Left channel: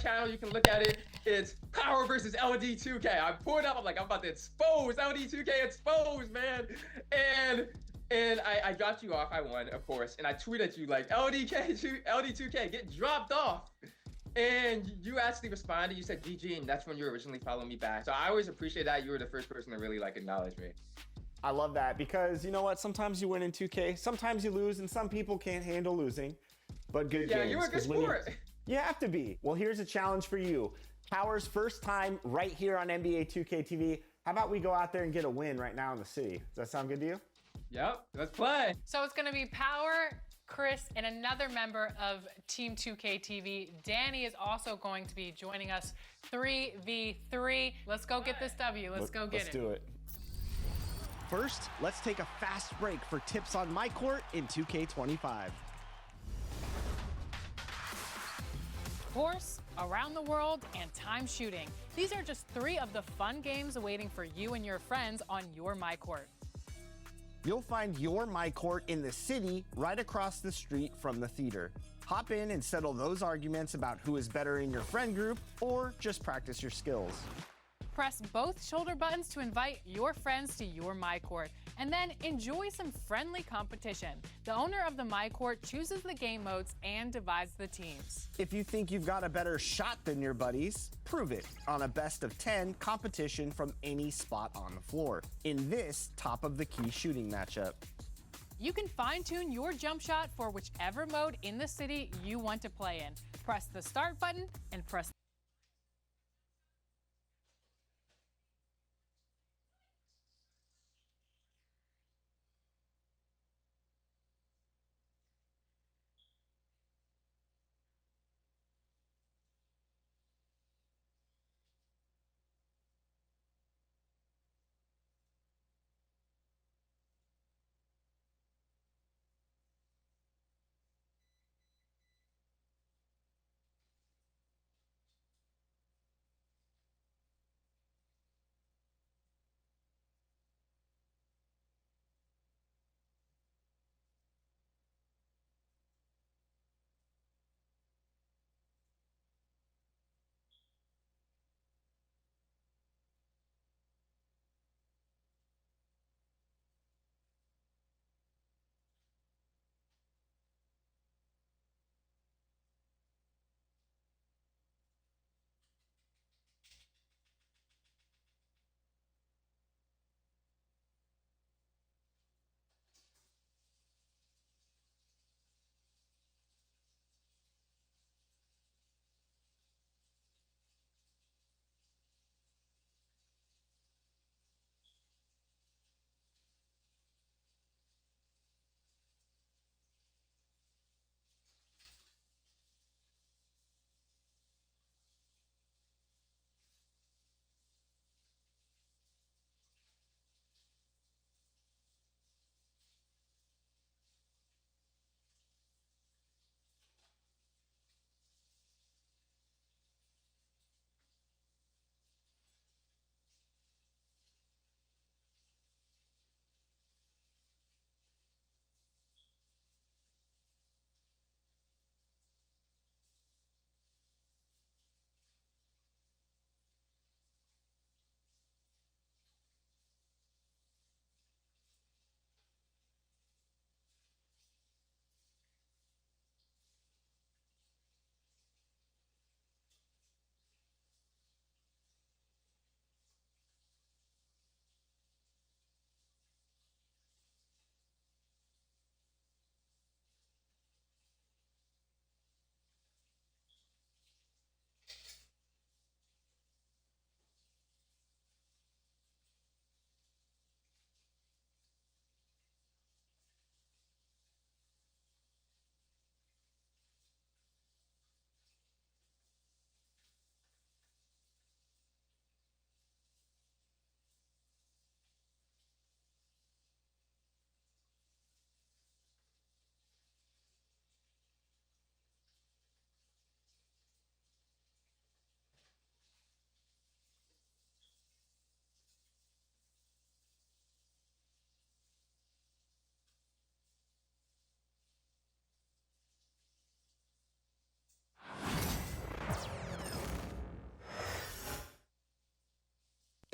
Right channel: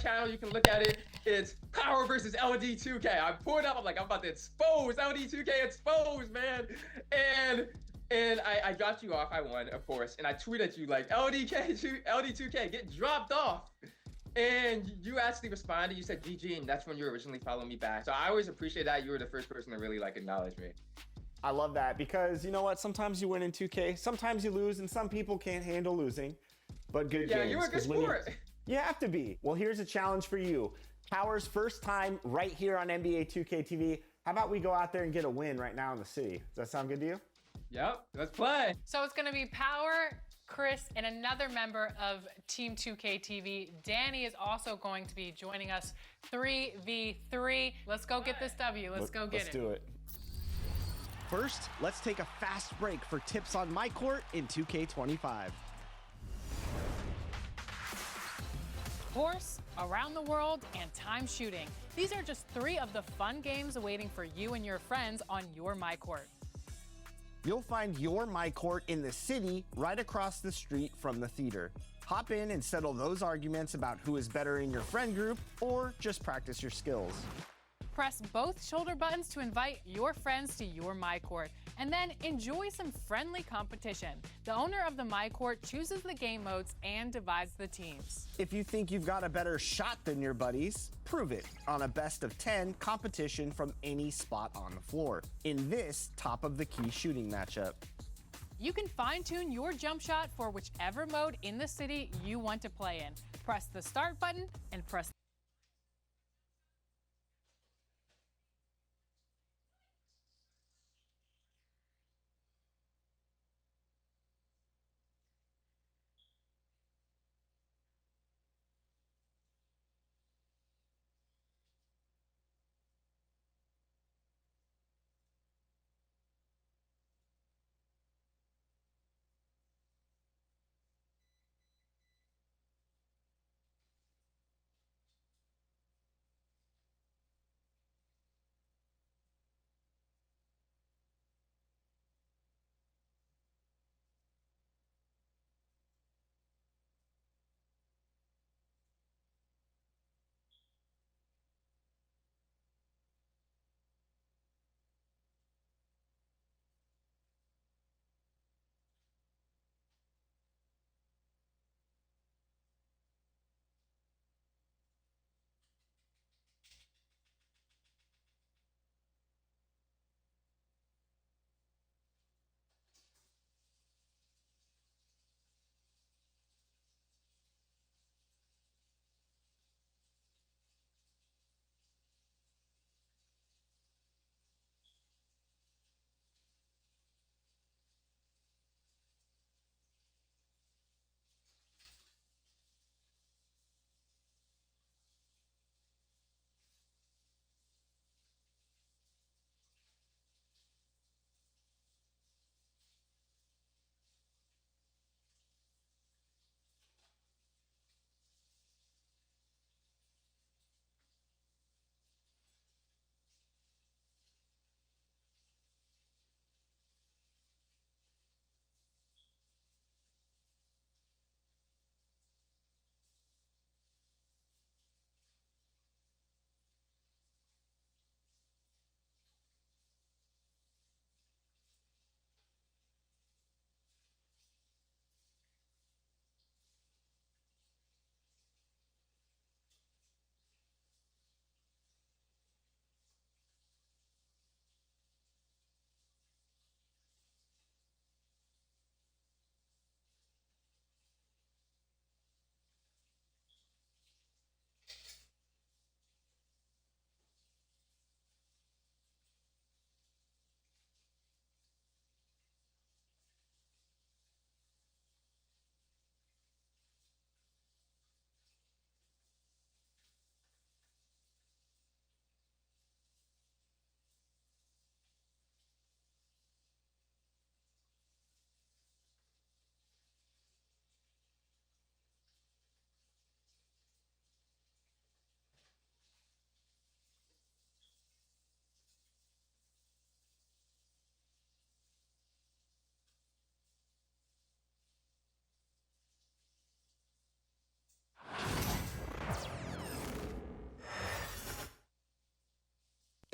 channel. You can look at it. It's Power versus LD2K. I pulled up. I'm like, I'm about to expose LD2K. Expose, man. And I dropped you off. I won, of course. And I tweeted you like, LD2K, get dropped off. And you actually responded. You said GG, and that's when you originally followed me back. So I always appreciate that. You were the first person to really like acknowledge me. I love that because you know what? Sometimes you win in 2K, sometimes you lose, and some people can't handle losing. But good games. Yeah, you were a good sport. You have to be. Well, here's a challenge for you. Power's first time right here on NBA 2K TV. How about we go out there and get a win right now in the city? Does that sound good to you? Yep, let's play. So it's going to be Power, Chris, and another member of Team 2K TV. Danny is also going to be joining us 3v3. Let's go get this W. Let's get it. Let's do it. First, let's take a fast break for tips on my court in 2K25. Course, Around the World, and Time Shooting. These are just 3 of the fun games awaiting for you and your friends on your MyCourt. You'll find your MyCourt in the city right across the street from the theater. Hop in and settle those arguments about who is better in your friend group, or just practice your skills. Press both shoulder buttons to invite your friends to your MyCourt, and then enjoy some friendly competition. The owner of the MyCourt chooses the game modes and divides the teams. If you think you've got a better shot than your buddies, prove it on a best of 10 competition from any spot on the floor in this top of the key shooting matchup. You can fine-tune your jump shot for whichever mode in the city you want to play in. Press the start button and press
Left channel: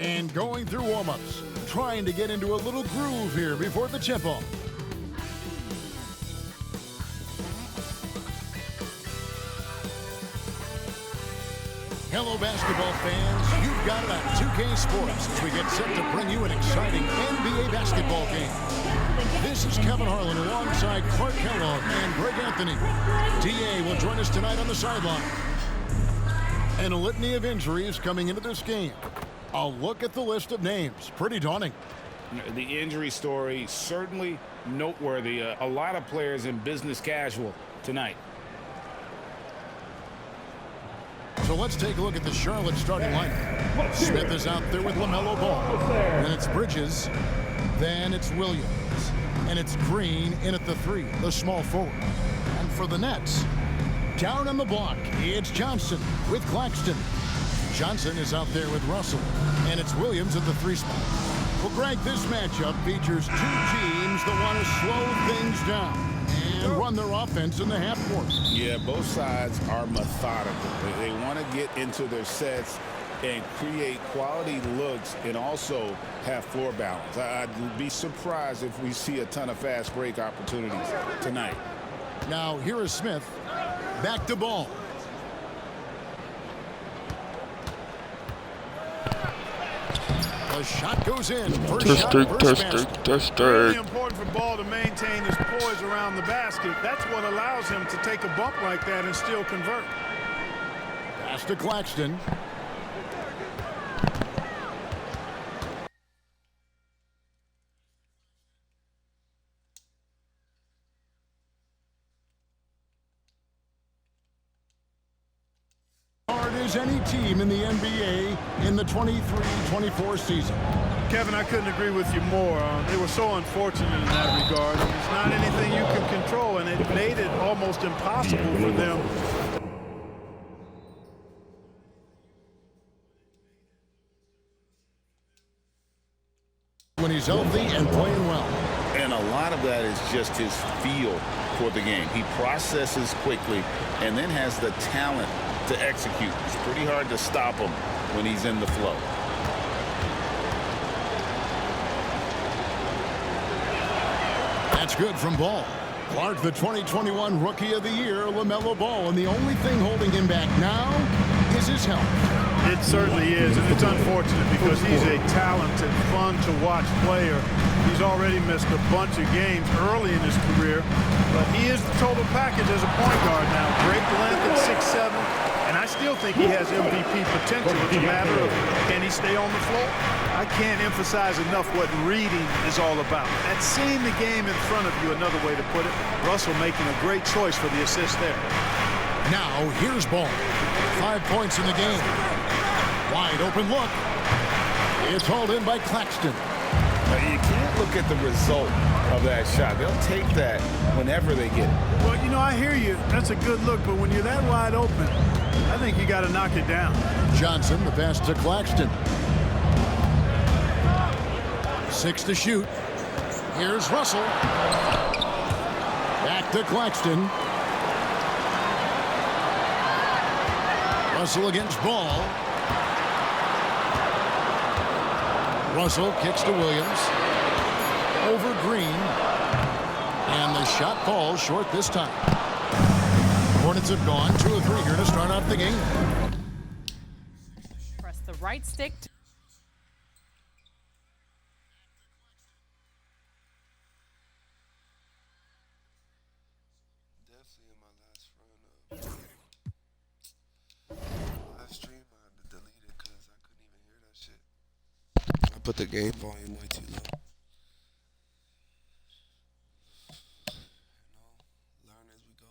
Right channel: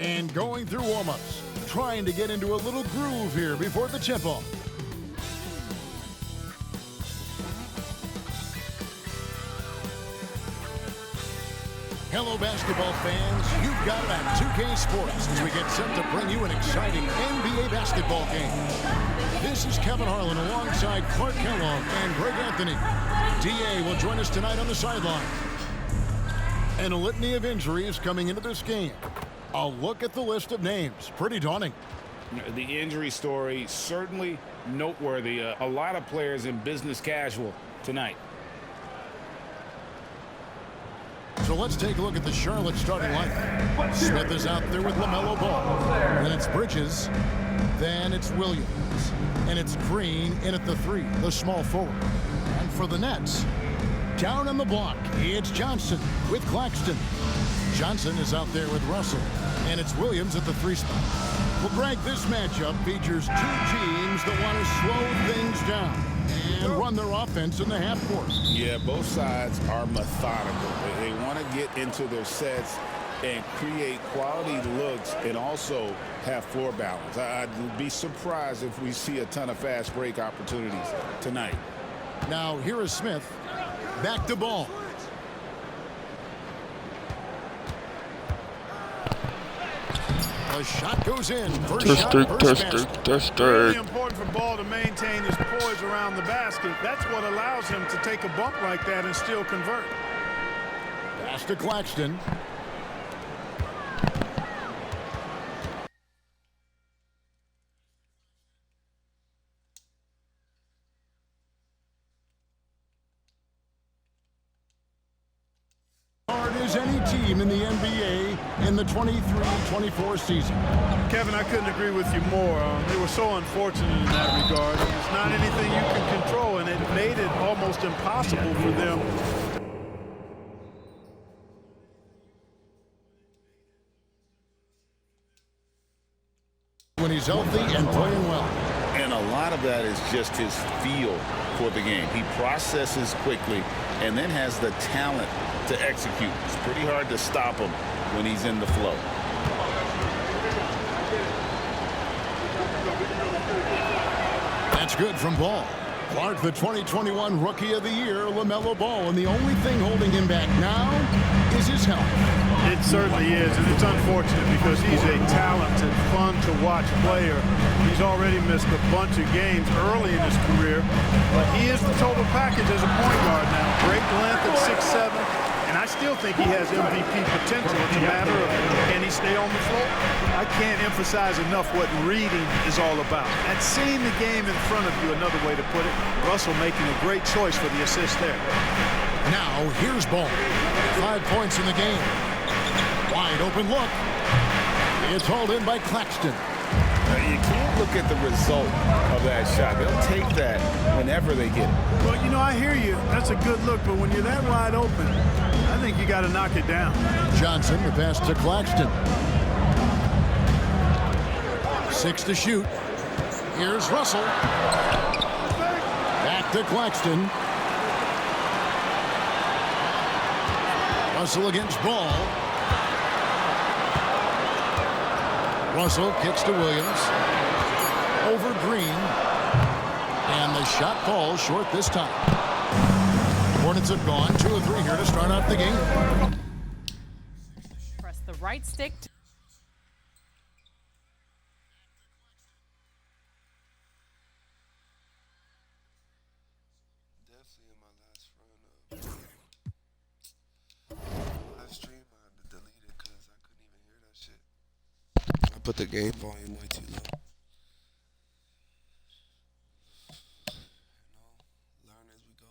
And going through warm-ups, trying to get into a little groove here before the tip-off. Hello, basketball fans. You've got it on 2K Sports as we get set to bring you an exciting NBA basketball game. This is Kevin Harlan alongside Clark Kellogg and Greg Anthony. DA will join us tonight on the sideline. And a litany of injuries coming into this game. A look at the list of names. Pretty daunting. The injury story certainly noteworthy. A lot of players in business casual tonight. So let's take a look at the Charlotte starting lineup. Smith is out there with LaMelo Ball. Then it's Bridges. Then it's Williams. And it's Green in at the 3, the small forward. And for the Nets, down on the block, it's Johnson with Claxton. Johnson is out there with Russell. And it's Williams at the 3 spot. Well, Greg, this matchup features 2 teams that want to slow things down and run their offense in the half court. Yeah, both sides are methodical. They want to get into their sets and create quality looks and also have floor balance. I'd be surprised if we see a ton of fast break opportunities tonight. Now, here is Smith. Back to Ball. The shot goes in. First shot, first basket. Really important for Ball to maintain his poise around the basket. That's what allows him to take a bump like that and still convert. Pass to Claxton. Hard as any team in the NBA in the 23-24 season. Kevin, I couldn't agree with you more. They were so unfortunate in that regard. It's not anything you can control, and it made it almost impossible for them. When he's healthy and playing well. And a lot of that is just his feel for the game. He processes quickly and then has the talent to execute. It's pretty hard to stop him when he's in the flow. That's good from Ball. Clark, the 2021 Rookie of the Year, LaMelo Ball, and the only thing holding him back now is his health. It certainly is, and it's unfortunate because he's a talented, fun-to-watch player. He's already missed a bunch of games early in his career, but he is the total package as a point guard now. Great length at 6'7", and I still think he has MVP potential. It's a matter of, can he stay on the floor? I can't emphasize enough what reading is all about. That's seeing the game in front of you, another way to put it. Russell making a great choice for the assist there. Now, here's Ball. 5 points in the game. Wide open look. It's hauled in by Claxton. You can't look at the result of that shot. They'll take that whenever they get it. Well, you know, I hear you. That's a good look, but when you're that wide open, I think you got to knock it down. Johnson, the pass to Claxton. 6 to shoot. Here's Russell. Back to Claxton. Russell against Ball. Russell kicks to Williams. Over Green. And the shot falls short this time. Hornets have gone 2 of 3 here to start out the game. Press the right stick. Put the game volume way too low. Learn as we go.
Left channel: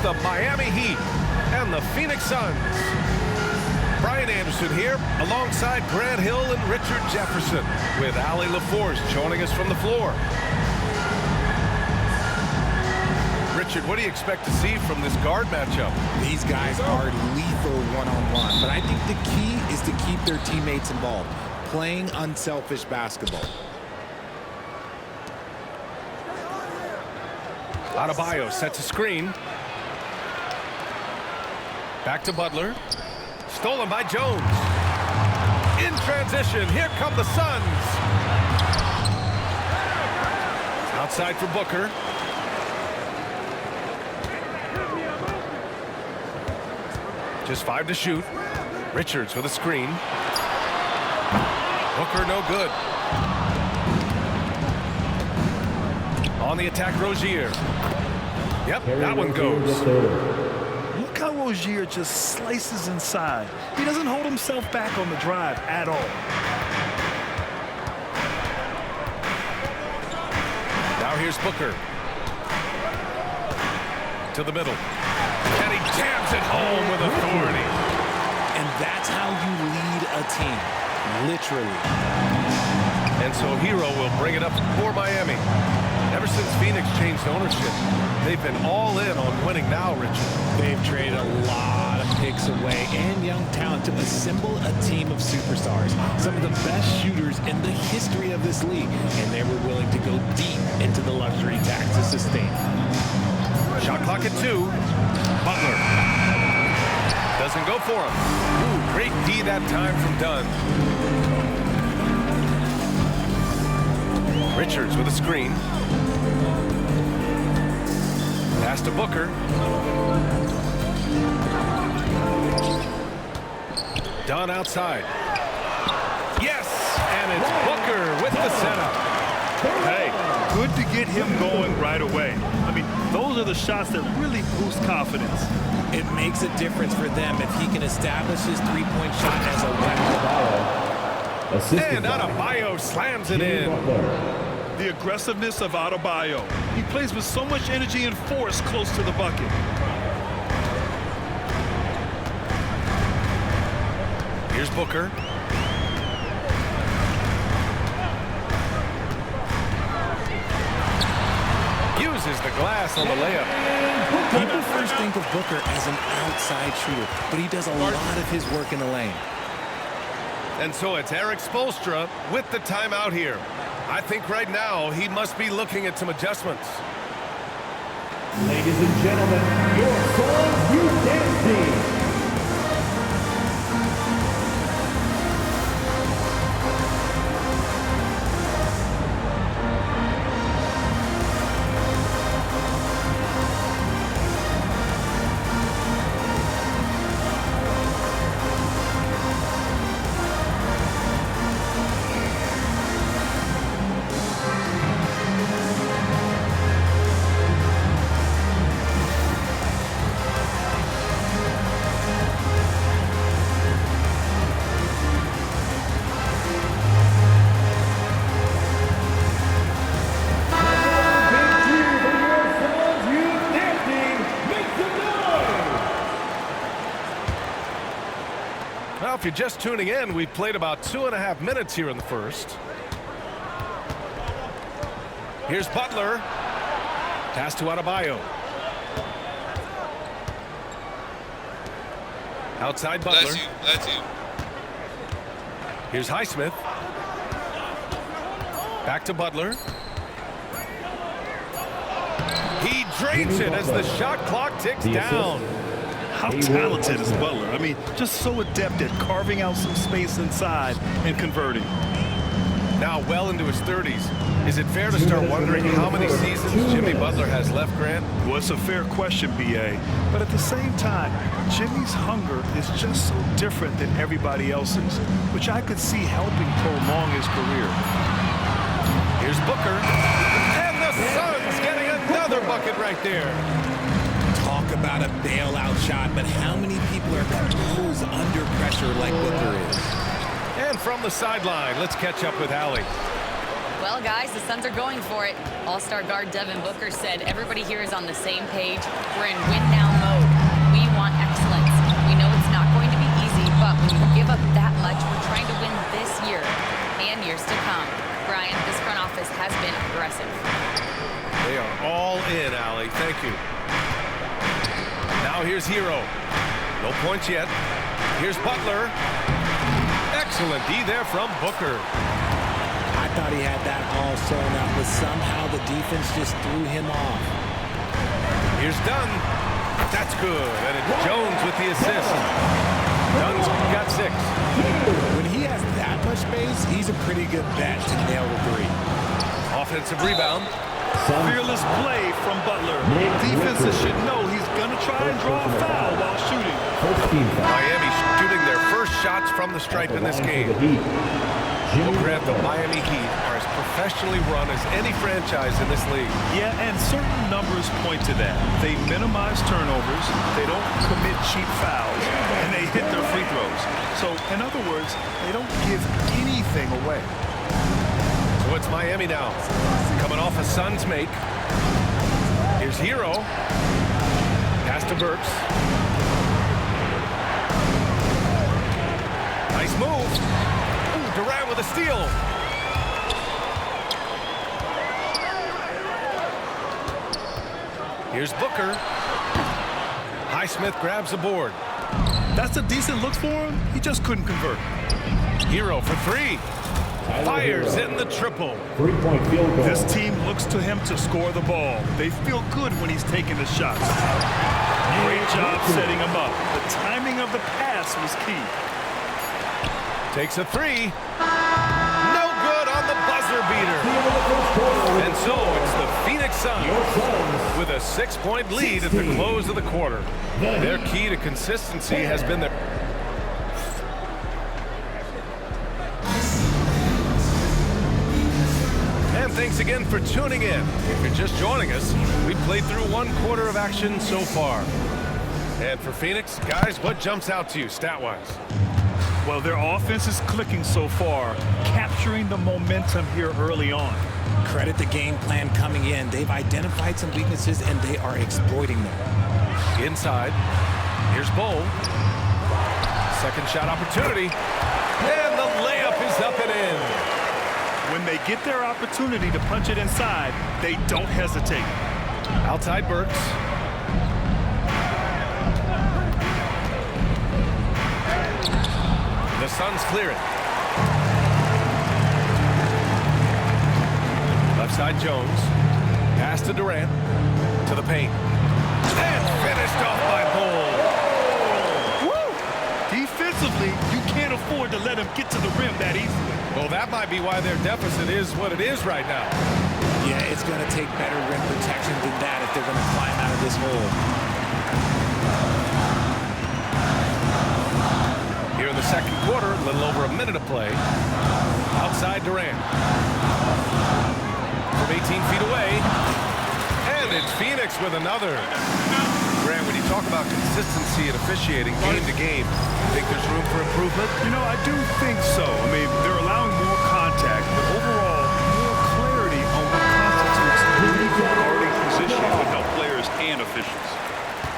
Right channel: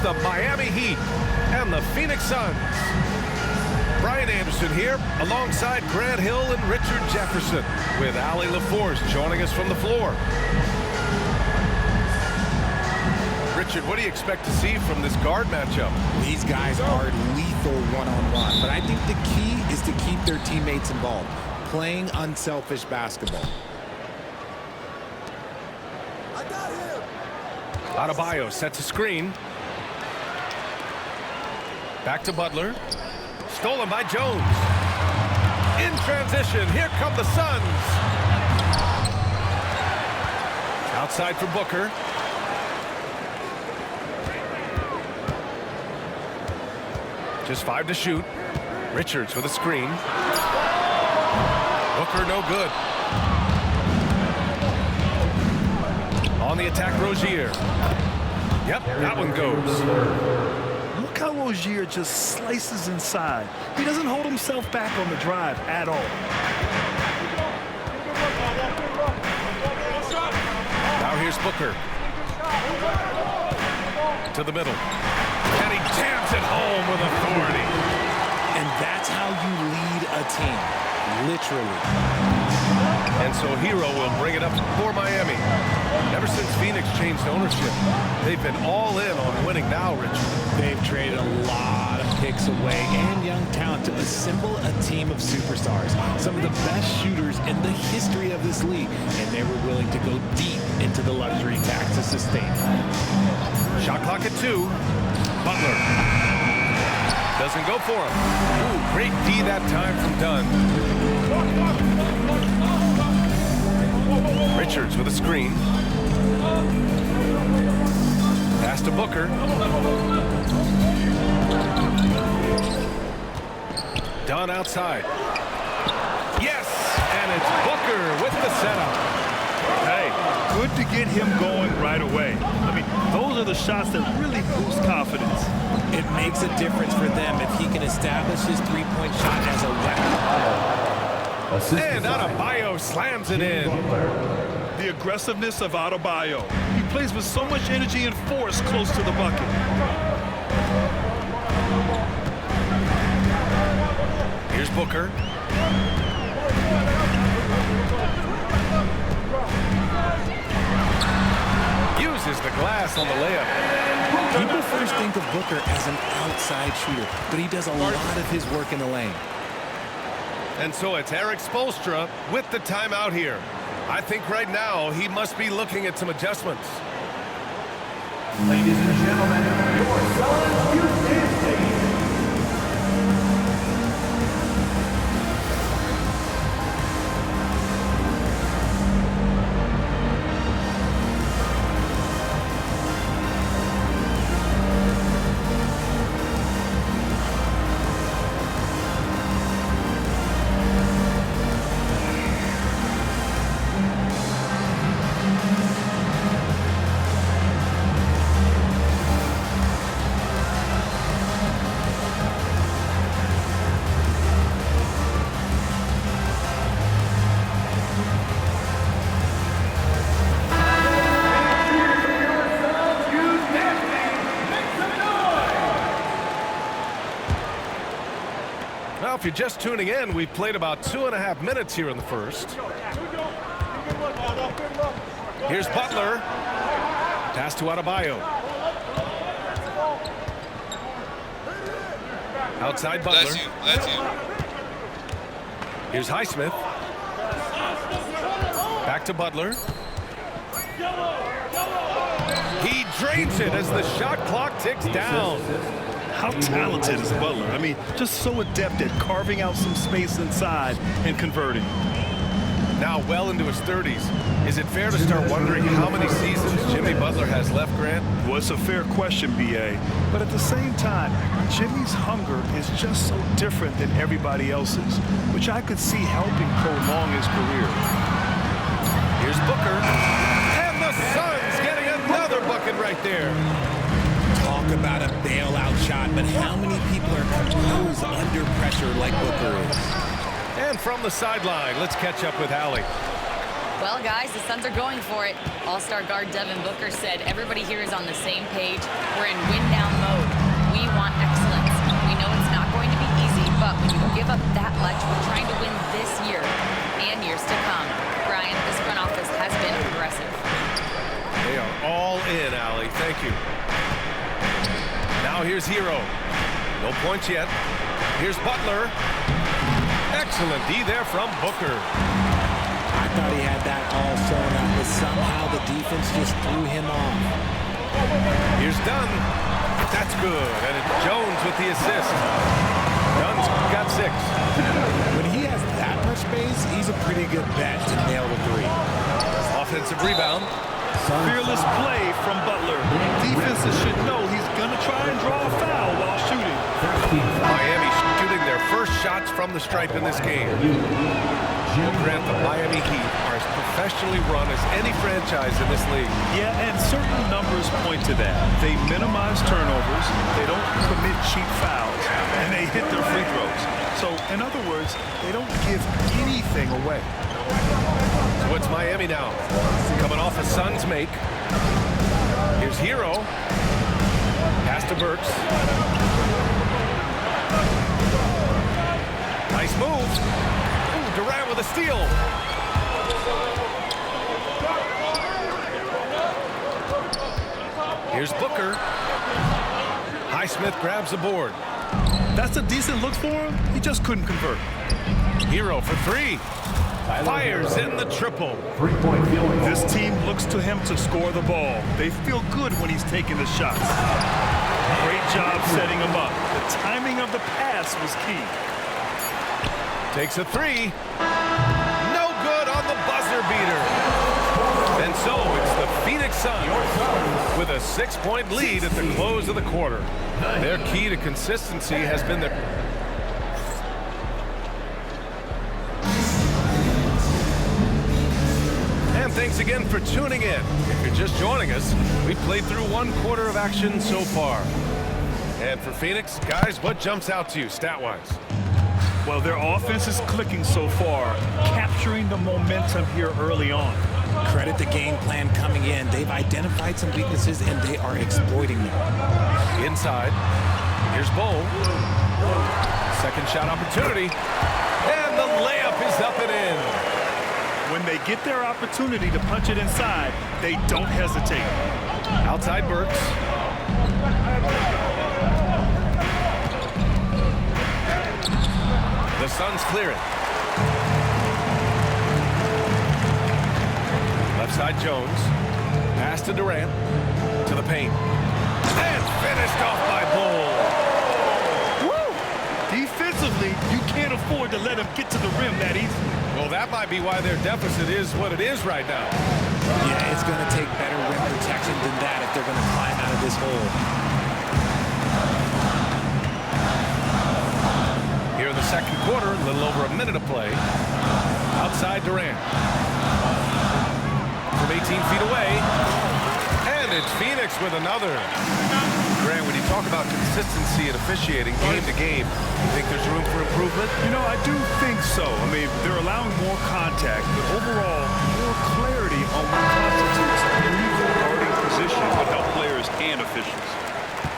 the Miami Heat and the Phoenix Suns. Brian Anderson here alongside Grant Hill and Richard Jefferson with Allie LaForce joining us from the floor. Richard, what do you expect to see from this guard matchup? These guys are lethal one-on-one, but I think the key is to keep their teammates involved, playing unselfish basketball. Adebayo sets a screen. Back to Butler. Stolen by Jones. In transition, here come the Suns. Outside for Booker. Just 5 to shoot. Richards with a screen. Booker no good. On the attack, Rozier. Yep, that one goes. Look how Rozier just slices inside. He doesn't hold himself back on the drive at all. Now here's Booker. To the middle. And he jams it home with authority. And that's how you lead a team, literally. And so Hero will bring it up for Miami. Ever since Phoenix changed ownership, they've been all in on winning now, Richard. They've traded a lot of picks away and young talent to assemble a team of superstars. Some of the best shooters in the history of this league. And they were willing to go deep into the luxury tax to sustain. Shot clock at 2. Butler. Doesn't go for him. Ooh, great D that time from Dunn. Richards with a screen. Pass to Booker. Dunn outside. Yes, and it's Booker with the setup. Hey, good to get him going right away. I mean, those are the shots that really boost confidence. It makes a difference for them if he can establish his three-point shot as a weapon. And Adebayo slams it in. The aggressiveness of Adebayo. He plays with so much energy and force close to the bucket. Here's Booker. Uses the glass on the layup. People first think of Booker as an outside shooter, but he does a lot of his work in the lane. And so it's Eric Spoelstra with the timeout here. I think right now he must be looking at some adjustments. Ladies and gentlemen, your Suns Youth Dance Team. Well, if you're just tuning in, we've played about 2.5 minutes here in the first. Here's Butler. Pass to Adebayo. Outside Butler. That's you. Here's Highsmith. Back to Butler. He drains it as the shot clock ticks down. How talented is Butler? I mean, just so adept at carving out some space inside and converting. Now well into his 30s. Is it fair to start wondering how many seasons Jimmy Butler has left, Grant? Well, it's a fair question, B.A. But at the same time, Jimmy's hunger is just so different than everybody else's, which I could see helping prolong his career. Here's Booker. And the Suns getting another bucket right there. Talk about a bailout shot, but how many people are composed under pressure like Booker is? And from the sideline, let's catch up with Allie. Well, guys, the Suns are going for it. All-star guard Devin Booker said everybody here is on the same page. We're in win-now mode. We want excellence. We know it's not going to be easy, but when you give up that much, we're trying to win this year and years to come. Brian, this front office has been aggressive. They are all in, Allie. Thank you. Now here's Hero. No points yet. Here's Butler. Excellent D there from Booker. I thought he had that all sewn up, but somehow the defense just threw him off. Here's Dunn. That's good. And it's Jones with the assist. Dunn's got 6. When he has that much space, he's a pretty good bet to nail the 3. Offensive rebound. Fearless play from Butler. Defenses should know he's going to try and draw a foul while shooting. Miami shooting their first shots from the stripe in this game. We'll grant the Miami Heat are as professionally run as any franchise in this league. Yeah, and certain numbers point to that. They minimize turnovers, they don't commit cheap fouls, and they hit their free throws. So, in other words, they don't give anything away. So it's Miami now, coming off a Suns make. Here's Hero. Pass to Burks. Nice move. Ooh, Durant with a steal. Here's Booker. Highsmith grabs the board. That's a decent look for him. He just couldn't convert. Hero for 3. Fires in the triple. 3-point field goal. This team looks to him to score the ball. They feel good when he's taking the shots. Great job setting him up. The timing of the pass was key. Takes a 3. No good on the buzzer beater. And so it's the Phoenix Suns with a 6-point lead at the close of the quarter. Their key to consistency has been their... And thanks again for tuning in. If you're just joining us, we've played through 1 quarter of action so far. And for Phoenix, guys, what jumps out to you stat-wise? Well, their offense is clicking so far, capturing the momentum here early on. Credit the game plan coming in. They've identified some weaknesses, and they are exploiting them. Inside, here's Bull. Second shot opportunity, and the layup is up and in. When they get their opportunity to punch it inside, they don't hesitate. Outside Burks. The Suns clear it. Left side Jones. Pass to Durant. To the paint. And finished off by Bull. Woo! Defensively, you can't afford to let him get to the rim that easily. Well, that might be why their deficit is what it is right now. Yeah, it's going to take better rim protection than that if they're going to climb out of this hole. Here in the second quarter, a little over a minute of play. Outside Durant. From 18 feet away. And it's Phoenix with another. Grant, when you talk about consistency and officiating game to game, you think there's room for improvement? You know, I do think so. I mean, they're allowing more contact, but overall, more clarity on what constitutes legal guarding position would help players and officials.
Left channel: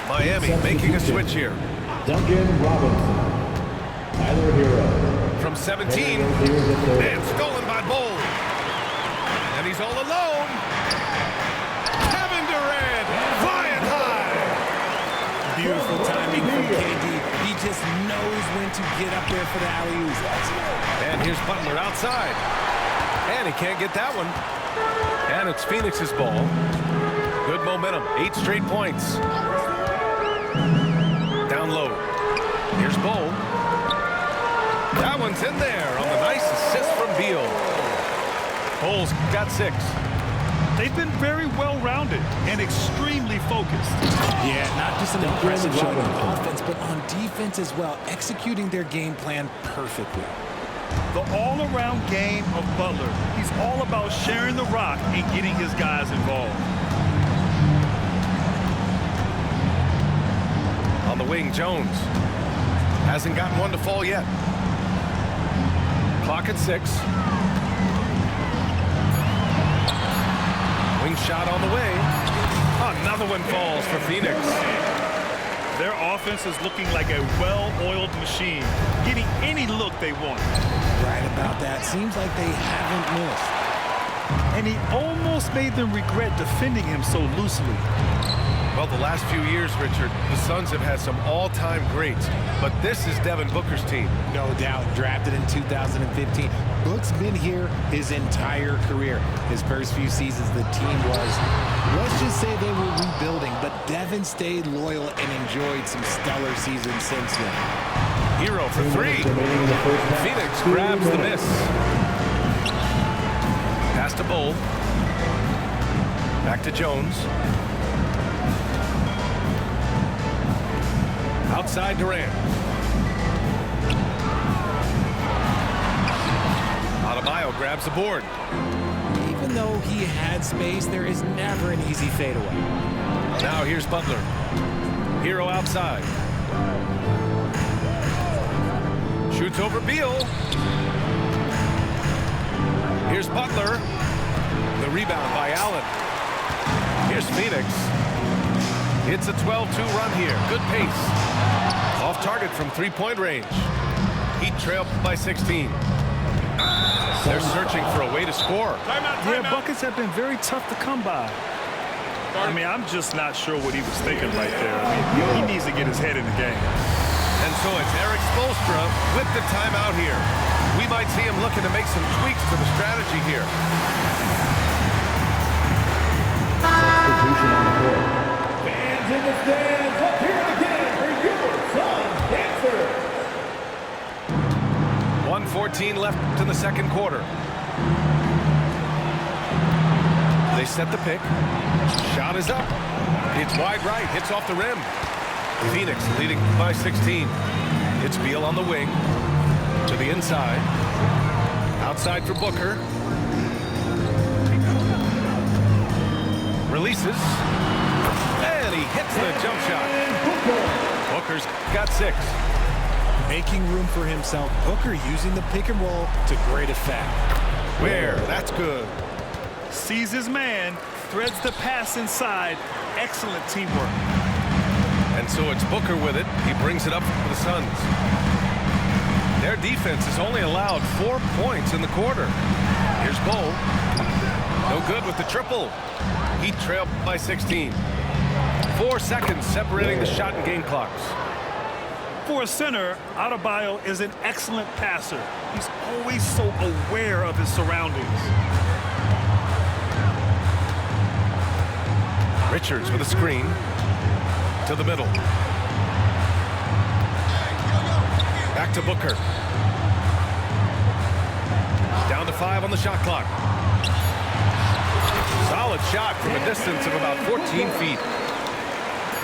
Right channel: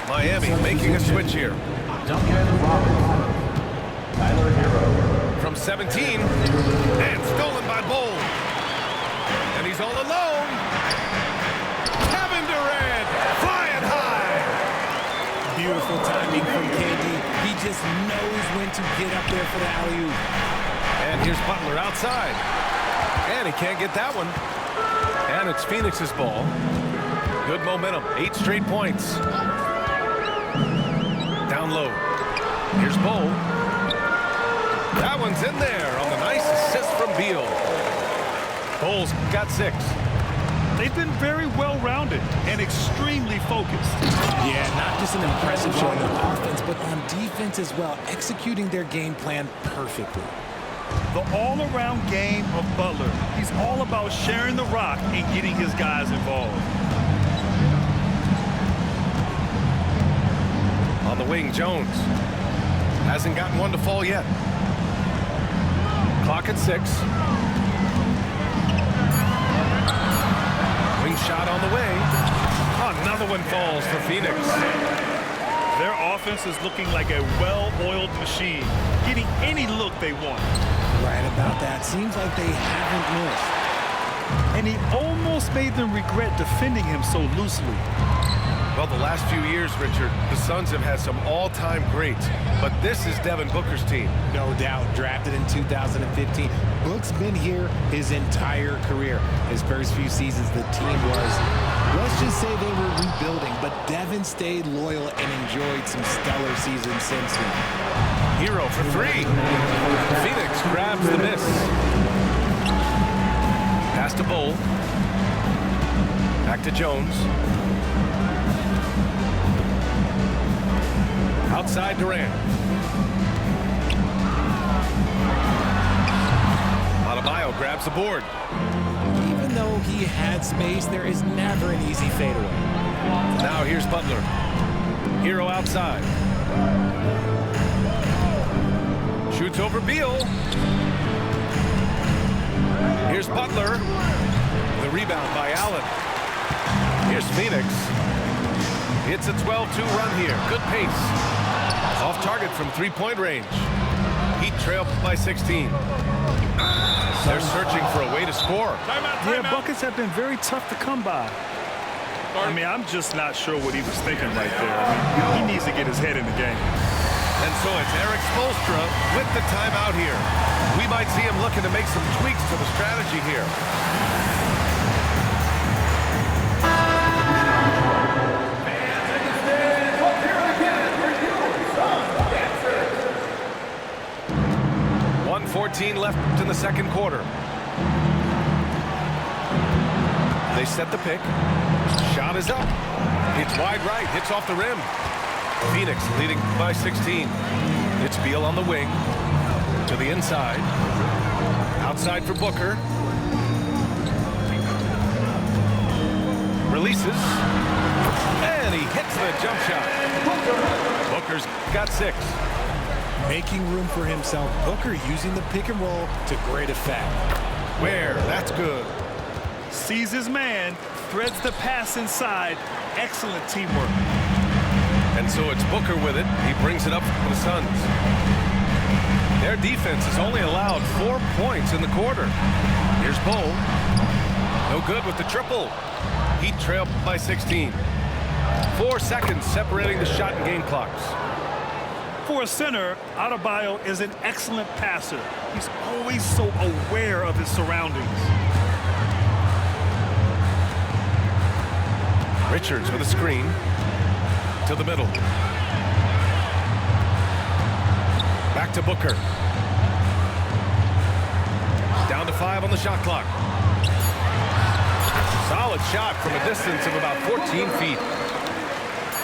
Miami making a switch here. Duncan Robinson. Tyler Hero. From 17, and stolen by Bull. And he's all alone. Kevin Durant flying high. Beautiful timing from KD. He just knows when to get up there for the alley-oop. And here's Butler outside. And he can't get that one. And it's Phoenix's ball. Good momentum. 8 straight points. Down low. Here's Bull. That one's in there on the nice assist from Beal. Bull's got 6. They've been very well-rounded and extremely focused. Yeah, not just an impressive showing on offense, but on defense as well, executing their game plan perfectly. The all-around game of Butler. He's all about sharing the rock and getting his guys involved. On the wing, Jones. Hasn't gotten one to fall yet. Clock at 6. Wing shot on the way. Another one falls for Phoenix. Their offense is looking like a well-oiled machine, getting any look they want. Right about that. Seems like they haven't missed. And he almost made them regret defending him so loosely. Well, the last few years, Richard, the Suns have had some all-time greats, but this is Devin Booker's team. No doubt. Drafted in 2015. Book's been here his entire career. His first few seasons, the team was, let's just say they were rebuilding, but Devin stayed loyal and enjoyed some stellar seasons since then. Hero for three. Phoenix grabs the miss. Pass to Bull. Back to Jones. Outside Durant. Adebayo grabs the board. Even though he had space, there is never an easy fadeaway. Now here's Butler. Hero outside. Shoots over Beal. Here's Butler. The rebound by Allen. Here's Phoenix. It's a 12-2 run here. Good pace. Off target from three-point range. Heat trail by 16. They're searching for a way to score. Yeah, buckets have been very tough to come by. I mean, I'm just not sure what he was thinking right there. I mean, he needs to get his head in the game. And so it's Eric Spoelstra with the timeout here. We might see him looking to make some tweaks to the strategy here. Fans in the stands, let's hear it again for your Sun Dancer. 1:14 left in the second quarter. They set the pick. Shot is up. It's wide right. Hits off the rim. Phoenix leading by 16. It's Beal on the wing. To the inside. Outside for Booker. Releases. And he hits the jump shot. Booker's got 6. Making room for himself. Booker using the pick and roll to great effect. Where? That's good. Sees his man, threads the pass inside. Excellent teamwork. And so it's Booker with it. He brings it up for the Suns. Their defense has only allowed 4 points in the quarter. Here's Bull. No good with the triple. Heat trail by 16. 4 seconds separating the shot and game clocks. For a center, Adebayo is an excellent passer. He's always so aware of his surroundings. Richards with a screen. To the middle. Back to Booker. Down to 5 on the shot clock. Solid shot from a distance of about 14 feet.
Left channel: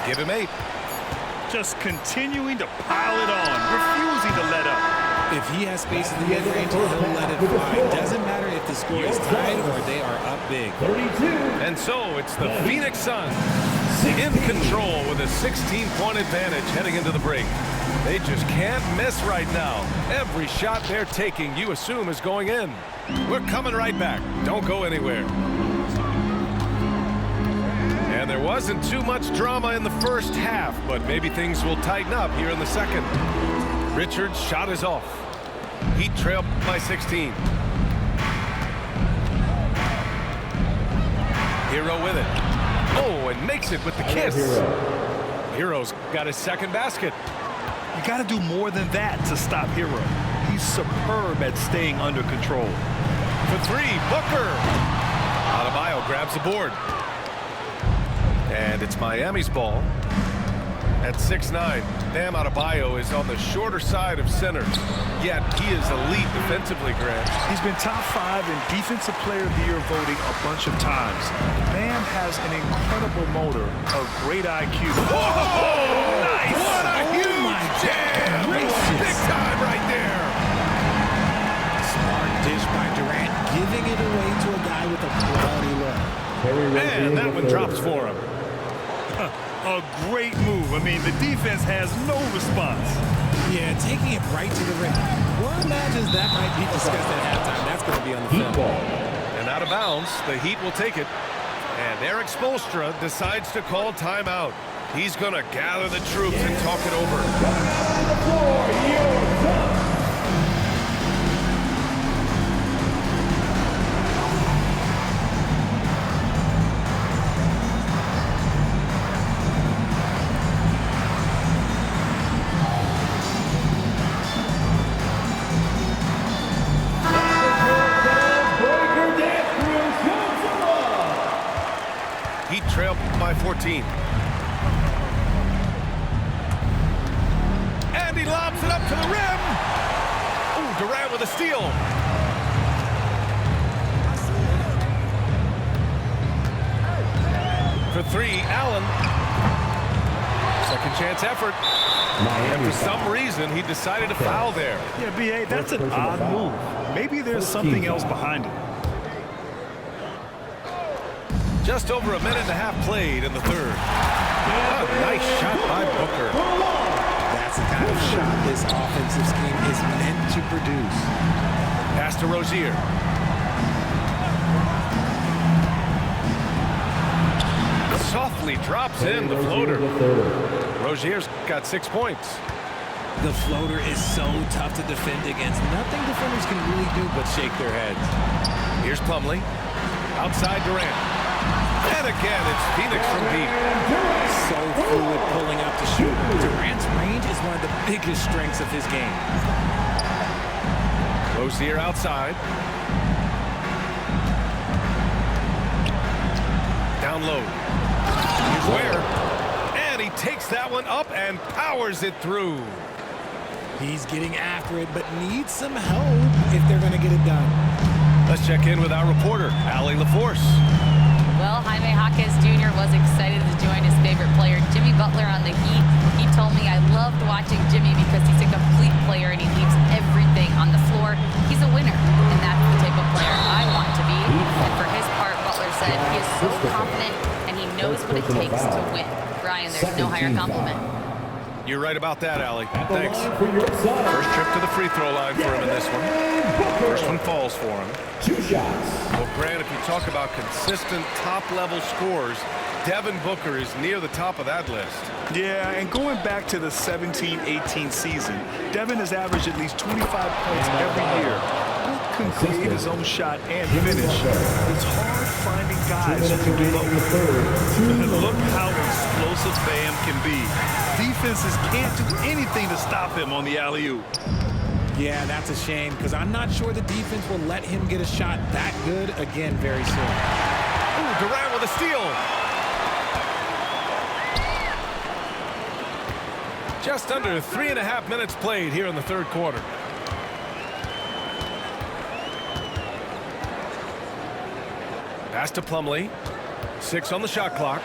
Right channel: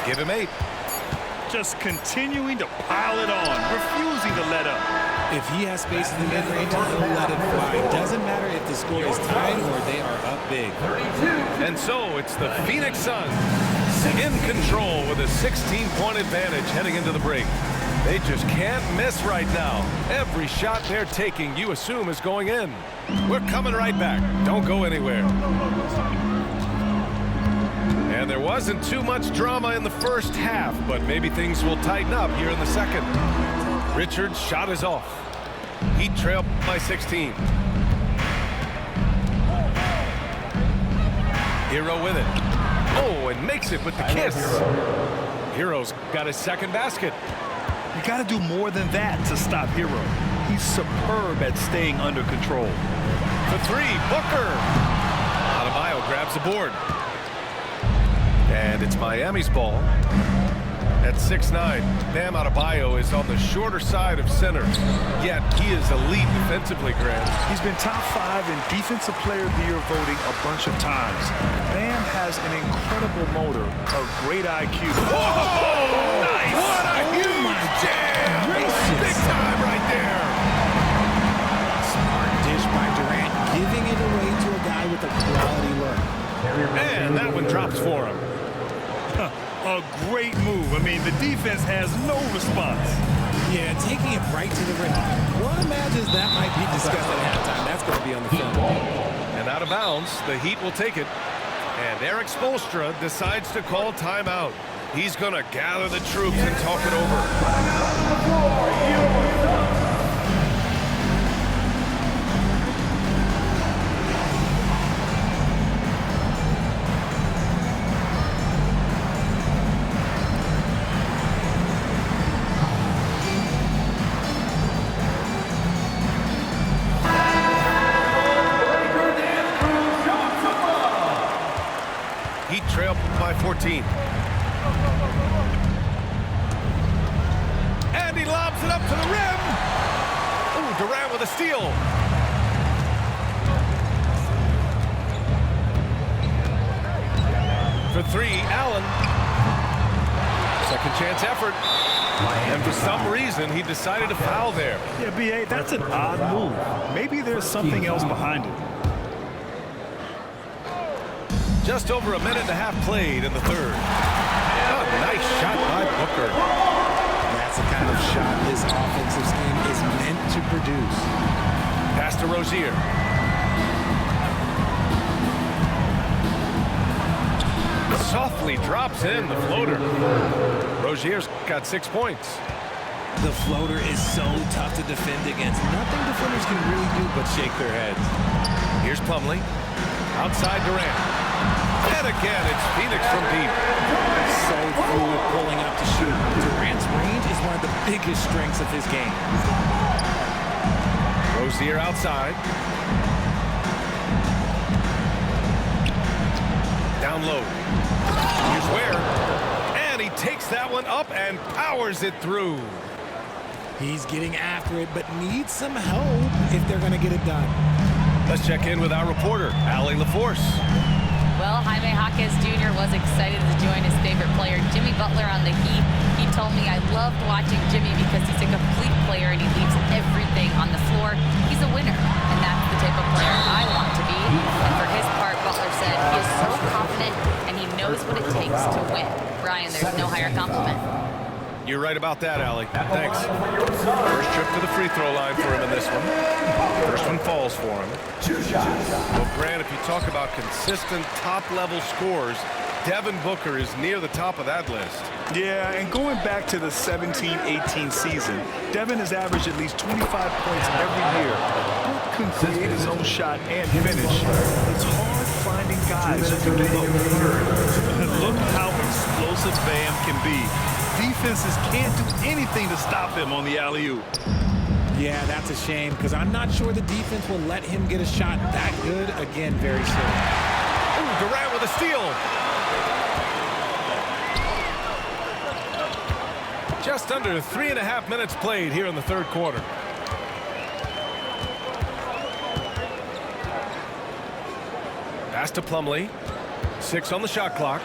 Give him 8. Just continuing to pile it on, refusing to let up. If he has space in the mid-range, he'll let it fly. Doesn't matter if the score is tied or they are up big. 32. And so it's the Phoenix Suns in control with a 16-point advantage heading into the break. They just can't miss right now. Every shot they're taking, you assume, is going in. We're coming right back. Don't go anywhere. And there wasn't too much drama in the first half, but maybe things will tighten up here in the second. Richards' shot is off. Heat trail by 16. Hero with it. Oh, and makes it with the kiss. Hero's got his second basket. You got to do more than that to stop Hero. He's superb at staying under control. For 3, Booker. Adebayo grabs the board. And it's Miami's ball. At 6'9", Bam Adebayo is on the shorter side of centers, yet he is elite defensively, Grant. He's been top 5 in Defensive Player of the Year voting a bunch of times. Bam has an incredible motor, a great IQ. Whoa! Nice! What a huge jam! Big time right there! Smart dish by Durant, giving it away to a guy with a quality look. And that one drops for him. A great move. I mean, the defense has no response. Yeah, taking it right to the rim. One imagines that might be discussed at halftime. That's going to be on the film. And out of bounds, the Heat will take it. And Eric Spoelstra decides to call timeout. He's going to gather the troops and talk it over. He trailed by 14. And he lobs it up to the rim. Oh, Durant with a steal. For three, Allen. Second chance effort. And for some reason, he decided to foul there. Yeah, B.A., that's an odd move. Maybe there's something else behind it. Just over a minute and a half played in the third. A nice shot by Booker. That's the kind of shot this offensive scheme is meant to produce. Pass to Rozier. Softly drops in the floater. Rozier's got 6 points. The floater is so tough to defend against. Nothing defenders can really do but shake their heads. Here's Plumlee. Outside Durant. And again, it's Phoenix from deep. So fluid pulling up to shoot. Durant's range is one of the biggest strengths of his game. Rozier outside. Down low. Here's Ware. And he takes that one up and powers it through. He's getting after it, but needs some help if they're going to get it done. Let's check in with our reporter, Allie LaForce. Well, Jaime Jaquez Jr. was excited to join his favorite player, Jimmy Butler, on the Heat. He told me, I loved watching Jimmy because he's a complete player and he leaves everything on the floor. He's a winner, and that's the type of player I want to be. And for his part, Butler said he is so confident and he knows what it takes to win. Brian, there's no higher compliment. You're right about that, Allie. Thanks. First trip to the free throw line for him in this one. First one falls for him. 2 shots. Well, Grant, if you talk about consistent top-level scores, Devin Booker is near the top of that list. Yeah, and going back to the 17-18 season, Devin has averaged at least 25 points every year. Book can create his own shot and finish. It's hard finding guys who can do both. Look how explosive Bam can be. Defenses can't do anything to stop him on the alley-oop. Yeah, that's a shame because I'm not sure the defense will let him get a shot that good again very soon. Oh, Durant with a steal. Just under 3.5 minutes played here in the third quarter. Pass to Plumlee. 6 on the shot clock.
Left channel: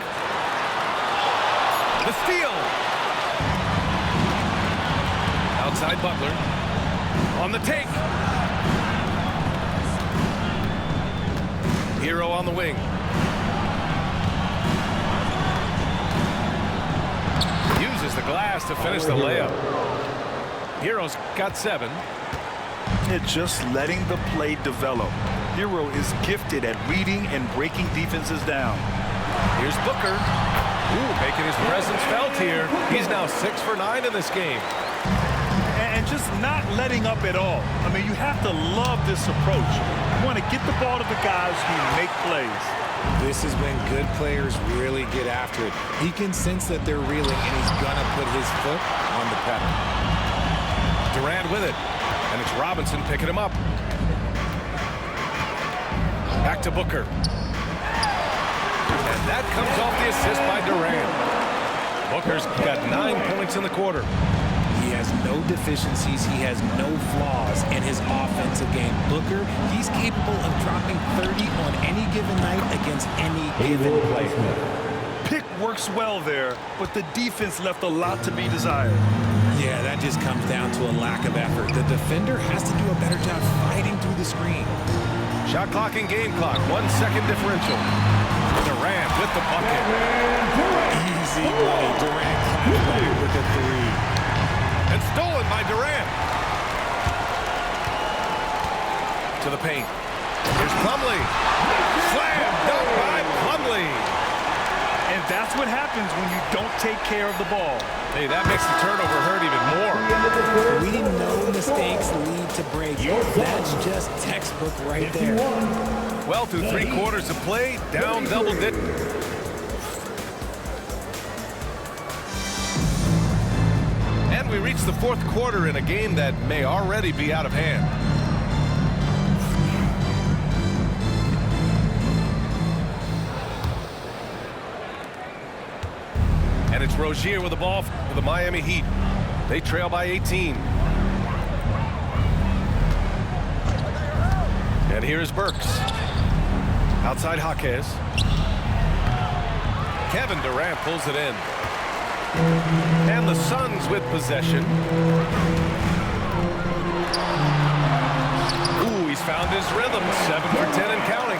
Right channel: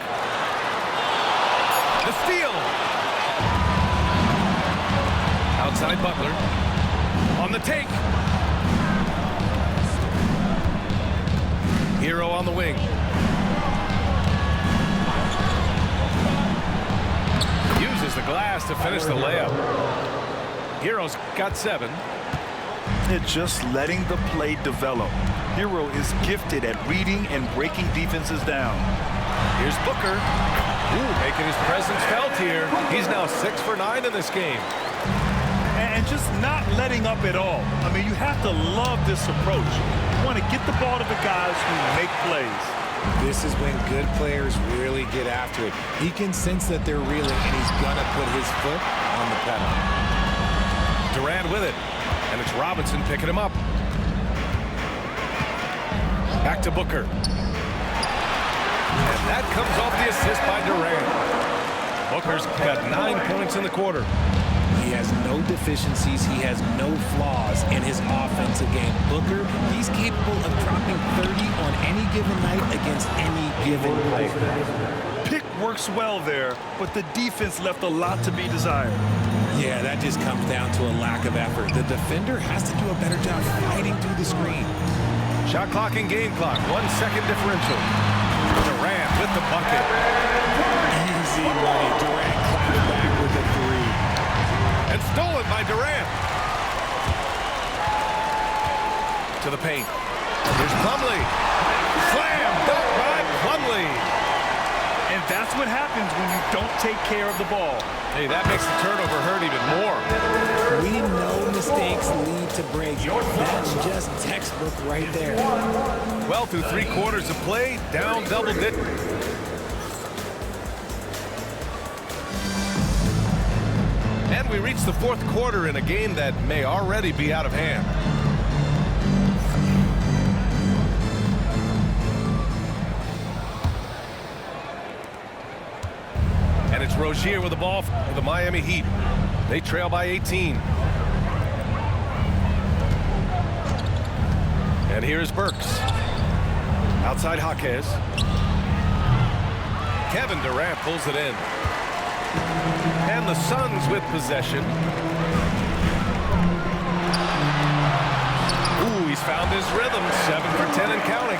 The steal. Outside Butler. On the take. Hero on the wing. Uses the glass to finish the layup. Hero's got 7. It's just letting the play develop. Hero is gifted at reading and breaking defenses down. Here's Booker. Ooh, making his presence felt here. He's now 6 for 9 in this game. And just not letting up at all. I mean, you have to love this approach. You want to get the ball to the guys who make plays. This is when good players really get after it. He can sense that they're reeling, and he's going to put his foot on the pedal. Durant with it, and it's Robinson picking him up. Back to Booker. And that comes off the assist by Durant. Booker's got 9 points in the quarter. He has no deficiencies. He has no flaws in his offensive game. Booker, he's capable of dropping 30 on any given night against any given player. Pick works well there, but the defense left a lot to be desired. Yeah, that just comes down to a lack of effort. The defender has to do a better job fighting through the screen. Shot clock and game clock, 1 second differential. Durant with the bucket. Easy money. Durant claps back with a 3. And stolen by Durant. To the paint. Here's Plumlee. Slam dunk by Plumlee. And that's what happens when you don't take care of the ball. Hey, that makes the turnover hurt even more. We know mistakes lead to breaks. That's just textbook right there. Well, through 3 quarters of play, down double digits. And we reach the 4th quarter in a game that may already be out of hand. And it's Rozier with the ball for the Miami Heat. They trail by 18. And here's Burks. Outside Jaquez. Kevin Durant pulls it in. And the Suns with possession. Ooh, he's found his rhythm. 7 for 10 and counting.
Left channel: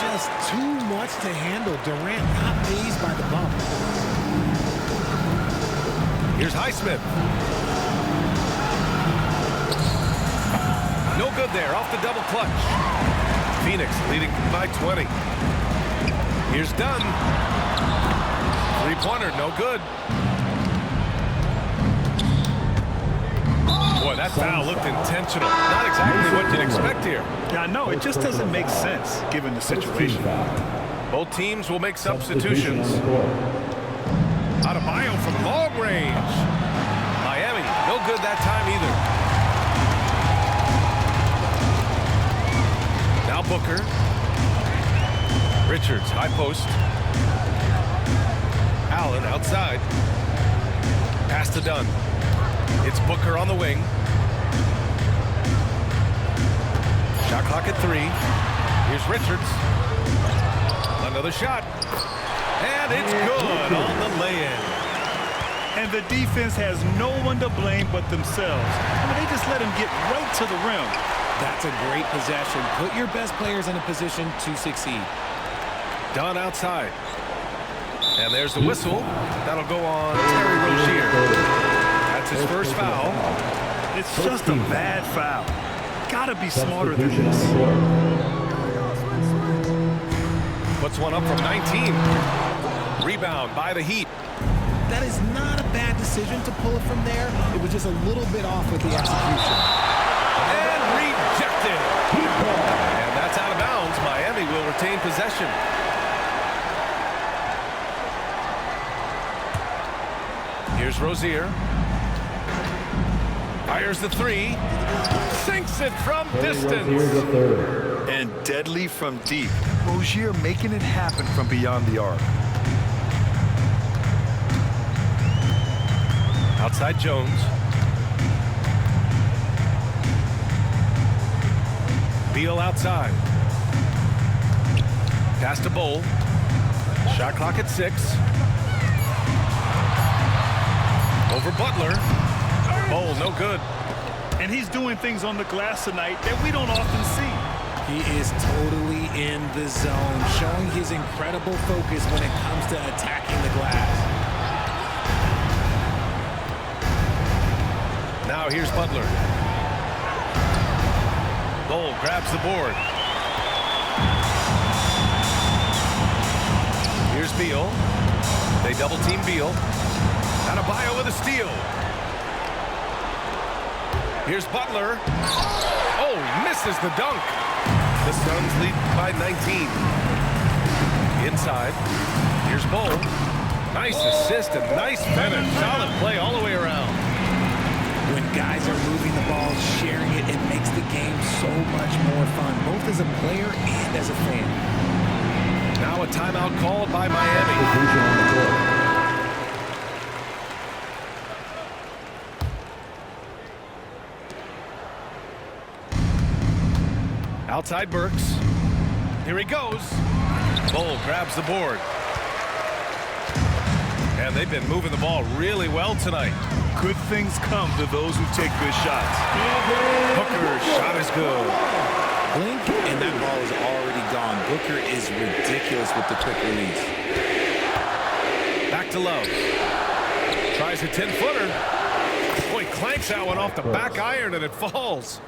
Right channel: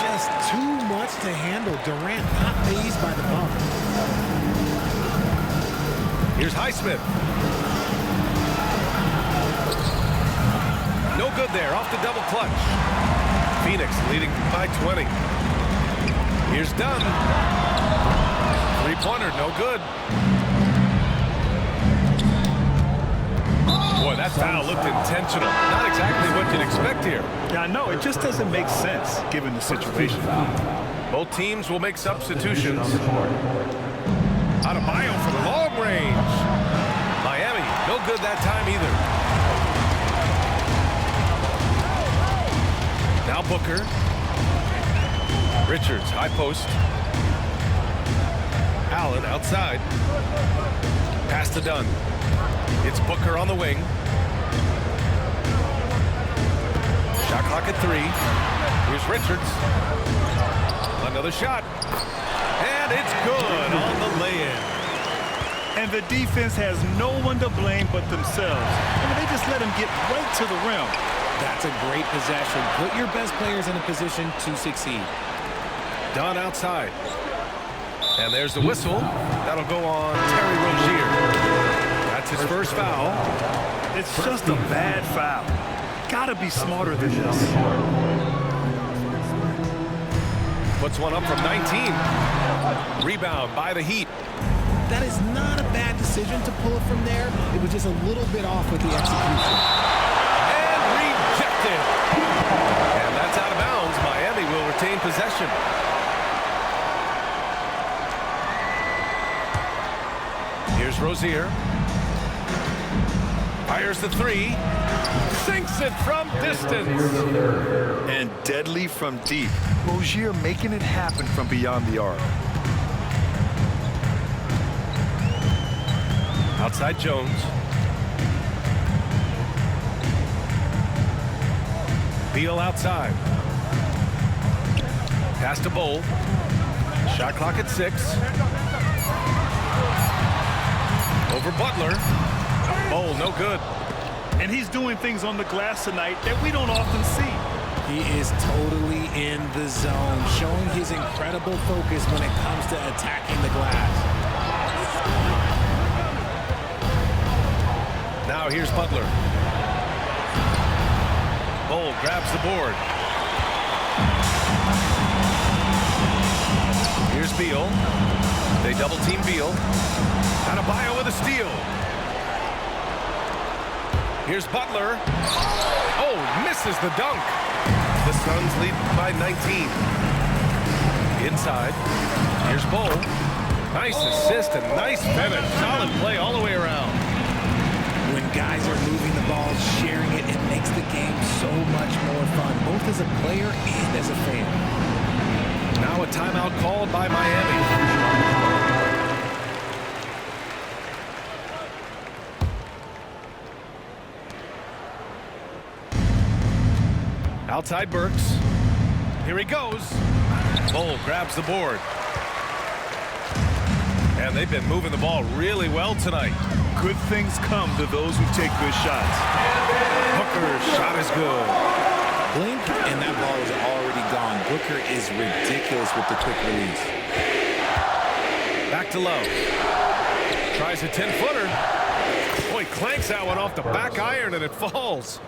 Just too much to handle. Durant not fazed by the bump. Here's Highsmith. No good there, off the double clutch. Phoenix leading by 20. Here's Dunn. 3-pointer, no good. Boy, that foul looked intentional. Not exactly what you'd expect here. Yeah, I know. It just doesn't make sense given the situation. Both teams will make substitutions. Adebayo from long range. Miami, no good that time either. Now Booker. Richards, high post. Allen outside. Pass to Dunn. It's Booker on the wing. Shot clock at 3. Here's Richards. Another shot. And it's good on the lay-in. And the defense has no one to blame but themselves. I mean, they just let him get right to the rim. That's a great possession. Put your best players in a position to succeed. Dunn outside. And there's the whistle. That'll go on Terry Rozier. That's his first foul. It's just a bad foul. Gotta be smarter than this. Puts one up from 19. Rebound by the Heat. That is not a bad decision to pull it from there. It was just a little bit off with the execution. And rejected. And that's out of bounds. Miami will retain possession. Here's Rozier. Fires the 3. Sinks it from distance. And deadly from deep. Rozier making it happen from beyond the arc. Outside Jones. Beal outside. Pass to Bowl. Shot clock at 6. Over Butler. Bowl, no good. And he's doing things on the glass tonight that we don't often see. He is totally in the zone, showing his incredible focus when it comes to attacking the glass. Now here's Butler. Bowl grabs the board. Here's Beal. They double team Beal. Adebayo with a steal. Here's Butler. Oh, he misses the dunk. The Suns lead by 19. Inside. Here's Bowl. Nice assist and nice finish. Solid play all the way around. When guys are moving the ball, sharing it, it makes the game so much more fun, both as a player and as a fan. Now a timeout called by Miami. Outside Burks. Here he goes. Bowl grabs the board. And they've been moving the ball really well tonight. Good things come to those who take good shots. Booker's shot is good. Blink, and that ball is already gone. Booker is ridiculous with the quick release. Back to Love. Tries a 10-footer. Boy, clanks that one off the back iron, and it falls.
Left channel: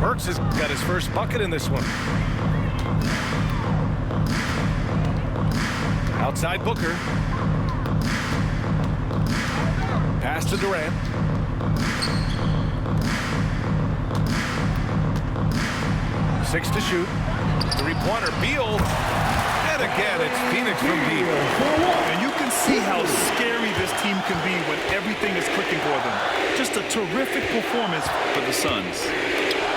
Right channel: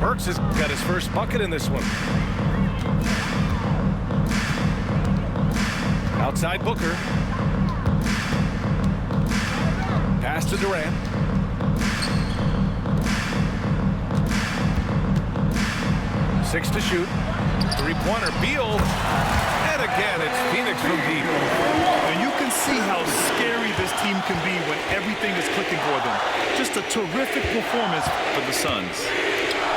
Burks has got his first bucket in this one. Outside Booker. Pass to Durant. Six to shoot. Three-pointer, Beal. And again, it's Phoenix from deep. And you can see how scary this team can be when everything is clicking for them. Just a terrific performance for the Suns.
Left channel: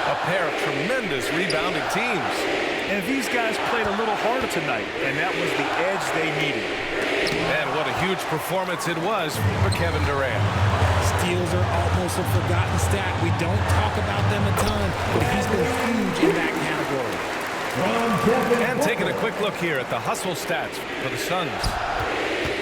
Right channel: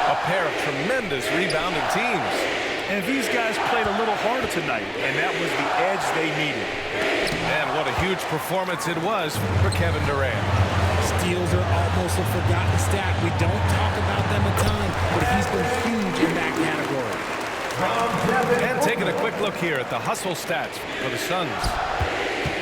A pair of tremendous rebounding teams. And these guys played a little harder tonight, and that was the edge they needed. And what a huge performance it was for Kevin Durant. Steals are almost a forgotten stat. We don't talk about them a ton, but he's been huge in that category. And taking a quick look here at the hustle stats for the Suns.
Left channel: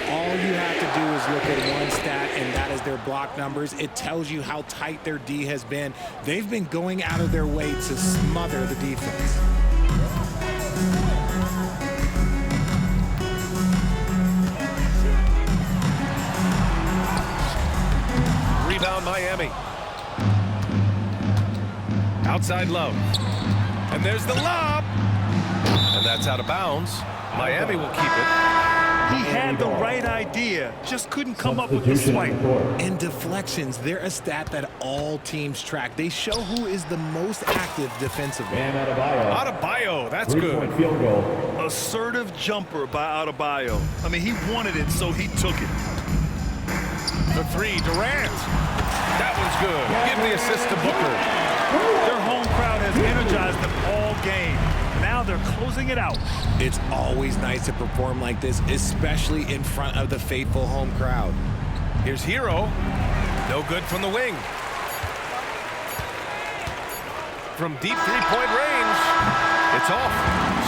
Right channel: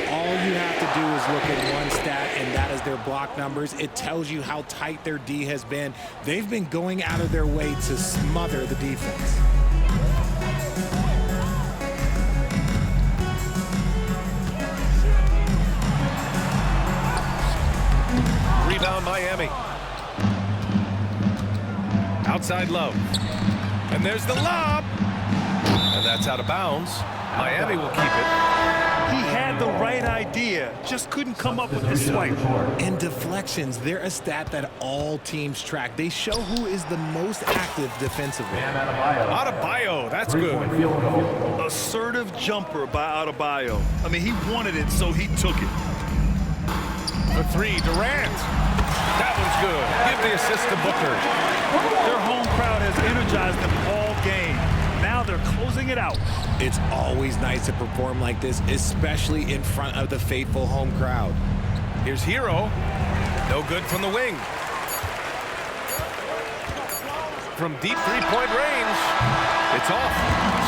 All you have to do is look at one stat, and that is their block numbers. It tells you how tight their D has been. They've been going out of their way to smother the defense. Rebound Miami. Outside Love. And there's the lob. And that's out of bounds. Miami will keep it. He had the right idea, just couldn't come up with the swipe. And deflections, they're a stat that all teams track. They show who is the most active defensively. Adebayo, that's good. Assertive jumper by Adebayo. I mean, he wanted it, so he took it. The three, Durant. That one's good. Give the assist to Booker. Their home crowd has energized them all game. Now they're closing it out. It's always nice to perform like this, especially in front of the faithful home crowd. Here's Hero. No good from the wing. From deep three-point range, it's off.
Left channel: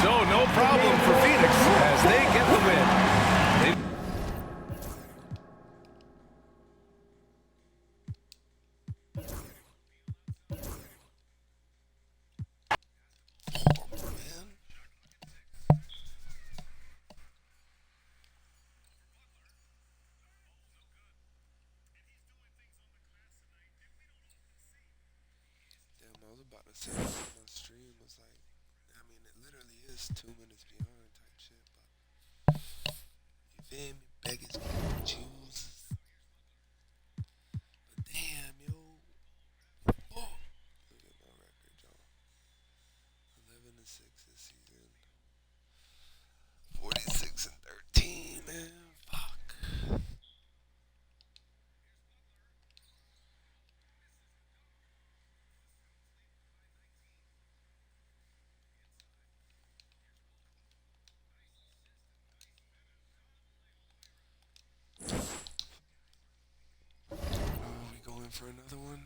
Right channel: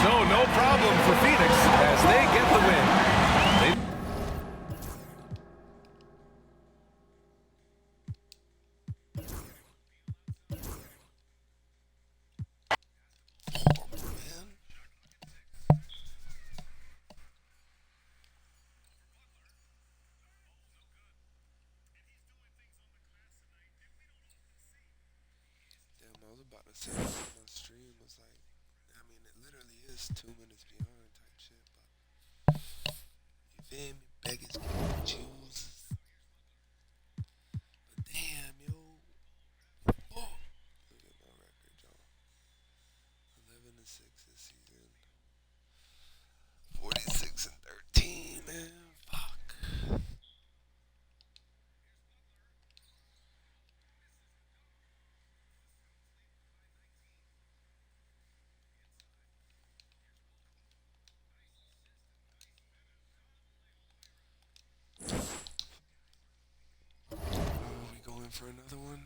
So no problem for Phoenix as they get the win. About to say my stream was like, I mean, it literally is 2 minutes beyond type shit, but you feel me? Beggars can't choose. But damn, yo. Oh, look at my record, y'all. 11-6 this season. 46-13, man. Fuck. For another one.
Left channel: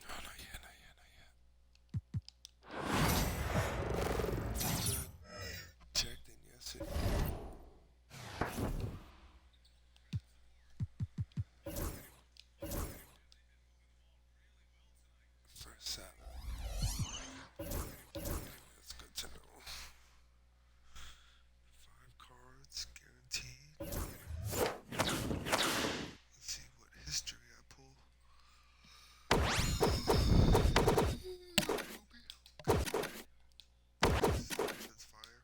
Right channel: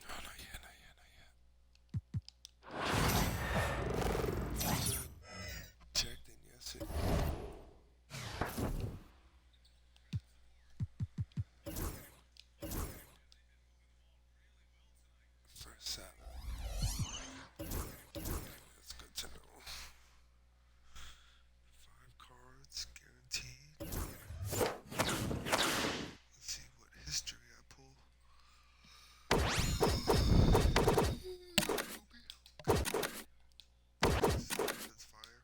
No, not yet. Checked in yesterday. First set. That's good to know. 5 cards guaranteed. Let's see what history I pull. That's fire.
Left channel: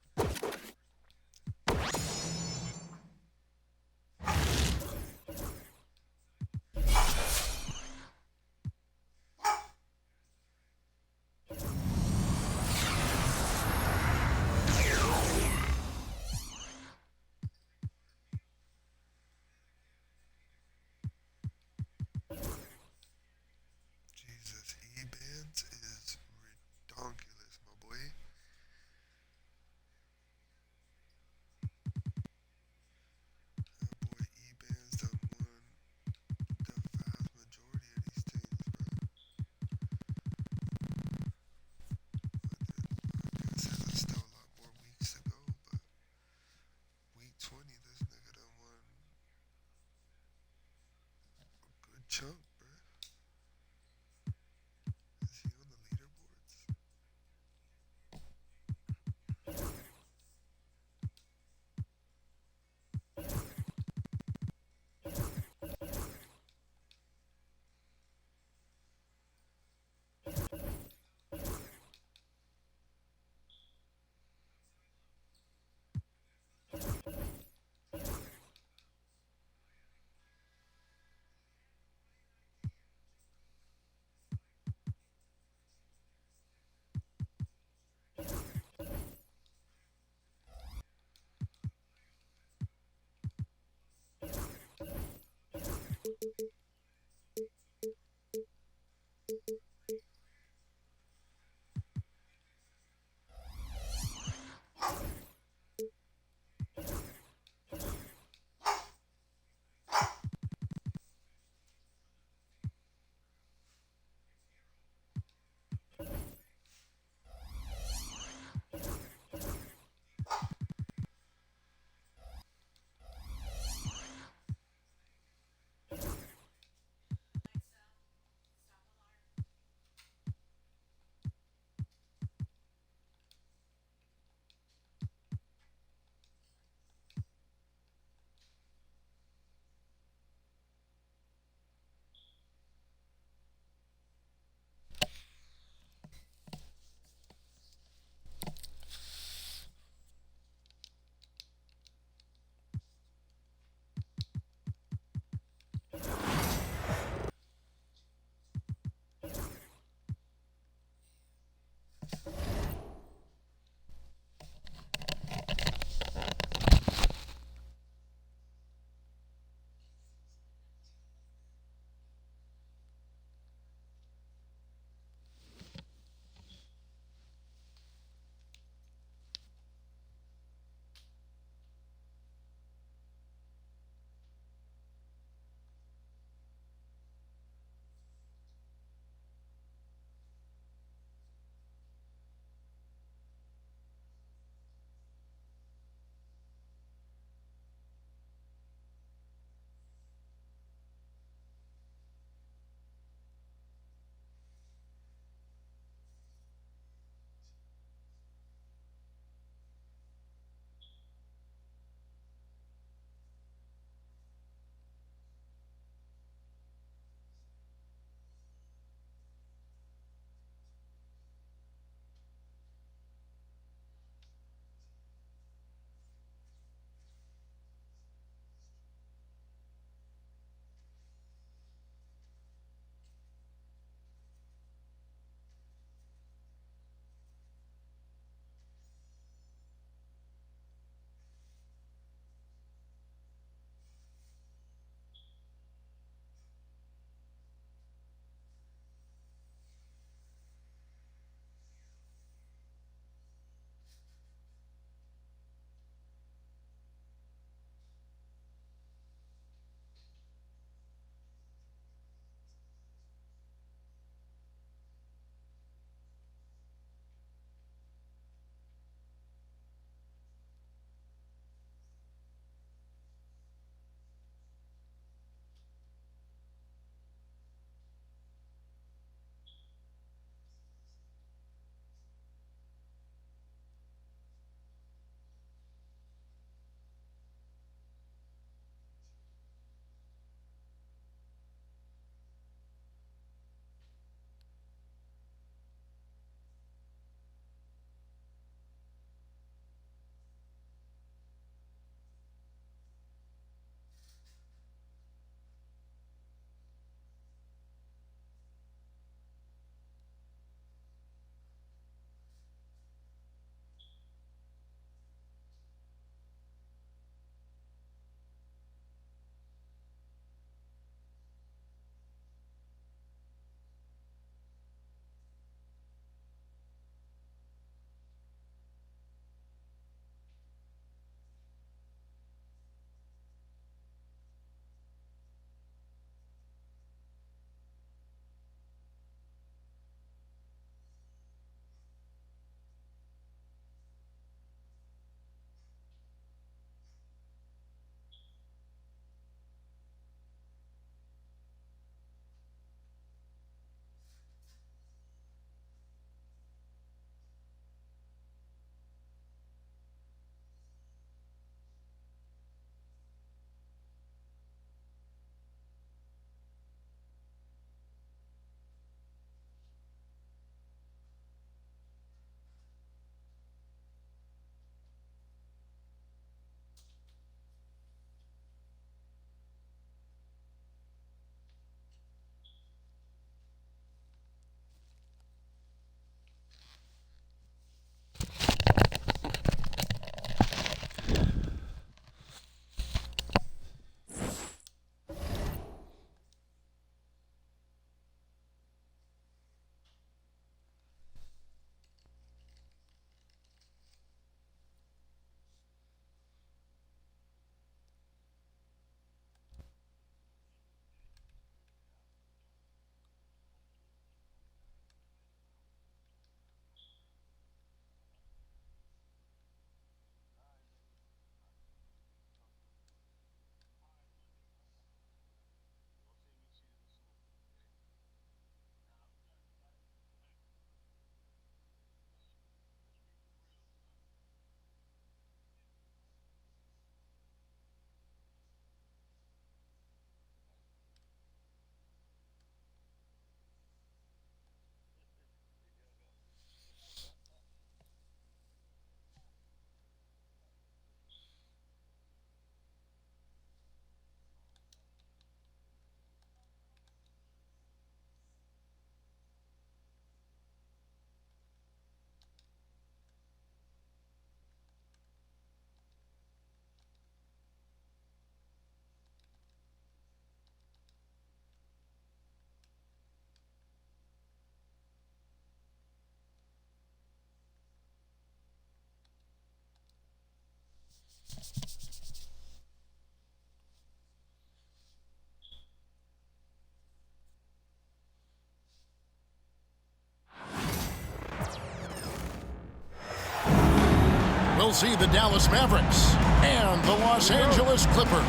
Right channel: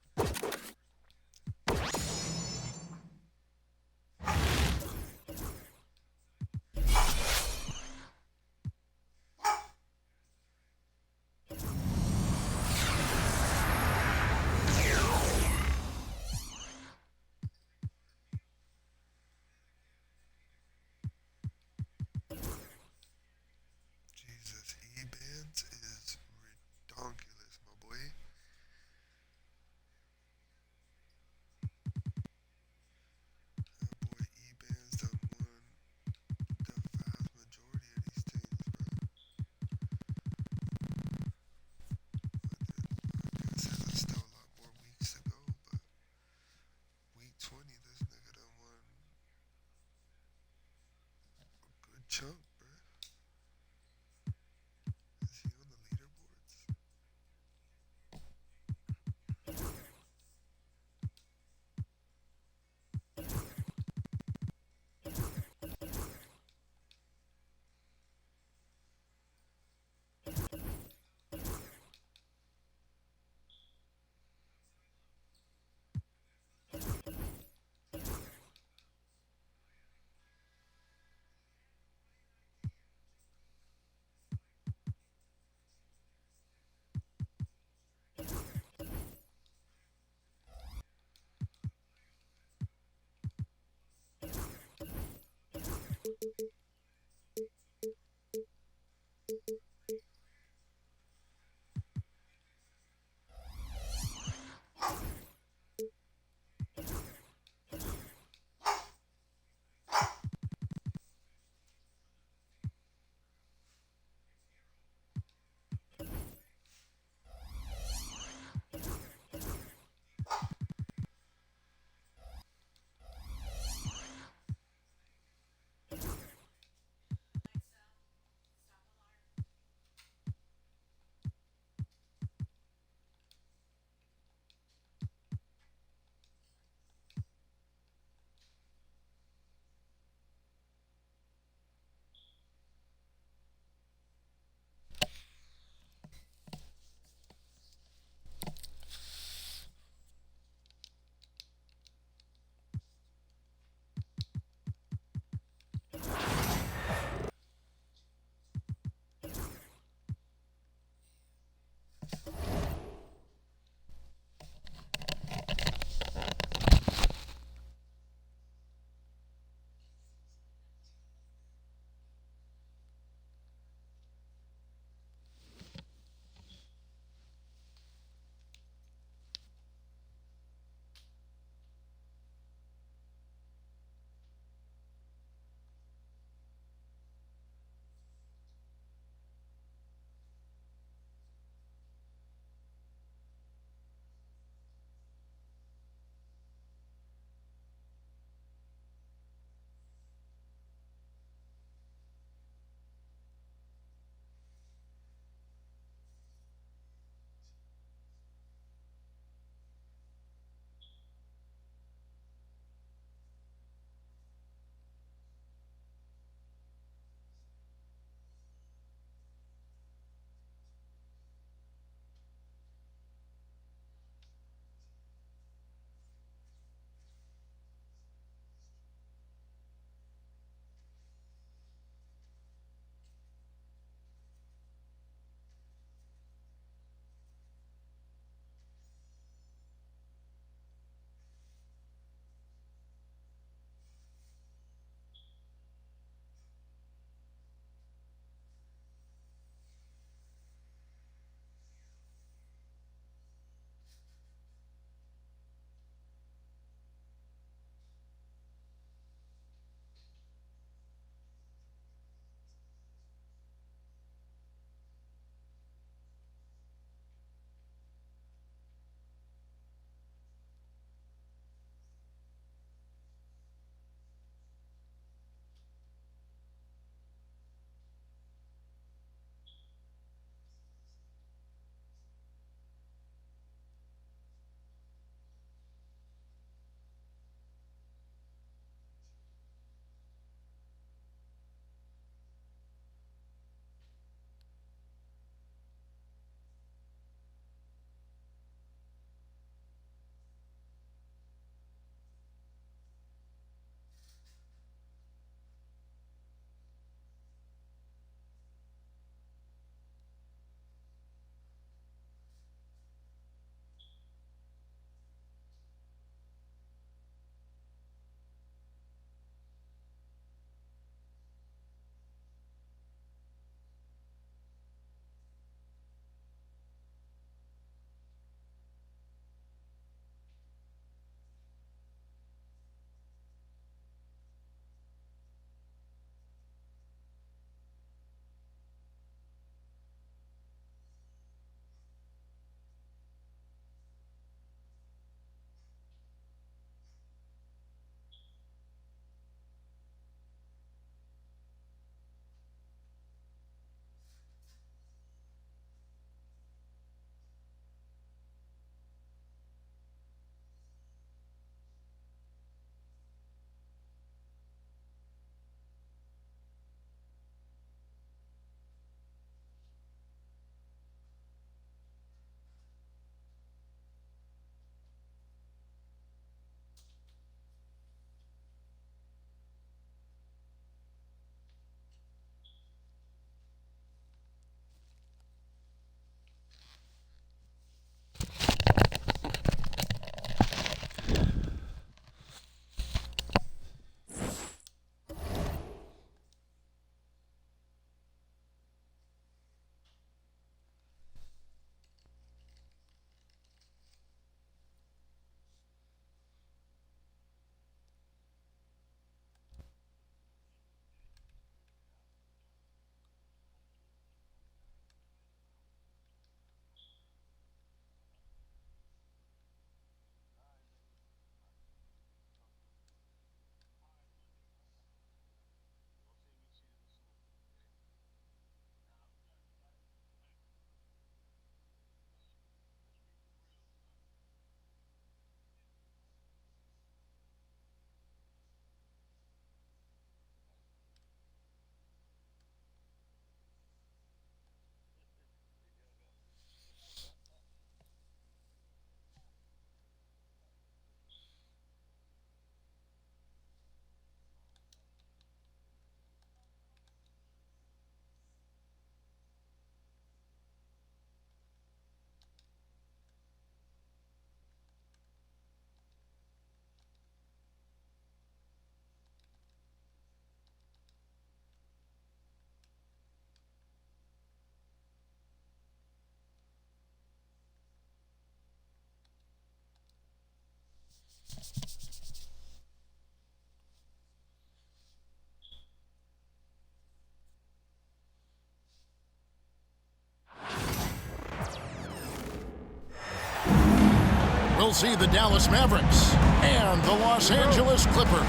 we'll see the Dallas Mavericks and the Los Angeles Clippers.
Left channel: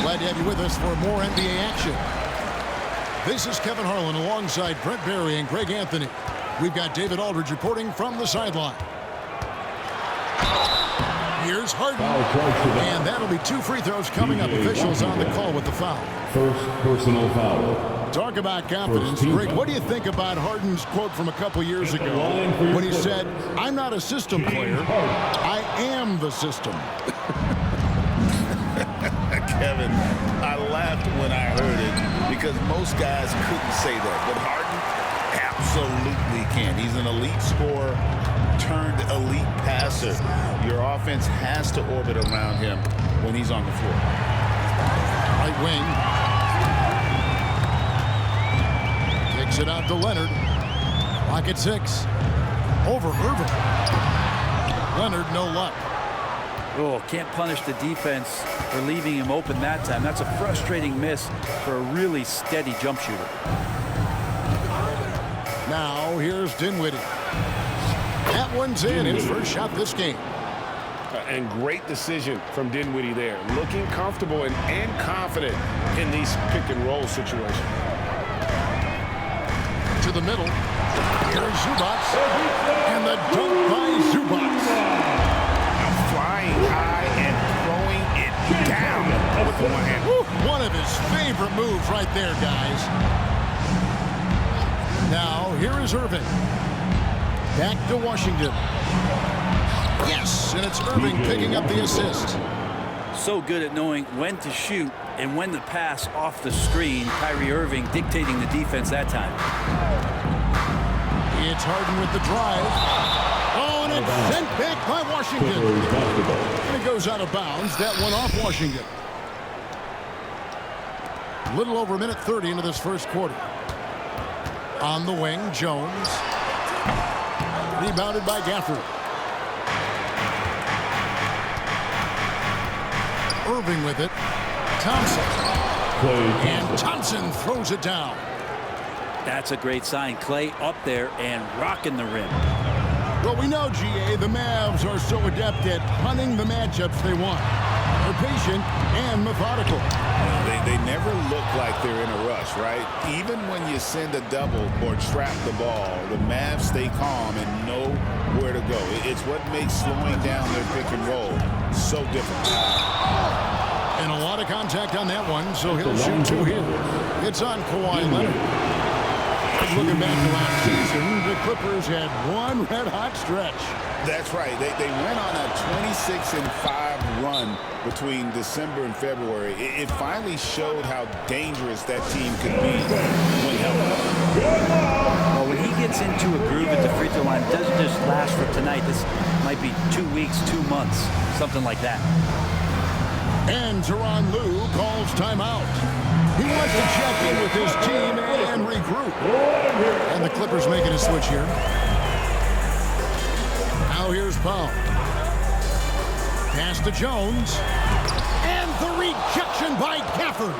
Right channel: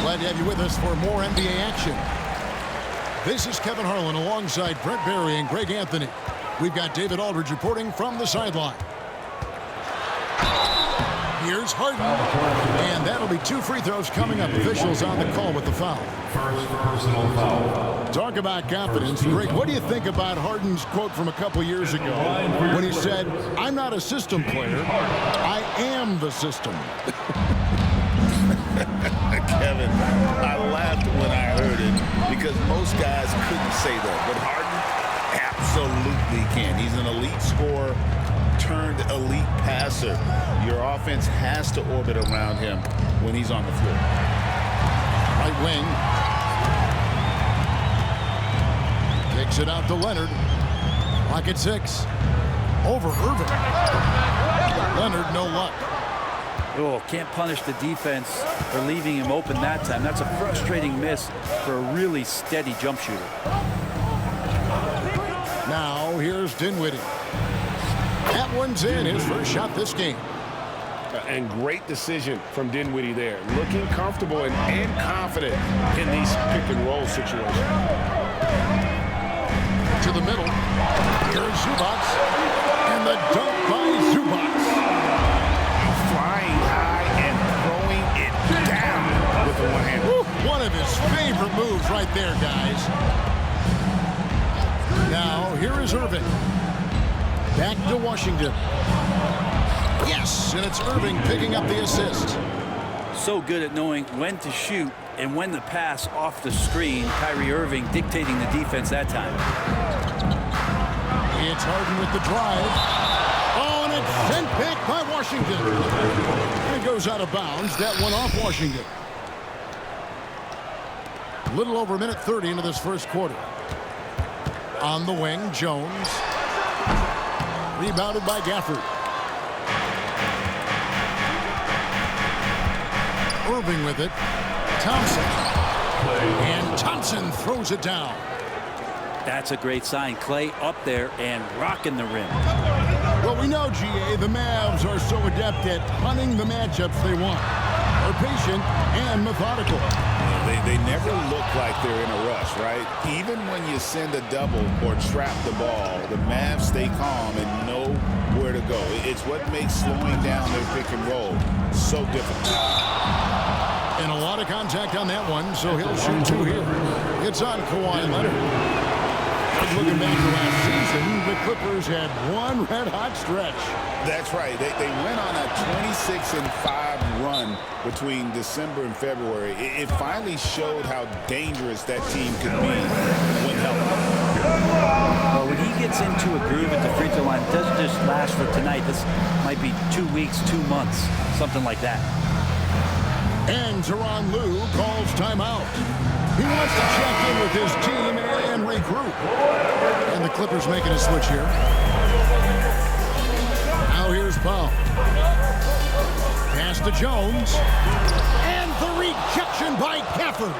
Glad to have you with us for more NBA action. This is Kevin Harlan alongside Brent Barry and Greg Anthony. We've got David Aldridge reporting from the sideline. Here's Harden, and that'll be 2 free throws coming up. Officials on the call with the foul. First personal foul. Talk about confidence. Greg, what do you think about Harden's quote from a couple years ago when he said, "I'm not a system player, I am the system"? Kevin, I laughed when I heard it because most guys couldn't say that, but Harden absolutely can. He's an elite scorer turned elite passer. Your offense has to orbit around him when he's on the floor. Right wing. Kicks it out to Leonard. Clock at 6. Over Irving. Leonard, no luck. Oh, can't punish the defense for leaving him open that time. That's a frustrating miss for a really steady jump shooter. Now here's Dinwiddie. That one's in, his first shot this game. And great decision from Dinwiddie there. Looking comfortable and confident in these pick and roll situations. To the middle. Here's Zubac. And the dunk by Zubac. Now flying high and throwing it down with the one hand. One of his favorite moves right there, guys. Now here is Irving. Back to Washington. Yes, and it's Irving picking up the assist. So good at knowing when to shoot and when to pass off the screen. Kyrie Irving dictating the defense that time. It's Harden with the drive. Oh, and it's sent back by Washington. And it goes out of bounds. That one off Washington. A little over a minute 30 into this first quarter. On the wing, Jones. Rebounded by Gafford. Irving with it. Thompson. And Thompson throws it down. That's a great sign. Clay up there and rocking the rim. Well, we know, GA, the Mavs are so adept at hunting the matchups they want. They're patient and methodical. Yeah, they never look like they're in a rush, right? Even when you send a double or trap the ball, the Mavs stay calm and know where to go. It's what makes slowing down their pick and roll so difficult. And a lot of contact on that one, so he'll shoot 2 here. It's on Kawhi Leonard. And looking back to last season, the Clippers had one red-hot stretch. That's right. They went on a 26-5 run between December and February. It finally showed how dangerous that team could be when healthy. Well, when he gets into a groove at the free throw line, it doesn't just last for tonight. This might be 2 weeks, 2 months, something like that. And Tyronn Lue calls timeout. He wants to check in with his team and regroup. And the Clippers making a switch here. Now here's Powell. Pass to Jones. And the rejection by Gafford.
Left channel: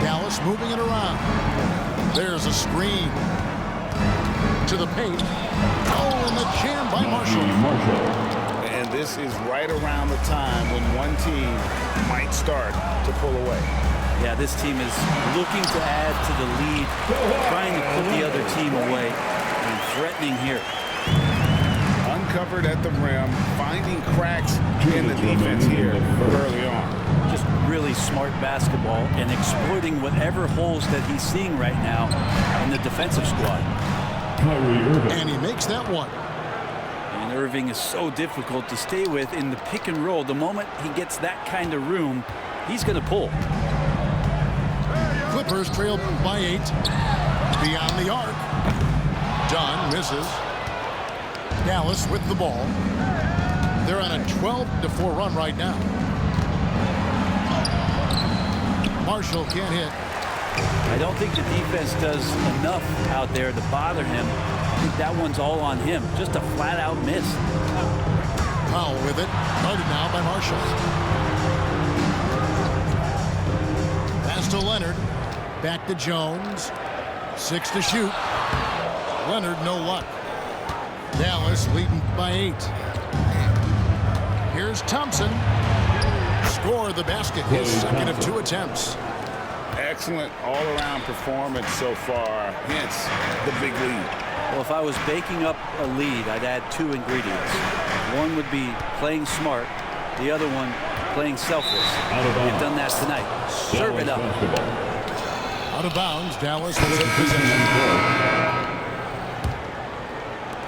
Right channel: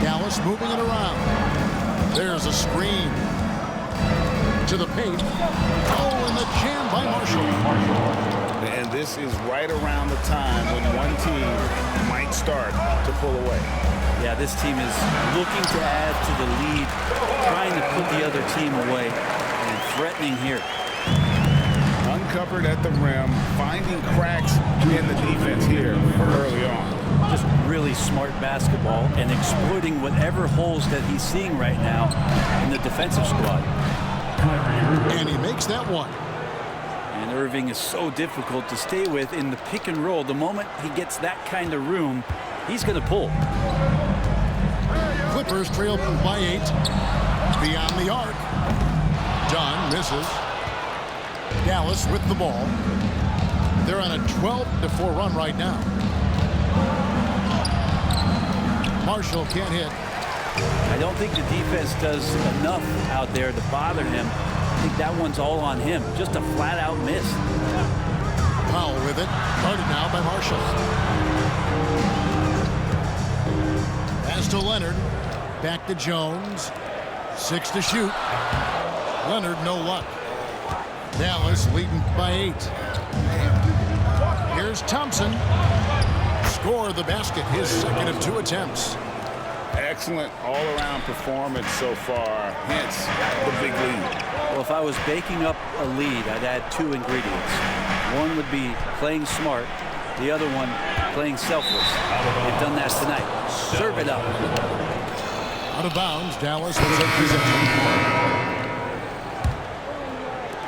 Dallas moving it around. There's a screen. To the paint. Oh, and the jam by Marshall. And this is right around the time when one team might start to pull away. Yeah, this team is looking to add to the lead, trying to put the other team away, and threatening here. Uncovered at the rim, finding cracks in the defense here early on. Just really smart basketball and exploiting whatever holes that he's seeing right now in the defensive squad. And he makes that one. And Irving is so difficult to stay with in the pick and roll. The moment he gets that kind of room, he's going to pull. Clippers trail by 8. Beyond the arc. Dunn misses. Dallas with the ball. They're on a 12-4 run right now. Marshall can't hit. I don't think the defense does enough out there to bother him. I think that one's all on him. Just a flat-out miss. Powell with it. Guarded now by Marshall. Pass to Leonard. Back to Jones. 6 to shoot. Leonard, no luck. Dallas leading by 8. Here's Thompson. Score the basket, his second of 2 attempts. Excellent all-around performance so far, hence the big lead. Well, if I was baking up a lead, I'd add 2 ingredients. One would be playing smart. The other one, playing selfless. They've done that tonight. Serve it up. Out of bounds, Dallas will take possession.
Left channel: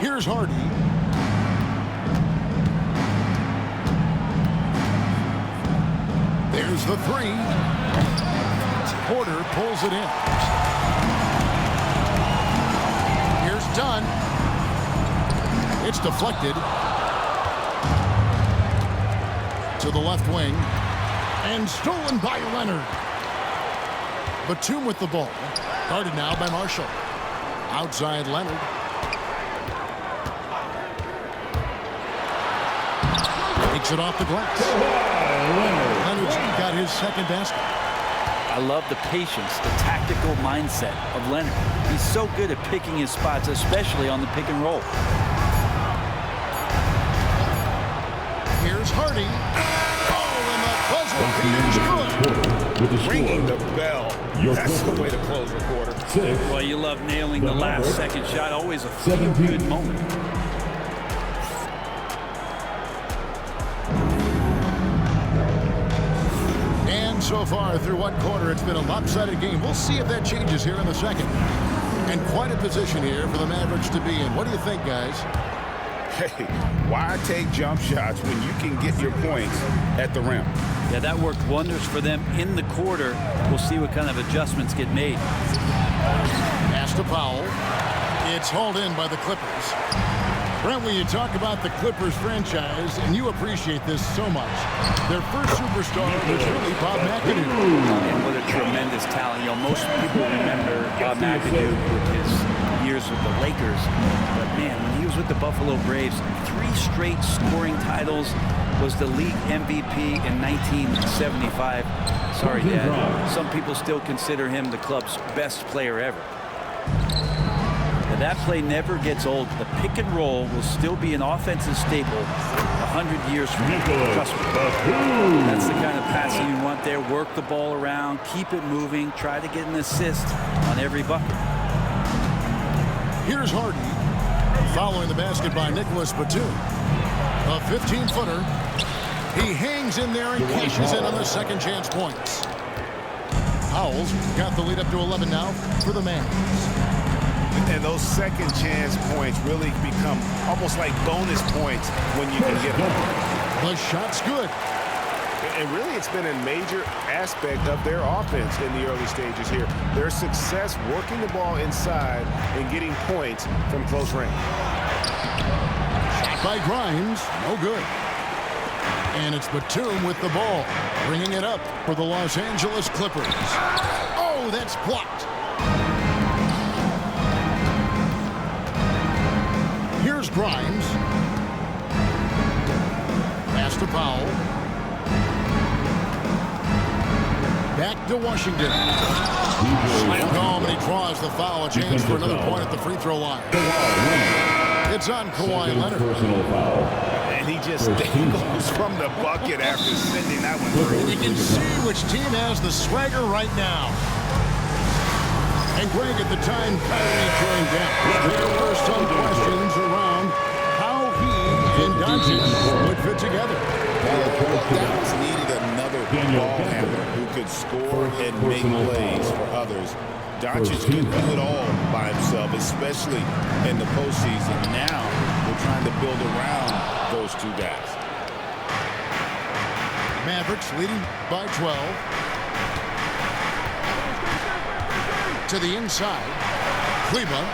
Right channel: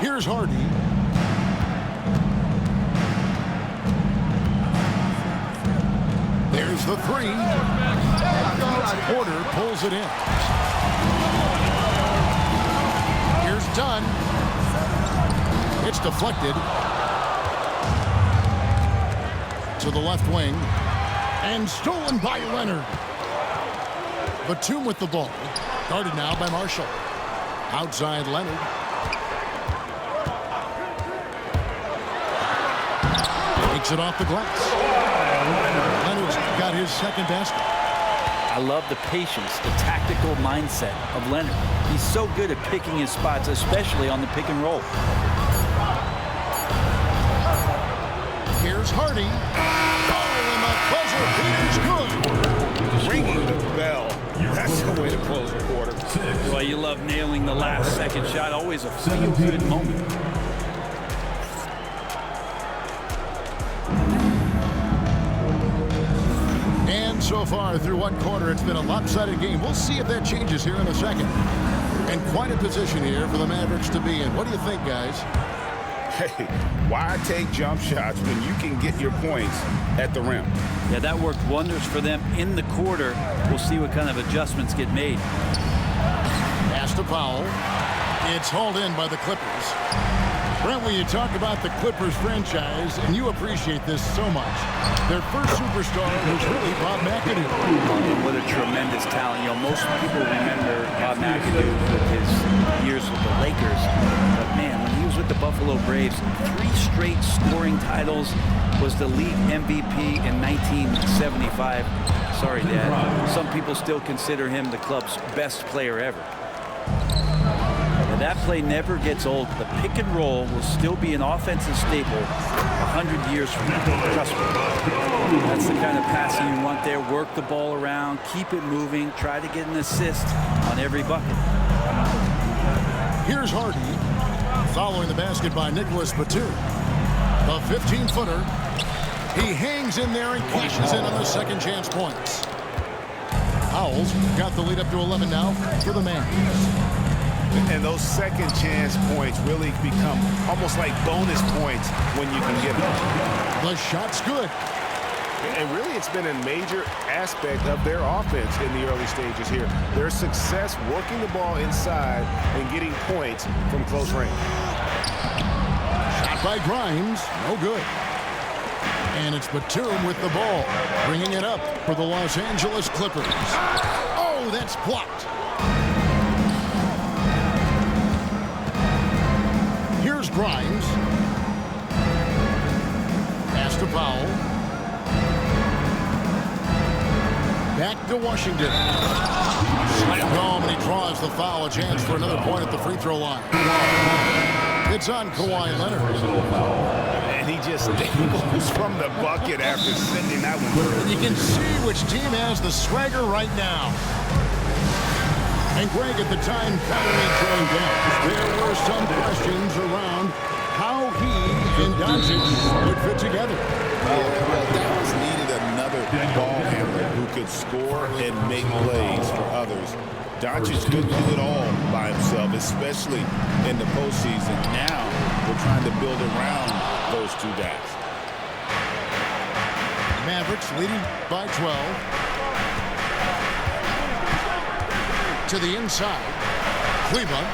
Here's Hardy. There's the 3. Porter pulls it in. Here's Dunn. It's deflected to the left wing and stolen by Leonard. Batum with the ball. Guarded now by Marshall. Outside Leonard. Takes it off the glass. Leonard's got his second basket. I love the patience, the tactical mindset of Leonard. He's so good at picking his spots, especially on the pick and roll. Here's Hardy. Oh, and the buzzer beater's good. Ringing the bell. That's the way to close a quarter. Well, you love nailing the last second shot. Always a feel-good moment. And so far through one quarter, it's been a lopsided game. We'll see if that changes here in the second. And quite a position here for the Mavericks to be in. What do you think, guys? Hey, why take jump shots when you can get your points at the rim? Yeah, that worked wonders for them in the quarter. We'll see what kind of adjustments get made. Pass to Powell. It's hauled in by the Clippers. Brent, when you talk about the Clippers franchise, and you appreciate this so much, their first superstar was really Bob McAdoo. And what a tremendous talent. You know, most people remember Bob McAdoo with his years with the Lakers. But, man, when he was with the Buffalo Braves, 3 straight scoring titles, was the league MVP in 1975. Sorry, Dad. Some people still consider him the club's best player ever. Now, that play never gets old. The pick and roll will still be an offensive staple 100 years from now. Trust me. That's the kind of passing you want there. Work the ball around, keep it moving, try to get an assist on every bucket. Here's Hardy, following the basket by Nicholas Batum. A 15-footer. He hangs in there and cashes in on the second chance points. Powell's got the lead up to 11 now for the Mavs. And those second chance points really become almost like bonus points when you can get them. The shot's good. And really, it's been a major aspect of their offense in the early stages here. Their success working the ball inside and getting points from close range. Shot by Grimes, no good. And it's Batum with the ball, bringing it up for the Los Angeles Clippers. Oh, that's blocked. Here's Grimes. Pass to Powell. Back to Washington. Slammed home, and he draws the foul. A chance for another point at the free throw line. It's on Kawhi Leonard. And he just dangles from the bucket after sending that one through. And you can see which team has the swagger right now. And Greg, at the time Kyrie joined Dallas, there were some questions around how he and Doncic would fit together. Yeah, well, Dallas needed another ball handler who could score and make plays for others. Doncic couldn't do it all by himself, especially in the postseason. Now they're trying to build around those two guys. Mavericks leading by 12. To the inside. Kleba.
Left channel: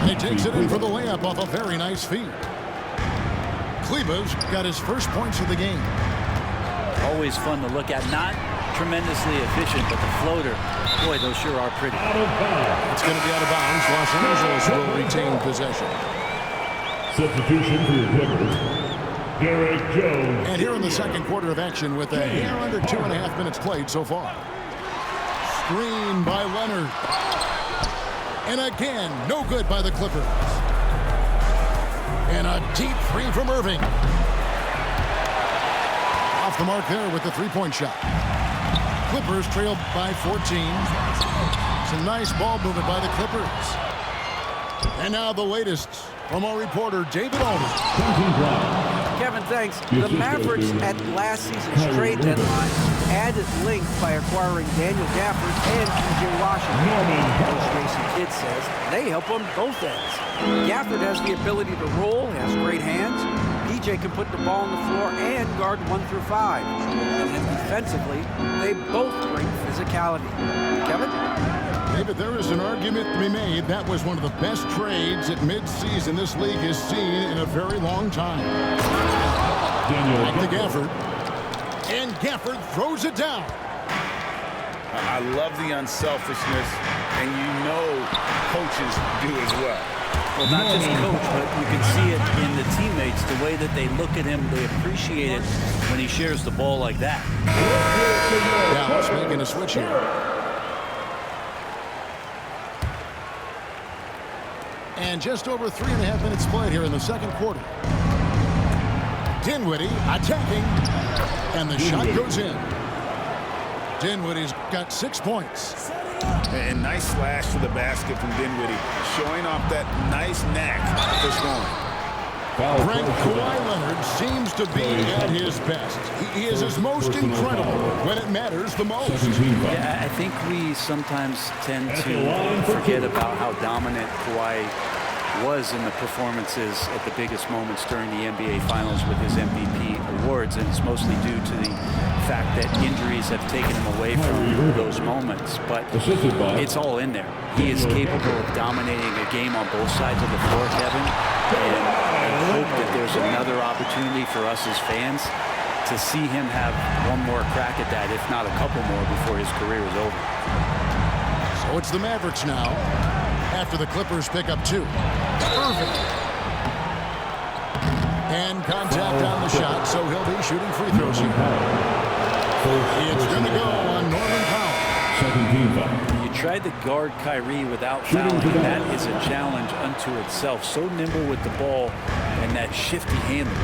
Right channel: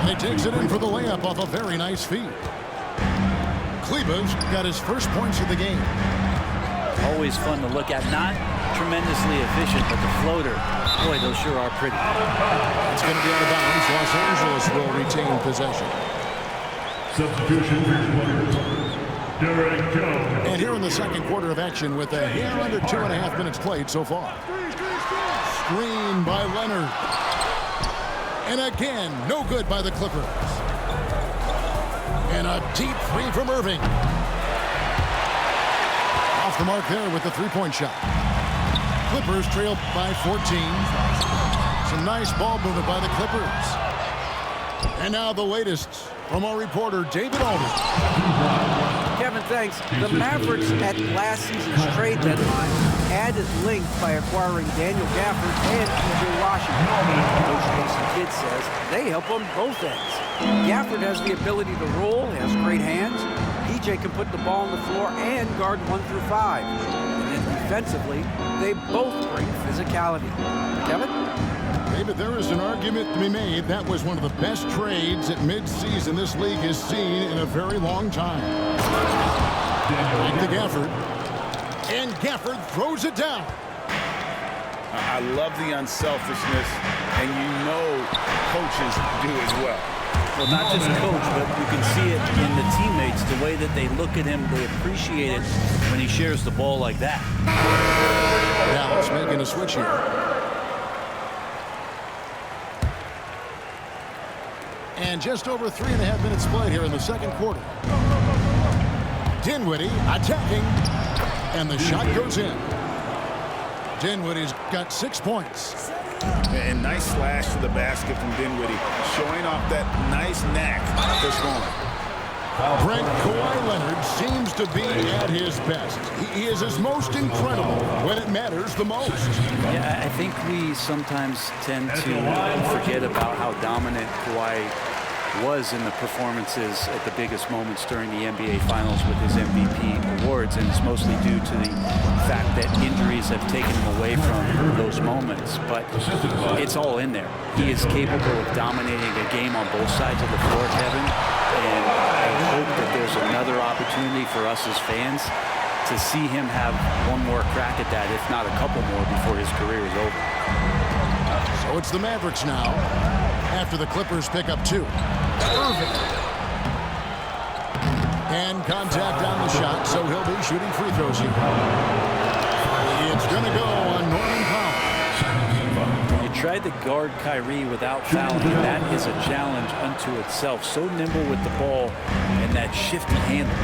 And he takes it in for the layup off a very nice feed. Kleba's got his first points of the game. Always fun to look at. Not tremendously efficient, but the floater, boy, those sure are pretty. It's going to be out of bounds. Los Angeles will retain possession. Substitution for your Clippers, Derek Jones. And here in the second quarter of action with a hair under 2.5 minutes played so far. Screen by Leonard. And again, no good by the Clippers. And a deep three from Irving. Off the mark there with the three-point shot. Clippers trail by 14. Some nice ball movement by the Clippers. And now the latest from our reporter, David Aldridge. Kevin, thanks. The Mavericks at last season's trade deadline added length by acquiring Daniel Gafford and P.J. Washington. Coach Jason Kidd says they help on both ends. Gafford has the ability to roll, has great hands. P.J. can put the ball on the floor and guard 1 through 5. And then defensively, they both bring physicality. Kevin? David, there is an argument to be made. That was one of the best trades at midseason this league has seen in a very long time. Back to Gafford. And Gafford throws it down. I love the unselfishness, and you know coaches do as well. Well, not just coach, but you can see it in the teammates, the way that they look at him. They appreciate it when he shares the ball like that. Dallas making a switch here. And just over 3.5 minutes played here in the second quarter. Dinwiddie attacking, and the shot goes in. Dinwiddie's got 6 points. And nice slash to the basket from Dinwiddie, showing off that nice knack for scoring. Brent, Kawhi Leonard seems to be at his best. He is his most incredible when it matters the most. Yeah, I think we sometimes tend to forget about how dominant Kawhi was in the performances at the biggest moments during the NBA Finals with his MVP awards, and it's mostly due to the fact that injuries have taken him away from those moments, but it's all in there. He is capable of dominating a game on both sides of the floor, Kevin, and I hope that there's another opportunity for us as fans to see him have one more crack at that, if not a couple more, before his career is over. So it's the Mavericks now, after the Clippers pick up 2. Irving. And contact on the shot, so he'll be shooting free throws here. It's going to go on Norman Powell. You tried to guard Kyrie without fouling, and that is a challenge unto itself. So nimble with the ball and that shifty handle.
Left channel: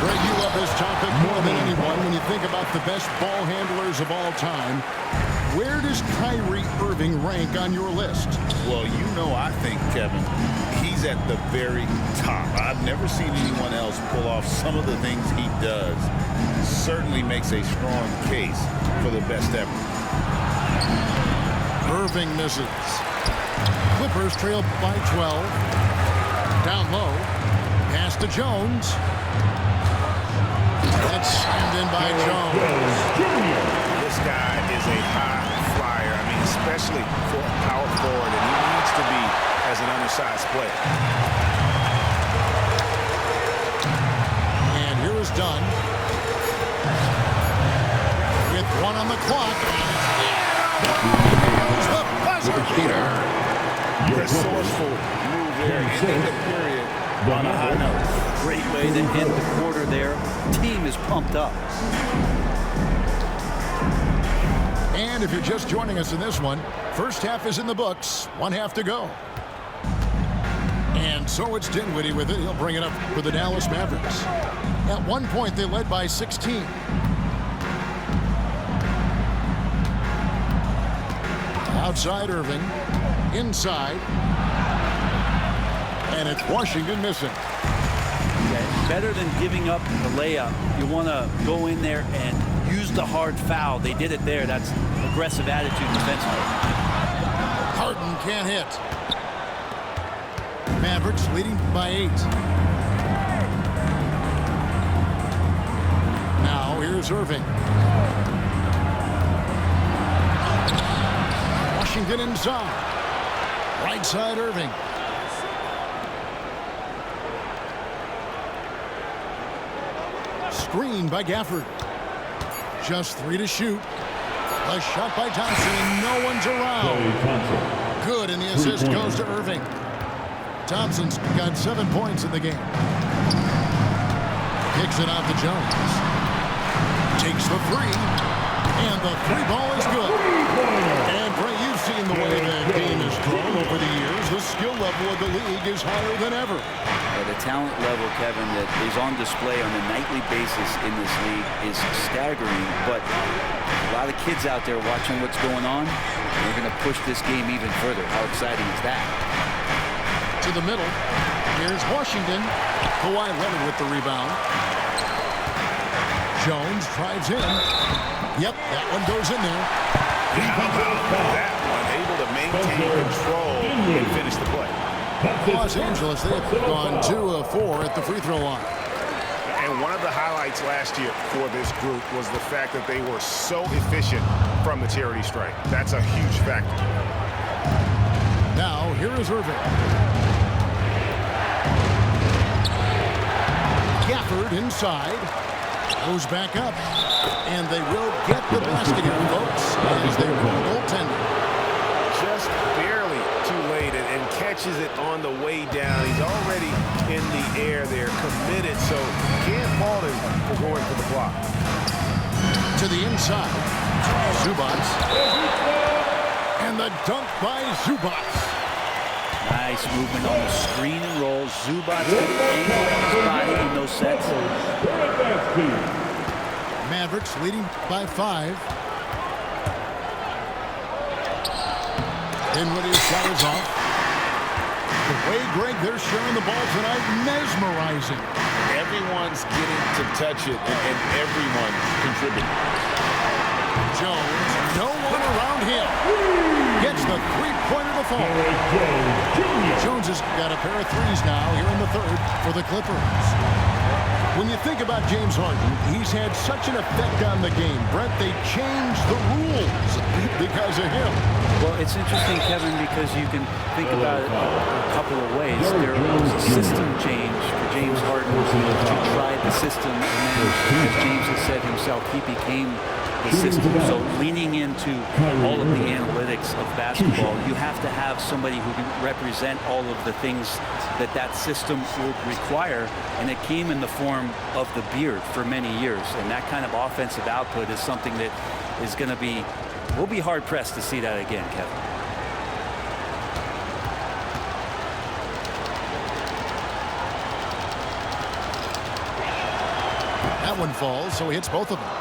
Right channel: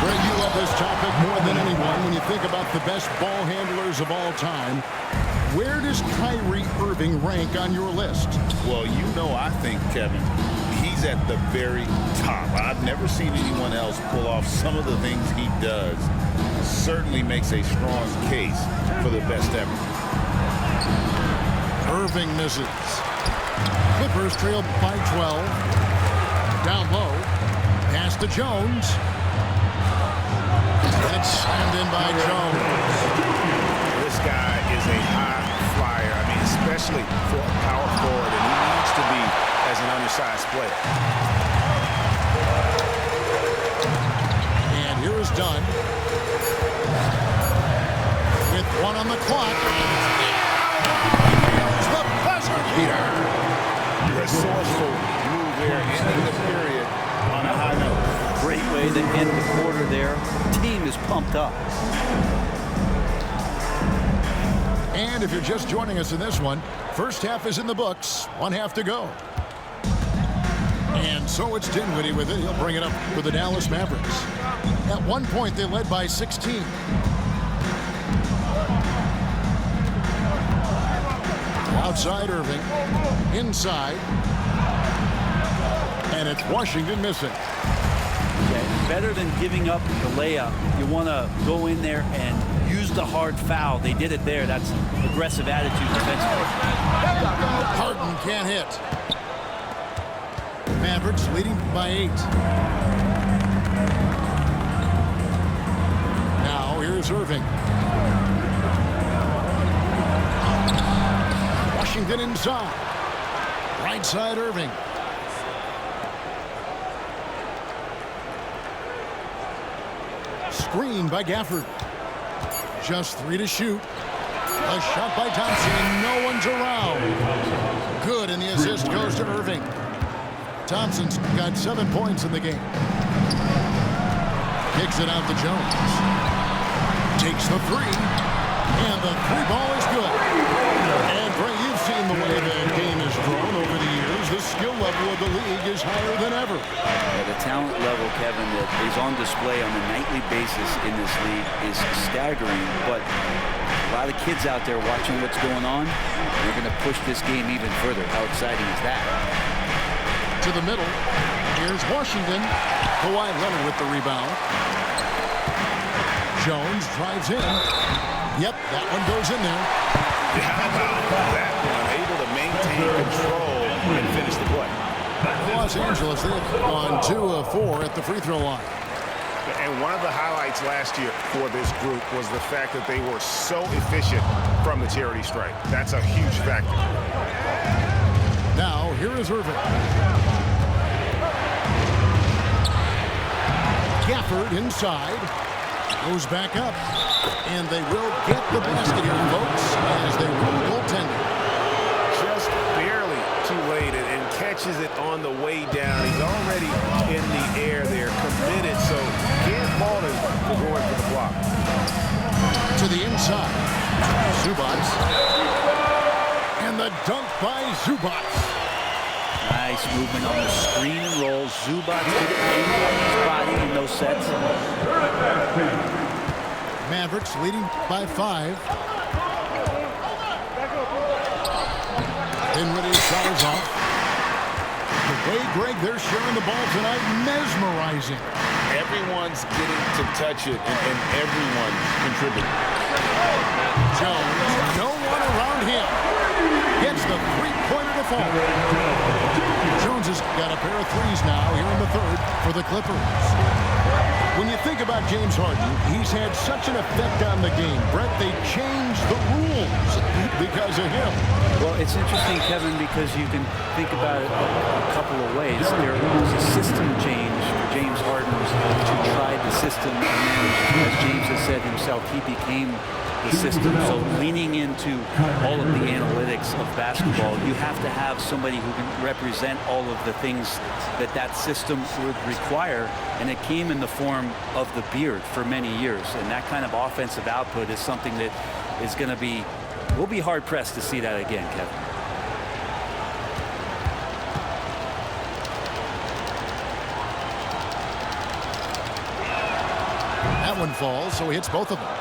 Greg, you love this topic more than anyone. When you think about the best ball handlers of all time, where does Kyrie Irving rank on your list? Well, you know, I think, Kevin, he's at the very top. I've never seen anyone else pull off some of the things he does. Certainly makes a strong case for the best ever. Irving misses. Clippers trail by 12. Down low. Pass to Jones. That's slammed in by Jones. This guy is a high flyer. I mean, especially for a power forward, and he needs to be as an undersized player. And here is Dunn. With 1 on the clock. He nails the buzzer beater. Resourceful move there, ending the period on a high note. Great way to end the quarter there. Team is pumped up. And if you're just joining us in this one, first half is in the books, 1 half to go. And so it's Dinwiddie with it. He'll bring it up for the Dallas Mavericks. At one point, they led by 16. Outside Irving, inside, and it's Washington missing. Yeah, better than giving up the layup. You want to go in there and use the hard foul. They did it there. That's aggressive attitude defensively. Harden can't hit. Mavericks leading by 8. Now here's Irving. Washington inside. Right side Irving. Screen by Gafford. Just 3 to shoot. A shot by Thompson, and no one's around. Good, and the assist goes to Irving. Thompson's got 7 points in the game. Kicks it out to Jones. Takes the 3, and the 3 ball is good. And Bray, you've seen the way the game has skill level of the league is higher than ever. The talent level, Kevin, that is on display on a nightly basis in this league is staggering, but a lot of kids out there watching what's going on. They're going to push this game even further. How exciting is that? To the middle. Here's Washington. Kawhi Leonard with the rebound. Jones drives in. Yep, that one goes in there. How about that one? Able to maintain control and finish the play. Los Angeles, they have gone 2 of 4 at the free throw line. And one of the highlights last year for this group was the fact that they were so efficient from the charity stripe. That's a huge factor. Now, here is Irving. Gafford inside. Goes back up. And they will get the basket here, folks, as they rule goaltending. Just barely too late and catches it on the way down. He's already in the air there, committed, so can't fault him for going for the block. To the inside. Zubats. And the dunk by Zubats. Nice movement on the screen and roll. Zubats good at angling his body in those sets. Mavericks leading by 5. Dinwiddie's shot is off. The way, Greg, they're sharing the ball tonight, mesmerizing. Everyone's getting to touch it, and everyone's contributing. Jones, no one around him. Gets the three-pointer to fall. Jones has got a pair of threes now here in the third for the Clippers. When you think about James Harden, he's had such an effect on the game. Brett, they changed the rules because of him. Well, it's interesting, Kevin, because you can think about it a couple of ways. There was a system change for James Harden to try the system, and then, as James has said himself, he became the system. So leaning into all of the analytics of basketball, you have to have somebody who can represent all of the things that that system would require, and it came in the form of the beard for many years. And that kind of offensive output is something that is going to be, we'll be hard-pressed to see that again, Kevin. That one falls, so he hits both of them.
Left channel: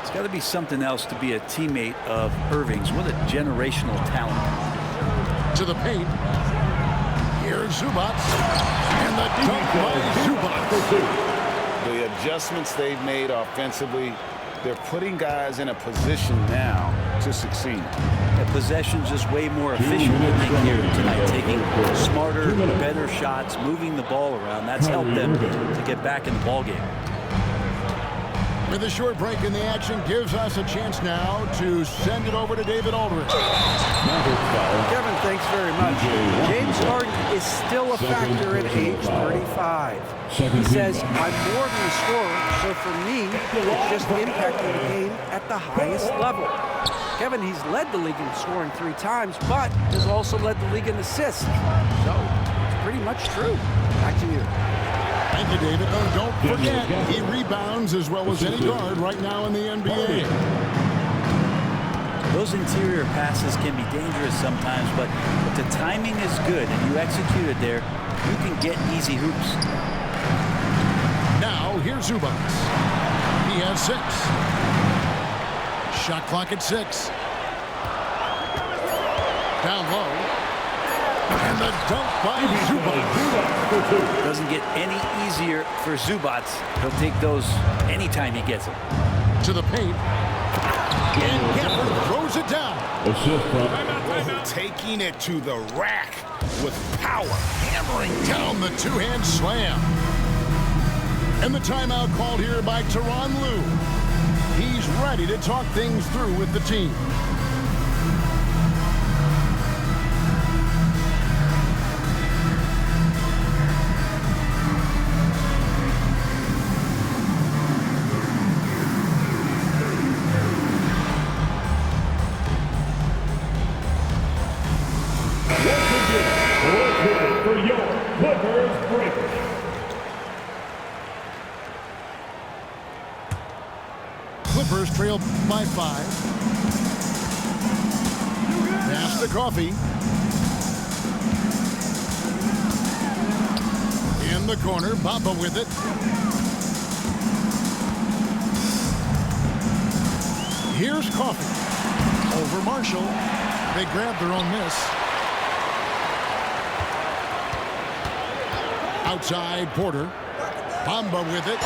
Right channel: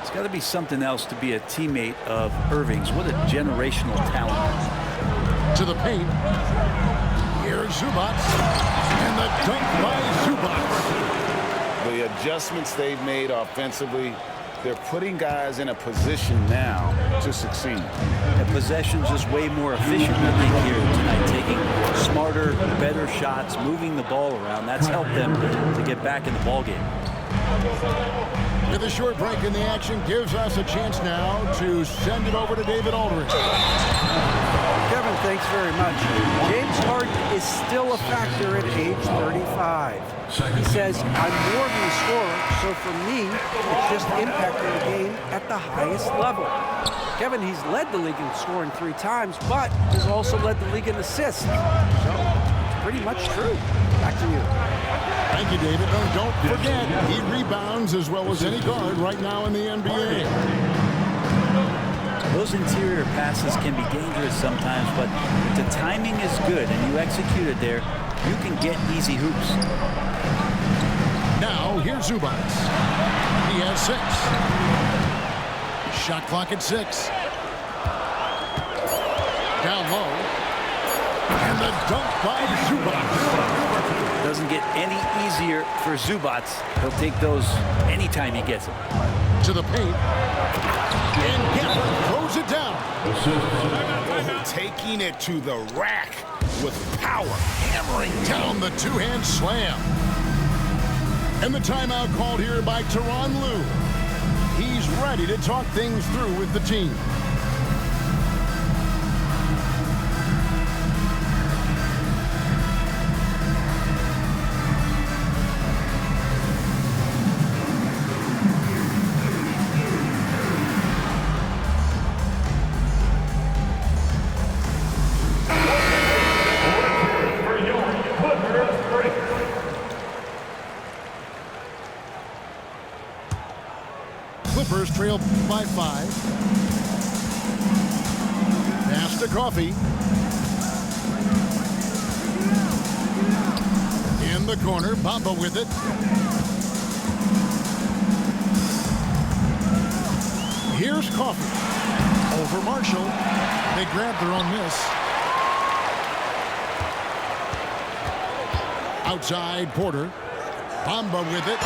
It's got to be something else to be a teammate of Irving's. What a generational talent. To the paint. Here's Zubats. And the dunk by Zubats. The adjustments they've made offensively, they're putting guys in a position now to succeed. The possession's just way more efficient, I think, here tonight. Taking smarter, better shots, moving the ball around. That's helped them to get back in the ball game. With a short break in the action, gives us a chance now to send it over to David Aldridge. Kevin, thanks very much. James Harden is still a factor at age 35. He says, I'm more than a scorer, so for me, it's just impacting the game at the highest level. Kevin, he's led the league in scoring 3 times, but has also led the league in assists. So, it's pretty much true. Back to you. Thank you, David. Oh, don't forget, he rebounds as well as any guard right now in the NBA. Those interior passes can be dangerous sometimes, but if the timing is good and you execute it there, you can get easy hoops. Now, here's Zubats. He has 6. Shot clock at 6. Down low. And the dunk by Zubats. Doesn't get any easier for Zubats. He'll take those anytime he gets them. To the paint. And Gafford throws it down. Oh, taking it to the rack with power. Hammering down the two-hand slam. And the timeout called here by Tyronn Lue. He's ready to talk things through with the team. Clippers trail by 5. Pass to Coffee. In the corner, Bamba with it. Here's Coffee. Over Marshall. They grab their own miss. Outside, Porter. Bamba with it.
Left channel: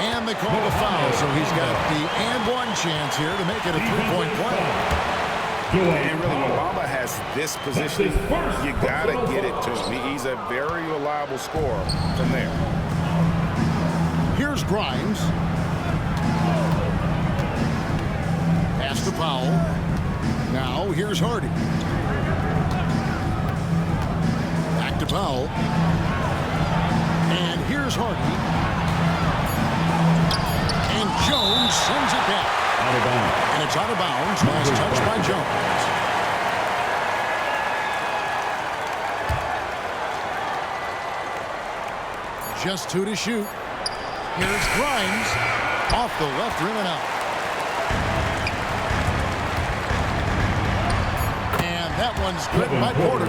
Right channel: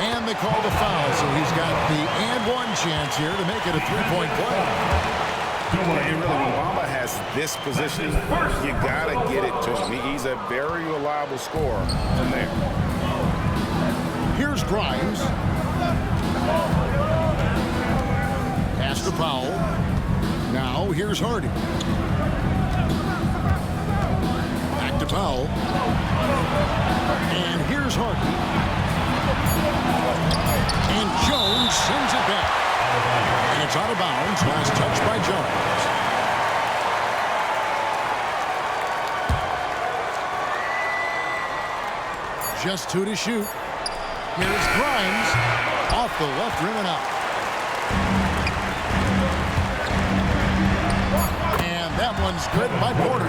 And they call the foul, so he's got the and one chance here to make it a three-point play. And really, when Bamba has this positioning, you got to get it to him. He's a very reliable scorer from there. Here's Grimes. Pass to Powell. Now here's Hardy. Back to Powell. And here's Hardy. And Jones sends it back. And it's out of bounds. Last touch by Jones. Just 2 to shoot. Here's Grimes. Off the left rim and out. And that one's good by Porter.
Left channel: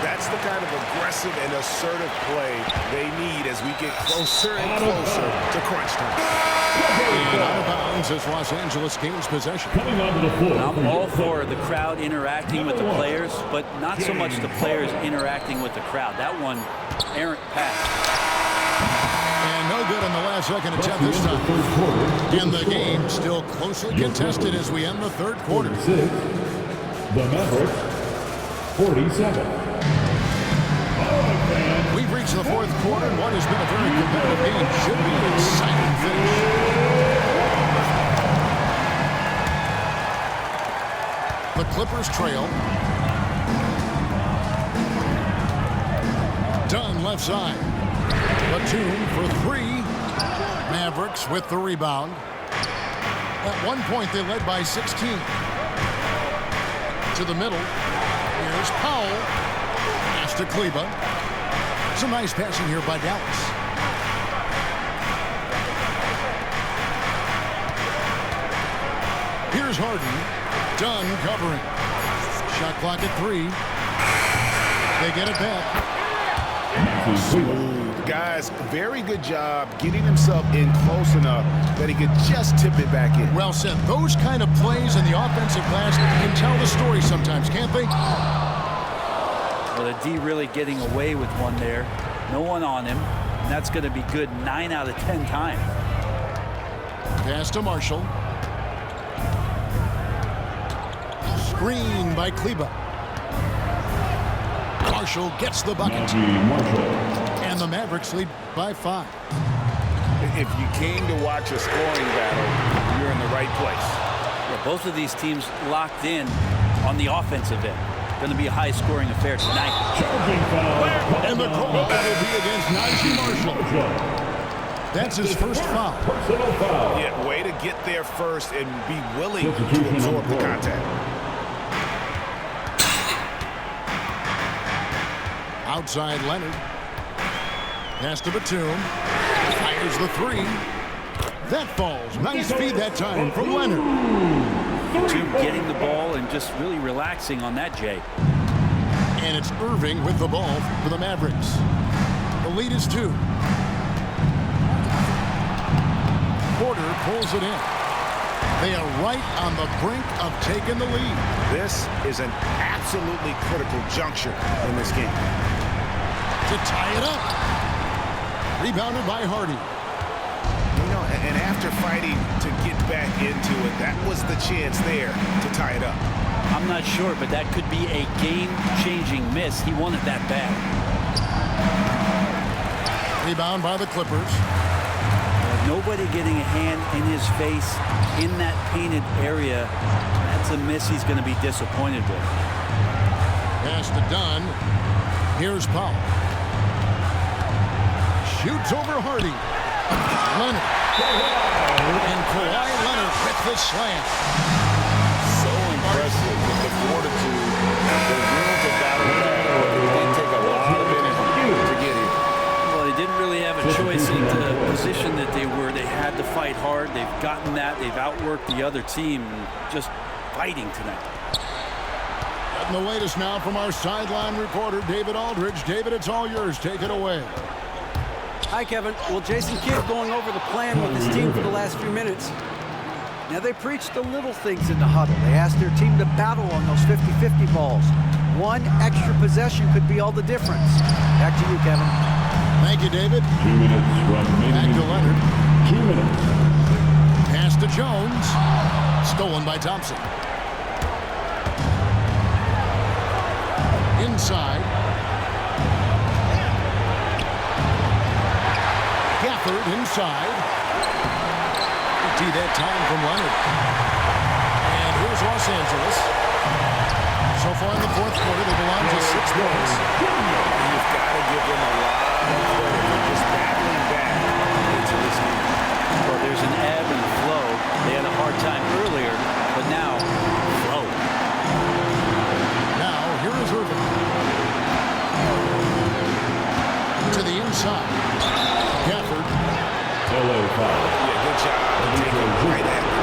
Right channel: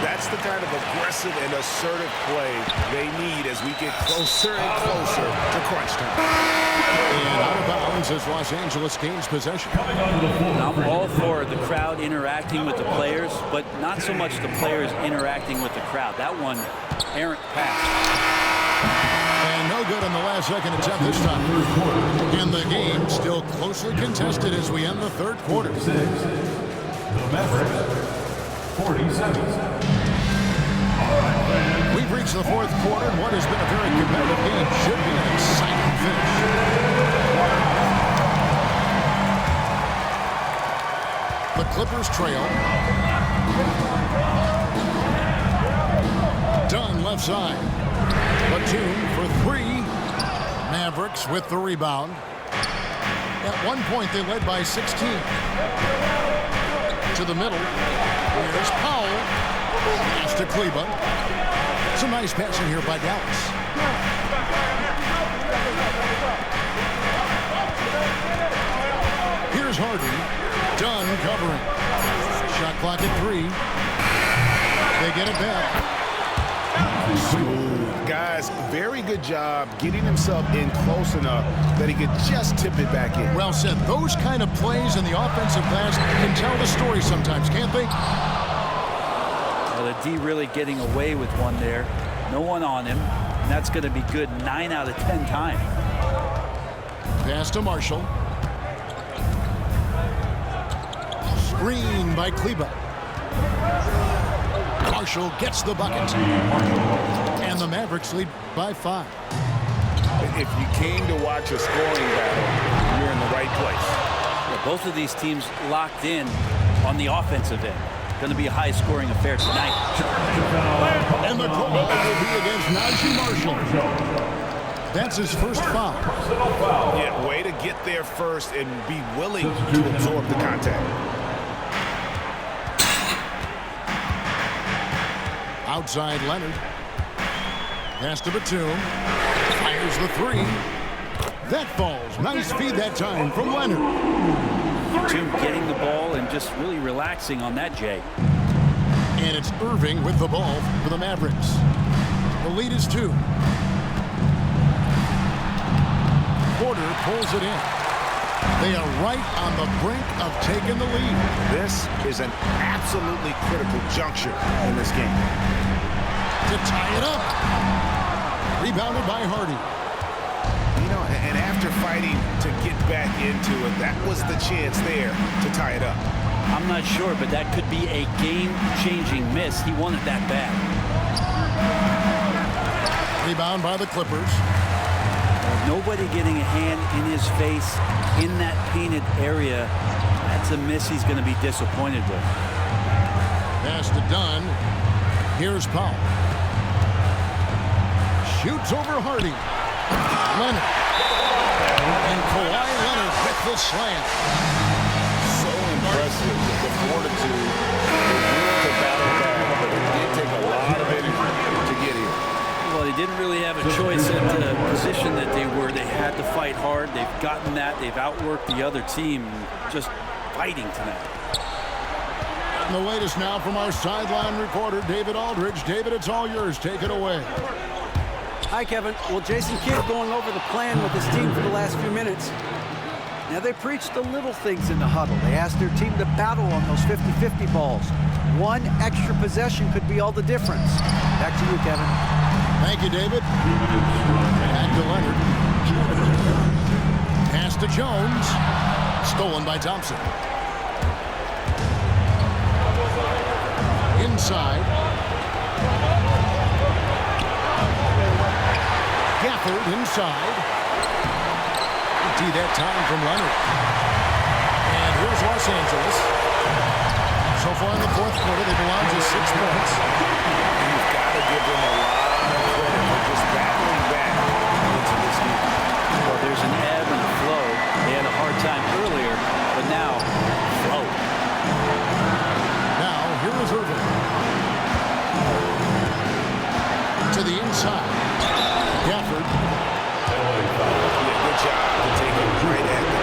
That's the kind of aggressive and assertive play they need as we get closer and closer to crunch time. And out of bounds as Los Angeles gains possession. I'm all for the crowd interacting with the players, but not so much the players interacting with the crowd. That one, errant pass. And no good on the last second attempt this time. In the game, still closely contested as we end the third quarter. The Mavericks, 47. We've reached the fourth quarter, and what has been a very competitive game should be an exciting finish. The Clippers trail. Dunn left side. Batum for 3. Mavericks with the rebound. At one point, they led by 16. To the middle. Here's Powell. Pass to Kleba. Some nice passing here by Dallas. Here's Harden. Dunn covering. Shot clock at 3. They get it back. Smooth. Guys, very good job getting himself in close enough that he could just tip it back in. Well said. Those kind of plays in the offensive glass can tell the story sometimes, can't they? Well, the D really getting away with one there. No one on him. And that's going to be good 9 out of 10 times. Pass to Marshall. Screen by Kleba. Marshall gets the bucket. And the Mavericks lead by 5. If you came to watch a scoring battle, you're in the right place. Yeah, both of these teams locked in on the offensive end. Going to be a high-scoring affair tonight. And the call will be against Najee Marshall. That's his first foul. Yeah, way to get there first and be willing to absorb the contact. Outside Leonard. Pass to Batum. Fires the 3. That falls. Nice feed that time from Leonard. Batum getting the ball and just really relaxing on that, Jay. And it's Irving with the ball for the Mavericks. The lead is 2. Porter pulls it in. They are right on the brink of taking the lead. This is an absolutely critical juncture in this game. To tie it up. Rebounded by Hardy. You know, and after fighting to get back into it, that was the chance there to tie it up. I'm not sure, but that could be a game-changing miss. He wanted that bad. Rebound by the Clippers. Nobody getting a hand in his face in that painted area. That's a miss he's going to be disappointed with. Pass to Dunn. Here's Powell. Shoots over Hardy. Leonard. And Kawhi Leonard with the slam. So impressive with the fortitude, the will to battle back, but it did take a lot of energy to get here. Well, they didn't really have a choice in the position that they were. They had to fight hard. They've gotten that. They've outworked the other team. Just fighting tonight. Getting the latest now from our sideline reporter, David Aldridge. David, it's all yours. Take it away. Hi, Kevin. Well, Jason Kidd going over the plan with his team for the last few minutes. Now, they preached the little things in the huddle. They asked their team to battle on those 50-50 balls. One extra possession could be all the difference. Back to you, Kevin. Thank you, David. 2 minutes from Back to Leonard. 2 minutes. Pass to Jones. Stolen by Thompson. Inside. Gafford inside. Empty that time from Leonard. And here's Los Angeles. So far in the fourth quarter, they belong to 6 points. You've got to give them a lot of credit for just battling back into this game. Well, there's an ebb and a flow. They had a hard time earlier, but now, flow. Now, here is Irvin. To the inside. Gafford. Yeah, good job to take him right at the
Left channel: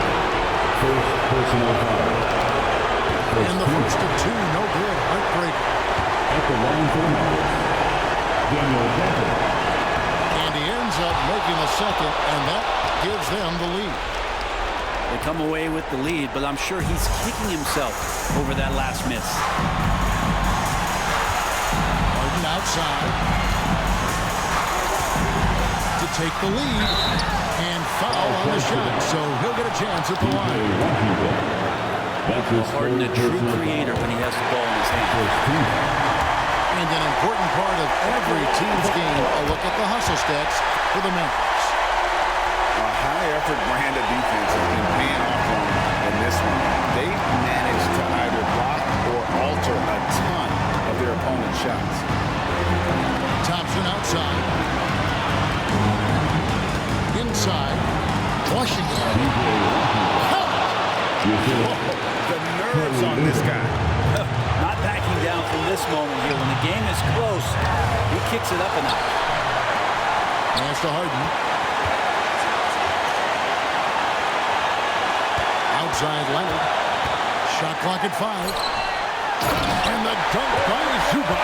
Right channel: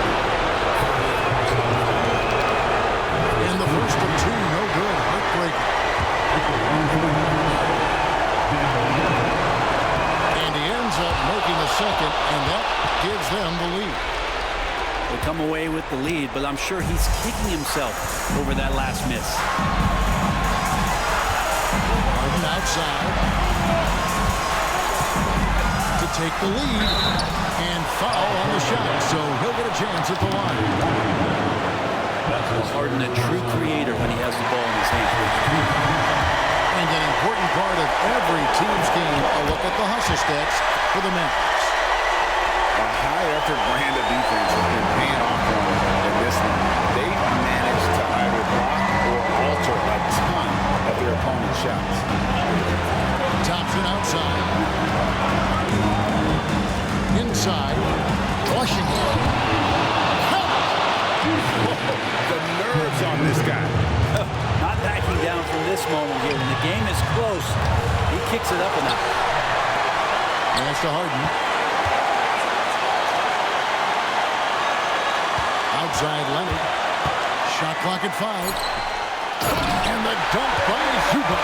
First personal foul. And the first of 2, no good. Heartbreaker. At the line for the Mavericks, Daniel Gafford. And he ends up making the second, and that gives them the lead. They come away with the lead, but I'm sure he's kicking himself over that last miss. Harden outside to take the lead and foul on the shot, so he'll get a chance at the line. Well, Harden, a true creator when he has the ball in his hand. And an important part of every team's game, a look at the hustle stats for the Mavericks. A high-effort brand of defense has been paying off for them in this one. They've managed to either block or alter a ton of their opponent's shots. Thompson outside. Inside. Washington. Count it! Whoa, the nerves on this guy. Not backing down from this moment here. When the game is close, he kicks it up a notch. Pass to Harden. Outside Leonard. Shot clock at 5. And the dunk by Zubac.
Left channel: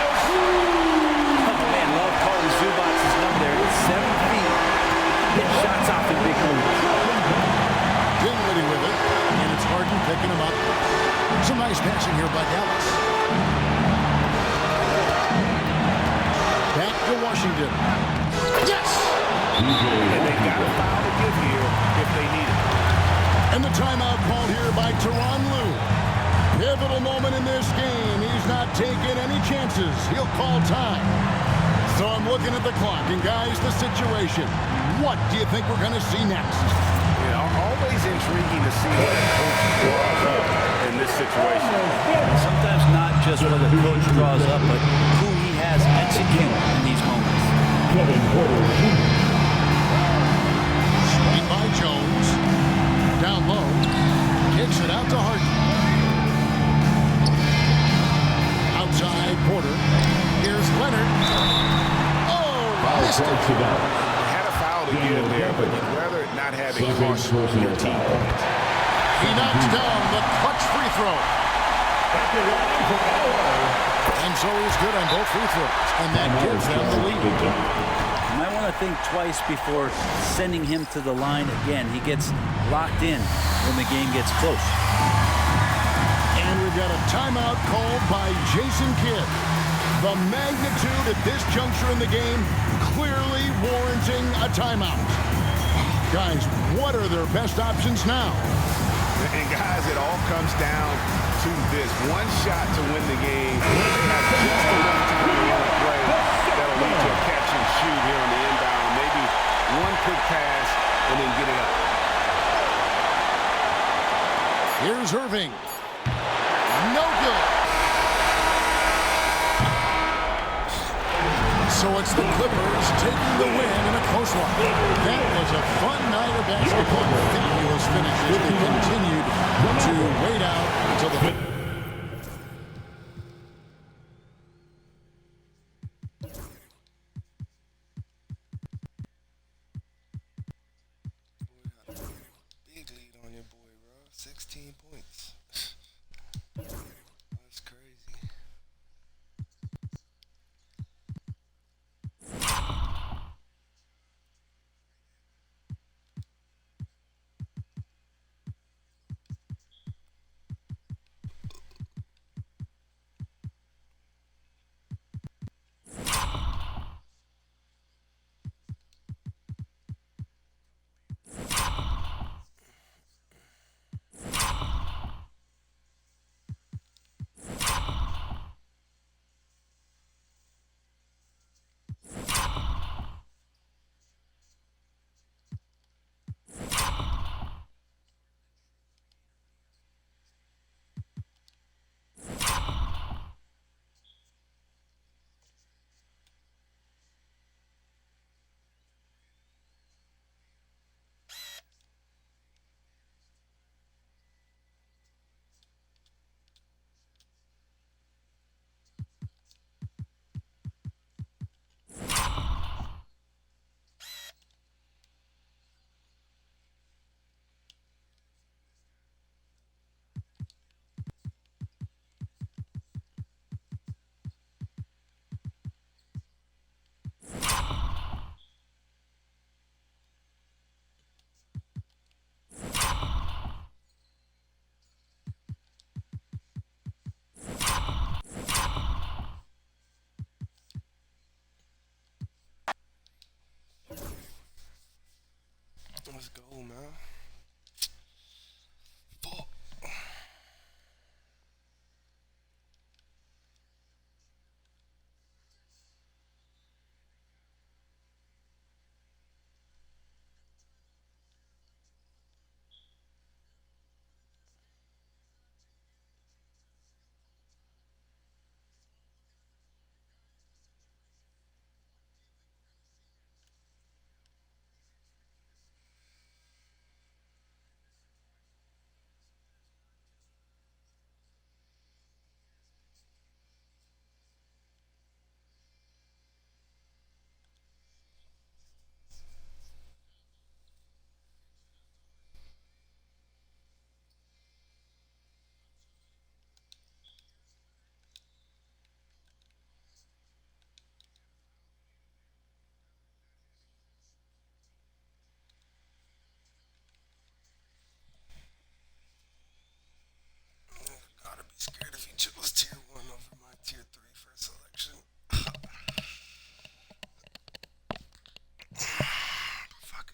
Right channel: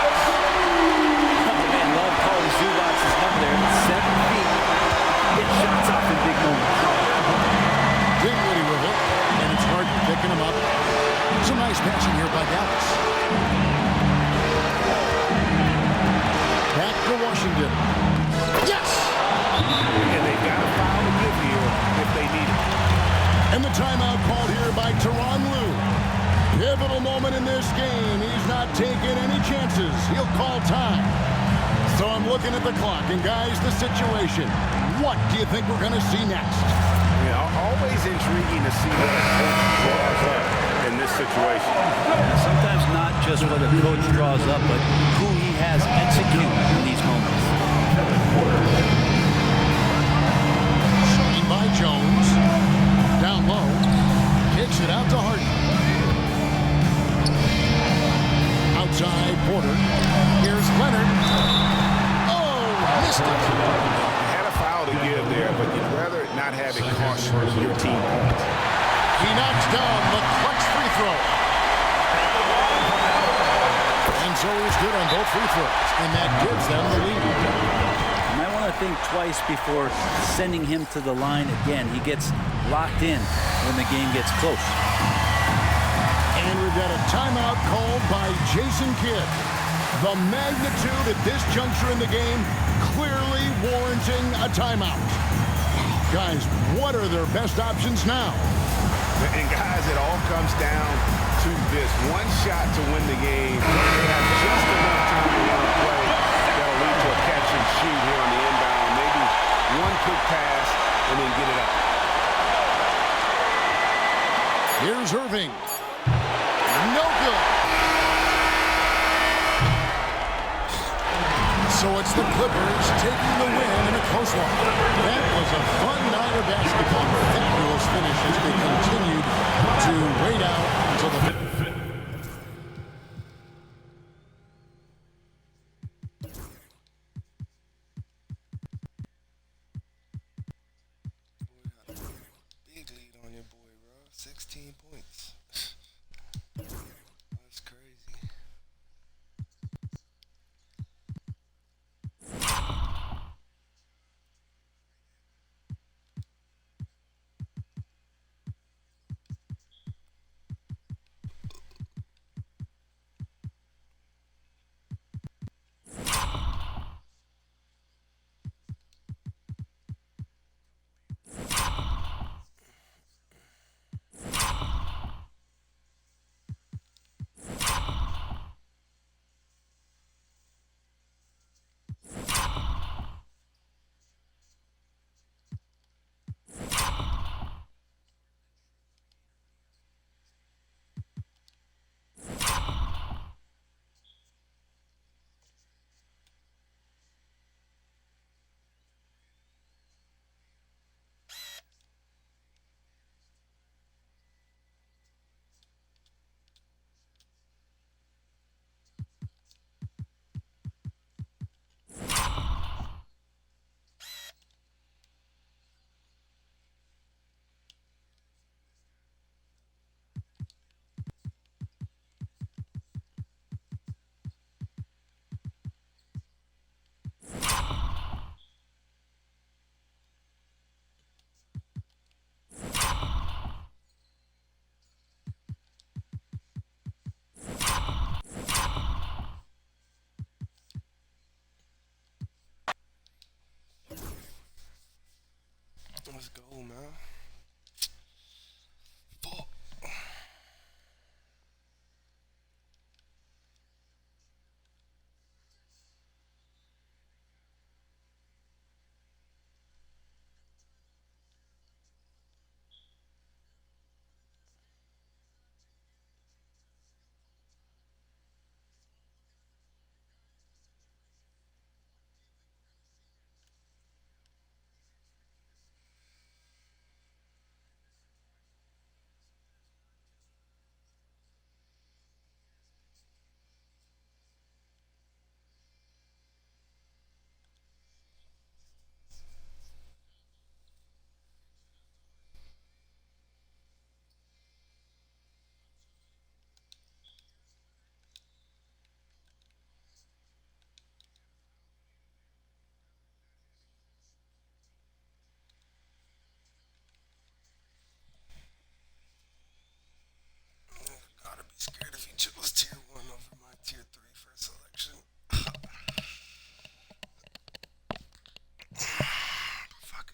Oh, man, love calling Zubac's number there. It's 7 feet. Get shots off in big moments. Dinwiddie with it. And it's Harden picking him up. Some nice passing here by Dallas. Back to Washington. Yes! And they've got a foul to give here if they need it. And the timeout called here by Tyronn Lue. Pivotal moment in this game. He's not taking any chances. He'll call time. So I'm looking at the clock, and guys, the situation. What do you think we're going to see next? Yeah, always intriguing to see what a coach draws up in this situation. And sometimes not just what a coach draws up, but who he has execute in these moments. Screen by Jones. Down low. Kicks it out to Harden. Outside Porter. Here's Leonard. Oh, missed it. Had a foul to give there, but you'd rather not have it cost your team points. He knocks down the clutch free throw. And so he's good on both free throws, and that gives them the lead. You might want to think twice before sending him to the line again. He gets locked in when the game gets close. And we've got a timeout called by Jason Kidd. The magnitude at this juncture in the game clearly warranting a timeout. Guys, what are their best options now? And guys, it all comes down to this. One shot to win the game. They have just enough time to run a play that'll lead to a catch and shoot here on the inbound. Maybe one quick pass and then get it up. Here's Irving. No good. So it's the Clippers taking the win in a close one. That was a fun night of basketball and a fabulous finish as they continued to wait out until the... Big lead on your boy, bro. 16 points. That's crazy. Let's go, man. Gotta be scared if he chose tier 1 over my tier 3 first selection. Fuck it.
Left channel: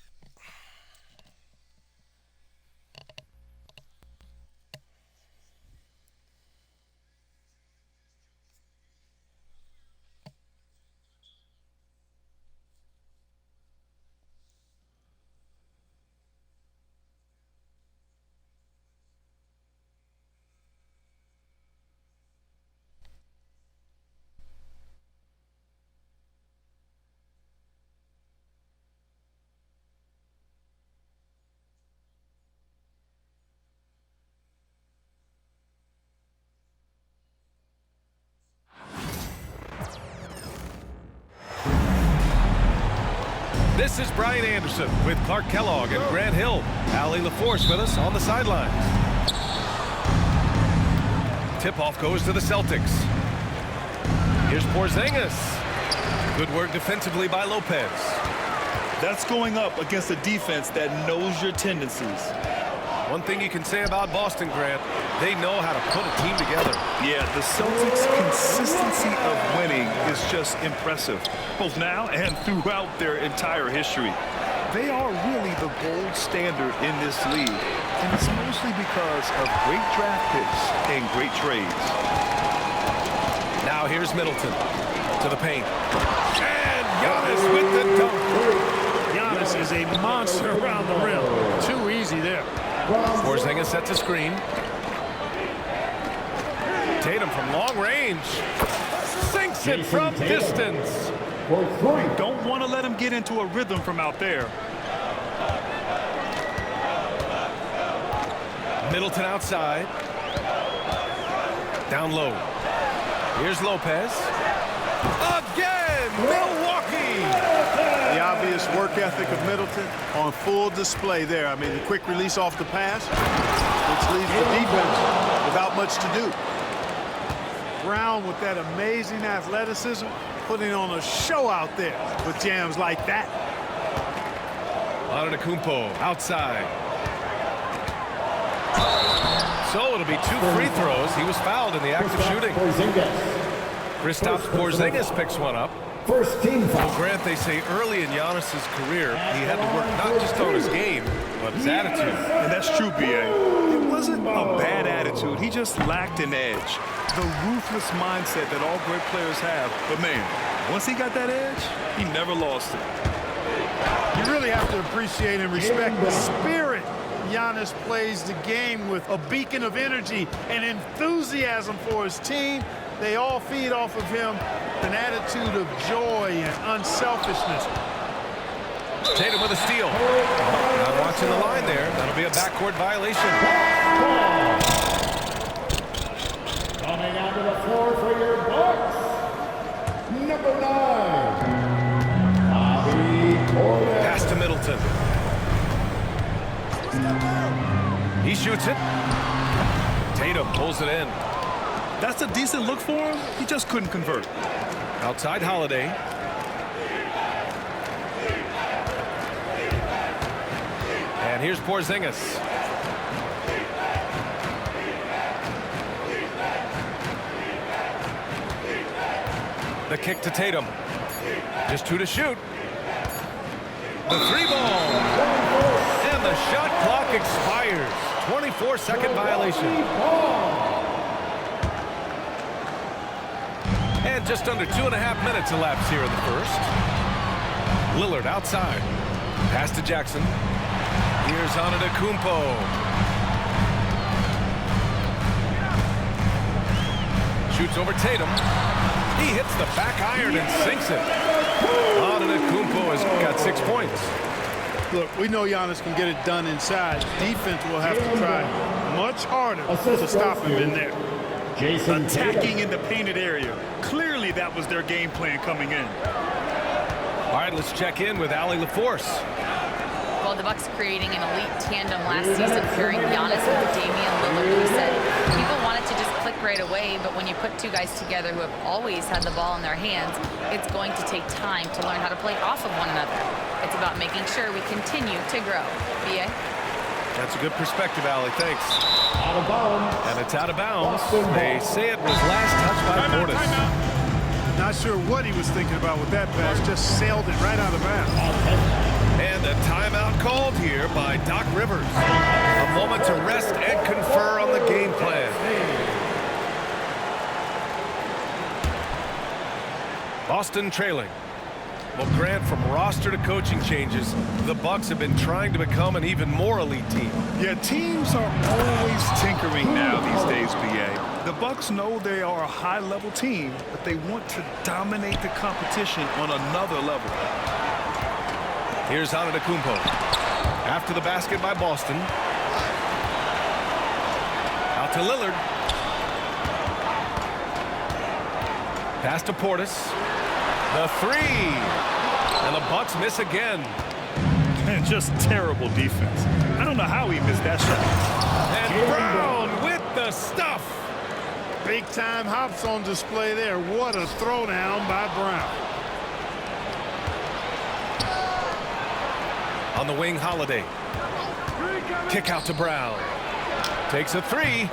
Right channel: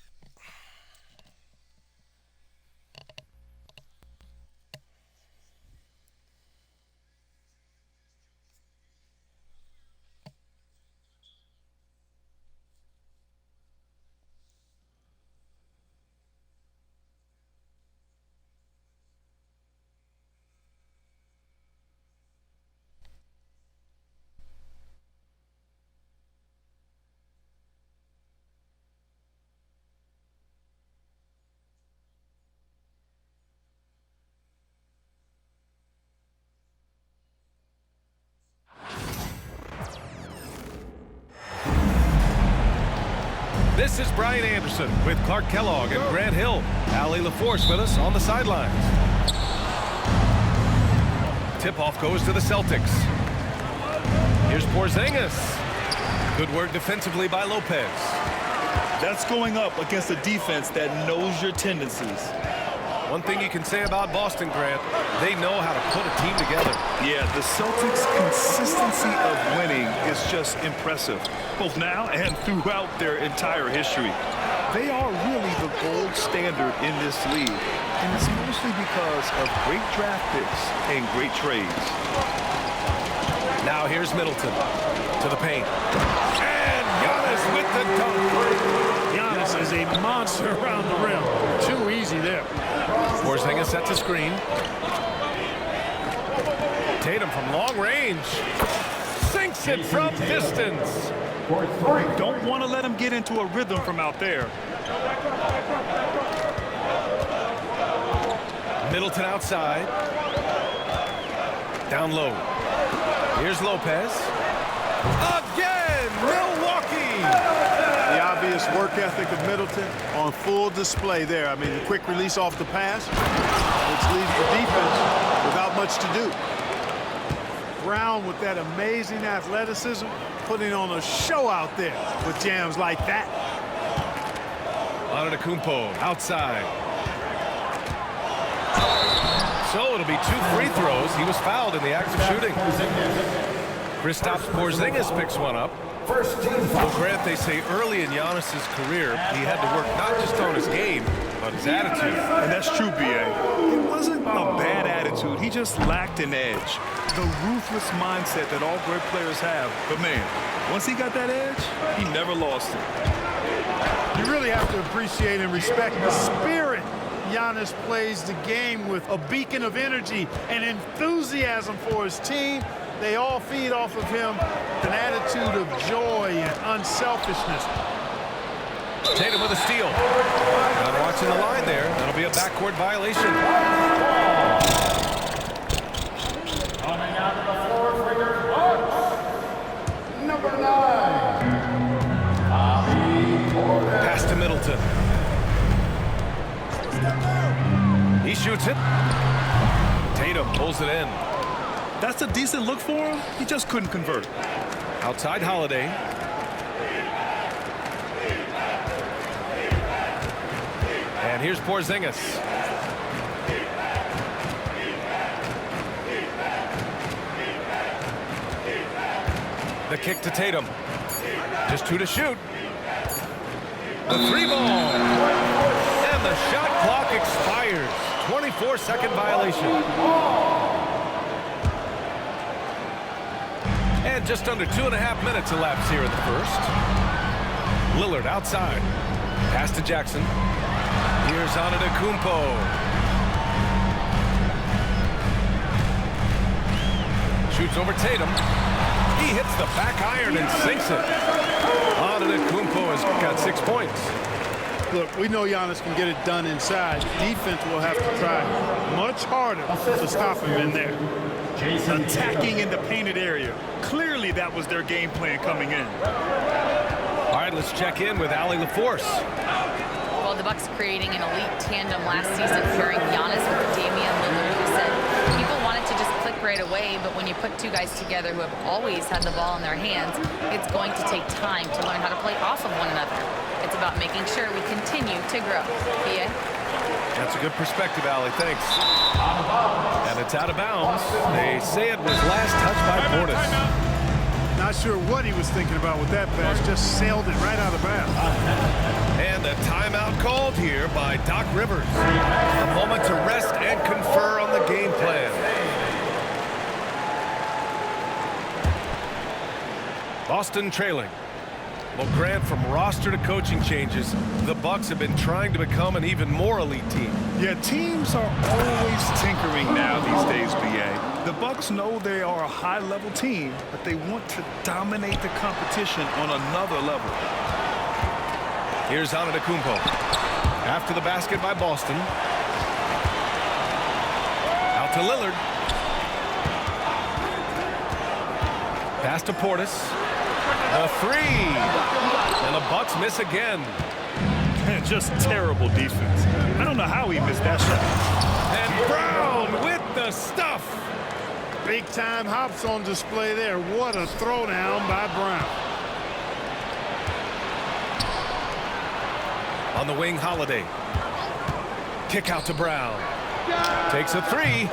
This is Brian Anderson with Clark Kellogg and Grant Hill. Allie LaForce with us on the sidelines. Tip-off goes to the Celtics. Here's Porzingis. Good work defensively by Lopez. That's going up against a defense that knows your tendencies. One thing you can say about Boston, Grant, they know how to put a team together. Yeah, the Celtics' consistency of winning is just impressive, both now and throughout their entire history. They are really the gold standard in this league, and it's mostly because of great draft picks and great trades. Now here's Middleton to the paint. And Giannis with the dunk. Giannis is a monster around the rim. Too easy there. Porzingis sets a screen. Tatum from long range. Sinks it from distance. You don't want to let him get into a rhythm from out there. Middleton outside. Down low. Here's Lopez. Again, Milwaukee. The obvious work ethic of Middleton on full display there. I mean, the quick release off the pass, which leaves the defense without much to do. Brown with that amazing athleticism, putting on a show out there with jams like that. Antetokounmpo outside. So it'll be 2 free throws. He was fouled in the act of shooting. Kristaps Porzingis picks one up. Well, Grant, they say early in Giannis's career, he had to work not just on his game, but his attitude. And that's true, B.A. It wasn't a bad attitude. He just lacked an edge. The ruthless mindset that all great players have. But, man, once he got that edge, he never lost it. You really have to appreciate and respect the spirit Giannis plays the game with, a beacon of energy and enthusiasm for his team. They all feed off of him, an attitude of joy and unselfishness. Tatum with a steal. Not watching the line there. That'll be a backcourt violation. Coming onto the floor for your Bucks, number 9, Bobby Portis. Pass to Middleton. He shoots it. Tatum pulls it in. That's a decent look for him. He just couldn't convert. Outside Holiday. And here's Porzingis. The kick to Tatum. Just 2 to shoot. The 3 ball. And the shot clock expires. 24-second violation. And just under 2.5 minutes elapsed here in the first. Lillard outside. Pass to Jackson. Here's Antetokounmpo. Shoots over Tatum. He hits the back iron and sinks it. Antetokounmpo has got 6 points. Look, we know Giannis can get it done inside. Defense will have to try much harder to stop him in there. Attacking in the painted area. Clearly that was their game plan coming in. All right, let's check in with Allie LaForce. Well, the Bucks creating an elite tandem last season, pairing Giannis with Damian Lillard, who said people wanted to just click right away, but when you put two guys together who have always had the ball in their hands, it's going to take time to learn how to play off of one another. It's about making sure we continue to grow. B.A.? That's a good perspective, Allie. Thanks. Out of bounds. And it's out of bounds. They say it was last touched by Portis. Not sure what he was thinking about with that pass. Just sailed it right out of bounds. And a timeout called here by Doc Rivers. A moment to rest and confer on the game plan. Boston trailing. Well, Grant, from roster to coaching changes, the Bucks have been trying to become an even more elite team. Yeah, teams are always tinkering now these days, B.A. The Bucks know they are a high-level team, but they want to dominate the competition on another level. Here's Antetokounmpo. After the basket by Boston. Out to Lillard. Pass to Portis. The three. And the Bucks miss again. Just terrible defense. I don't know how he missed that shot. And Brown with the stuff. Big time hops on display there. What a throwdown by Brown. On the wing, Holiday. Kick out to Brown. Takes a three.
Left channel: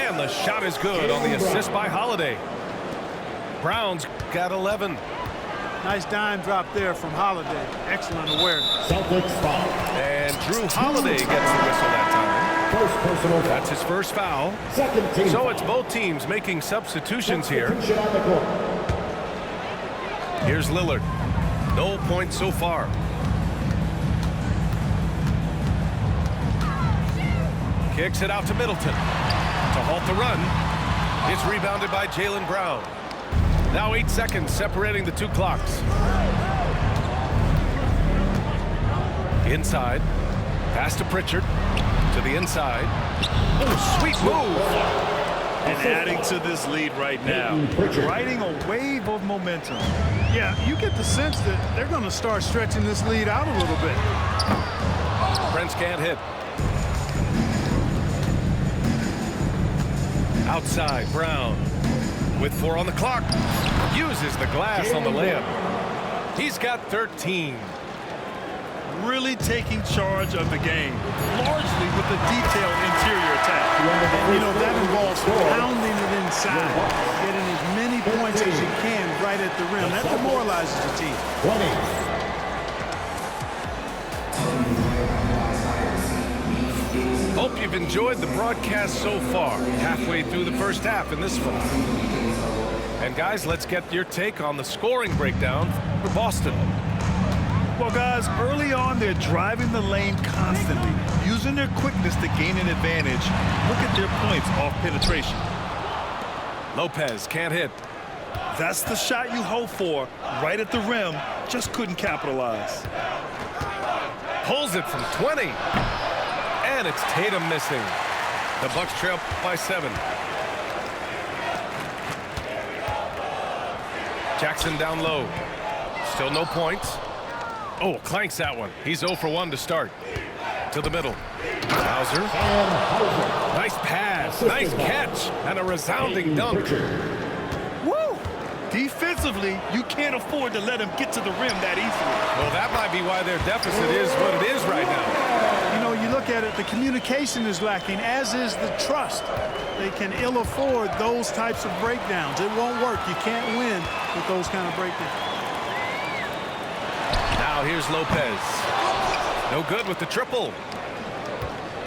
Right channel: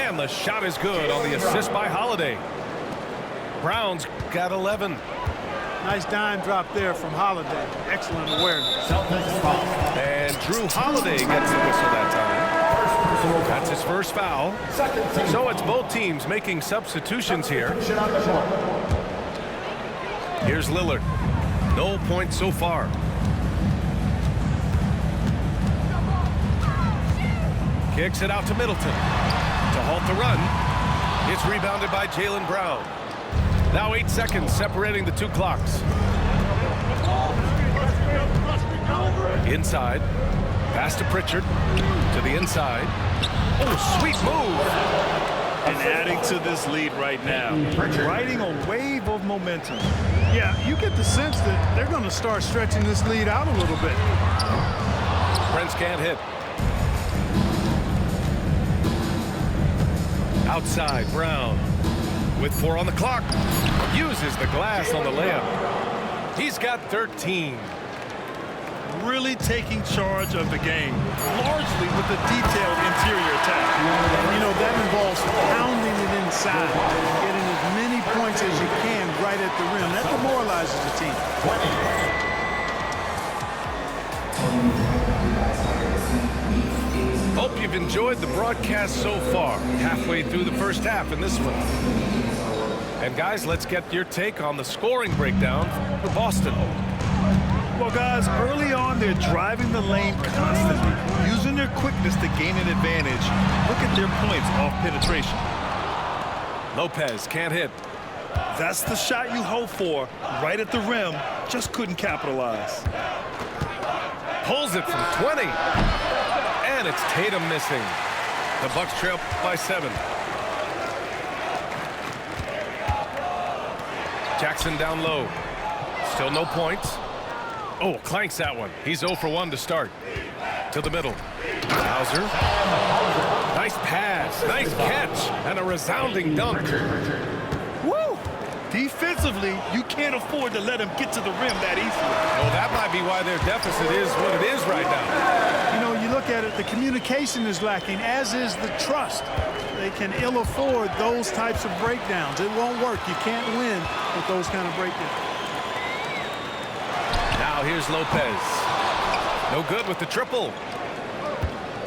And the shot is good on the assist by Holiday. Brown's got 11. Nice dime drop there from Holiday. Excellent awareness. And Drew Holiday gets the whistle that time. That's his first foul. So it's both teams making substitutions here. Here's Lillard. No points so far. Kicks it out to Middleton to halt the run. It's rebounded by Jaylen Brown. Now 8 seconds separating the two clocks. Inside. Pass to Pritchard. To the inside. Oh, sweet move. And adding to this lead right now. Riding a wave of momentum. Yeah, you get the sense that they're going to start stretching this lead out a little bit. Prince can't hit. Outside, Brown. With 4 on the clock, uses the glass on the layup. He's got 13. Really taking charge of the game, largely with a detailed interior attack. And, you know, that involves pounding it inside, getting as many points as you can right at the rim. That demoralizes the team. Hope you've enjoyed the broadcast so far. Halfway through the first half in this one. And guys, let's get your take on the scoring breakdown for Boston. Well, guys, early on, they're driving the lane constantly, using their quickness to gain an advantage. Look at their points off penetration. Lopez can't hit. That's the shot you hope for, right at the rim. Just couldn't capitalize. Pulls it from 20. And it's Tatum missing. The Bucks trail by 7. Jackson down low. Still no points. Oh, clanks that one. He's 0 for 1 to start. To the middle. Hauser. Nice pass. Nice catch. And a resounding dunk. Woo! Defensively, you can't afford to let him get to the rim that easily. Well, that might be why their deficit is what it is right now. You know, you look at it, the communication is lacking, as is the trust. They can ill afford those types of breakdowns. It won't work. You can't win with those kind of breakdowns. Now here's Lopez. No good with the triple.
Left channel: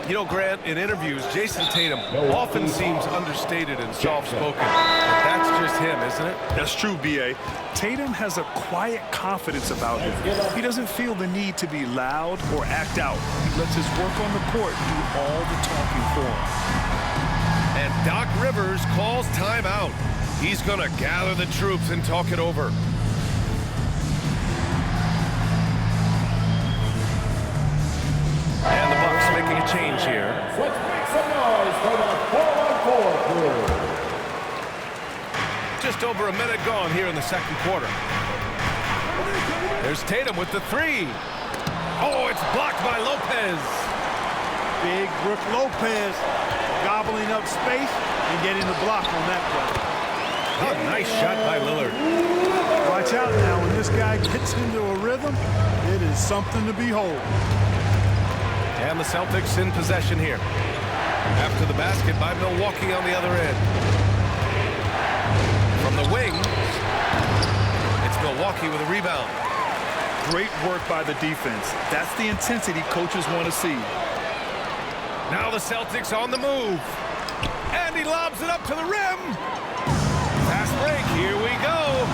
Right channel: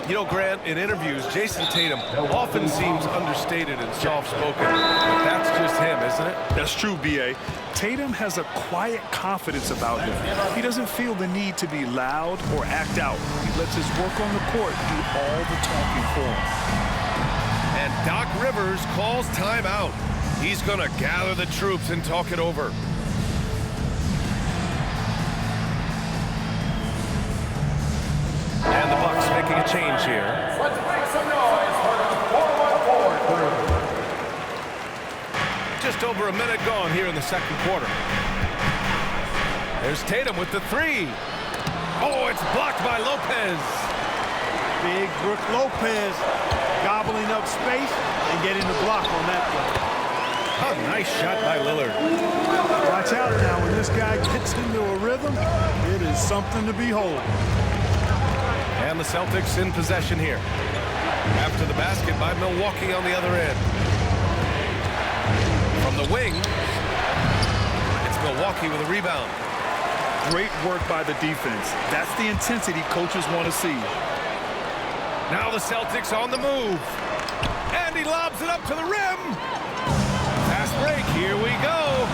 You know, Grant, in interviews, Jason Tatum often seems understated and soft-spoken, but that's just him, isn't it? That's true, B.A. Tatum has a quiet confidence about him. He doesn't feel the need to be loud or act out. He lets his work on the court do all the talking for him. And Doc Rivers calls timeout. He's going to gather the troops and talk it over. And the Bucks making a change here. Let's make some noise for the 4-1-4 crew. Just over a minute gone here in the second quarter. There's Tatum with the three. Oh, it's blocked by Lopez. Big Brook Lopez gobbling up space and getting the block on that play. A nice shot by Lillard. Watch out now. When this guy gets into a rhythm, it is something to behold. And the Celtics in possession here. After the basket by Milwaukee on the other end. From the wing, it's Milwaukee with a rebound. Great work by the defense. That's the intensity coaches want to see. Now the Celtics on the move. And he lobs it up to the rim. Fast break, here we go.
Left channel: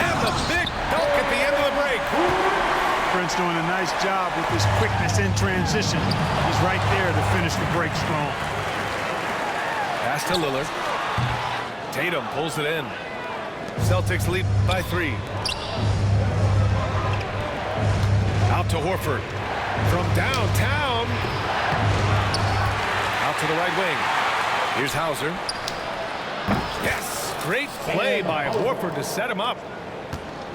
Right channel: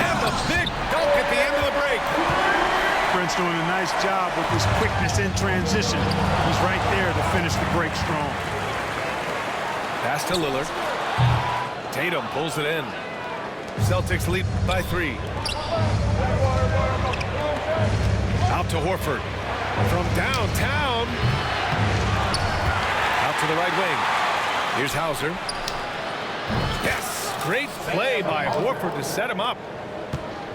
And the big dunk at the end of the break. Prince doing a nice job with his quickness in transition. He's right there to finish the break strong. Pass to Lillard. Tatum pulls it in. Celtics lead by 3. Out to Horford. From downtown. Out to the right wing. Here's Hauser. Yes! Great play by Horford to set him up.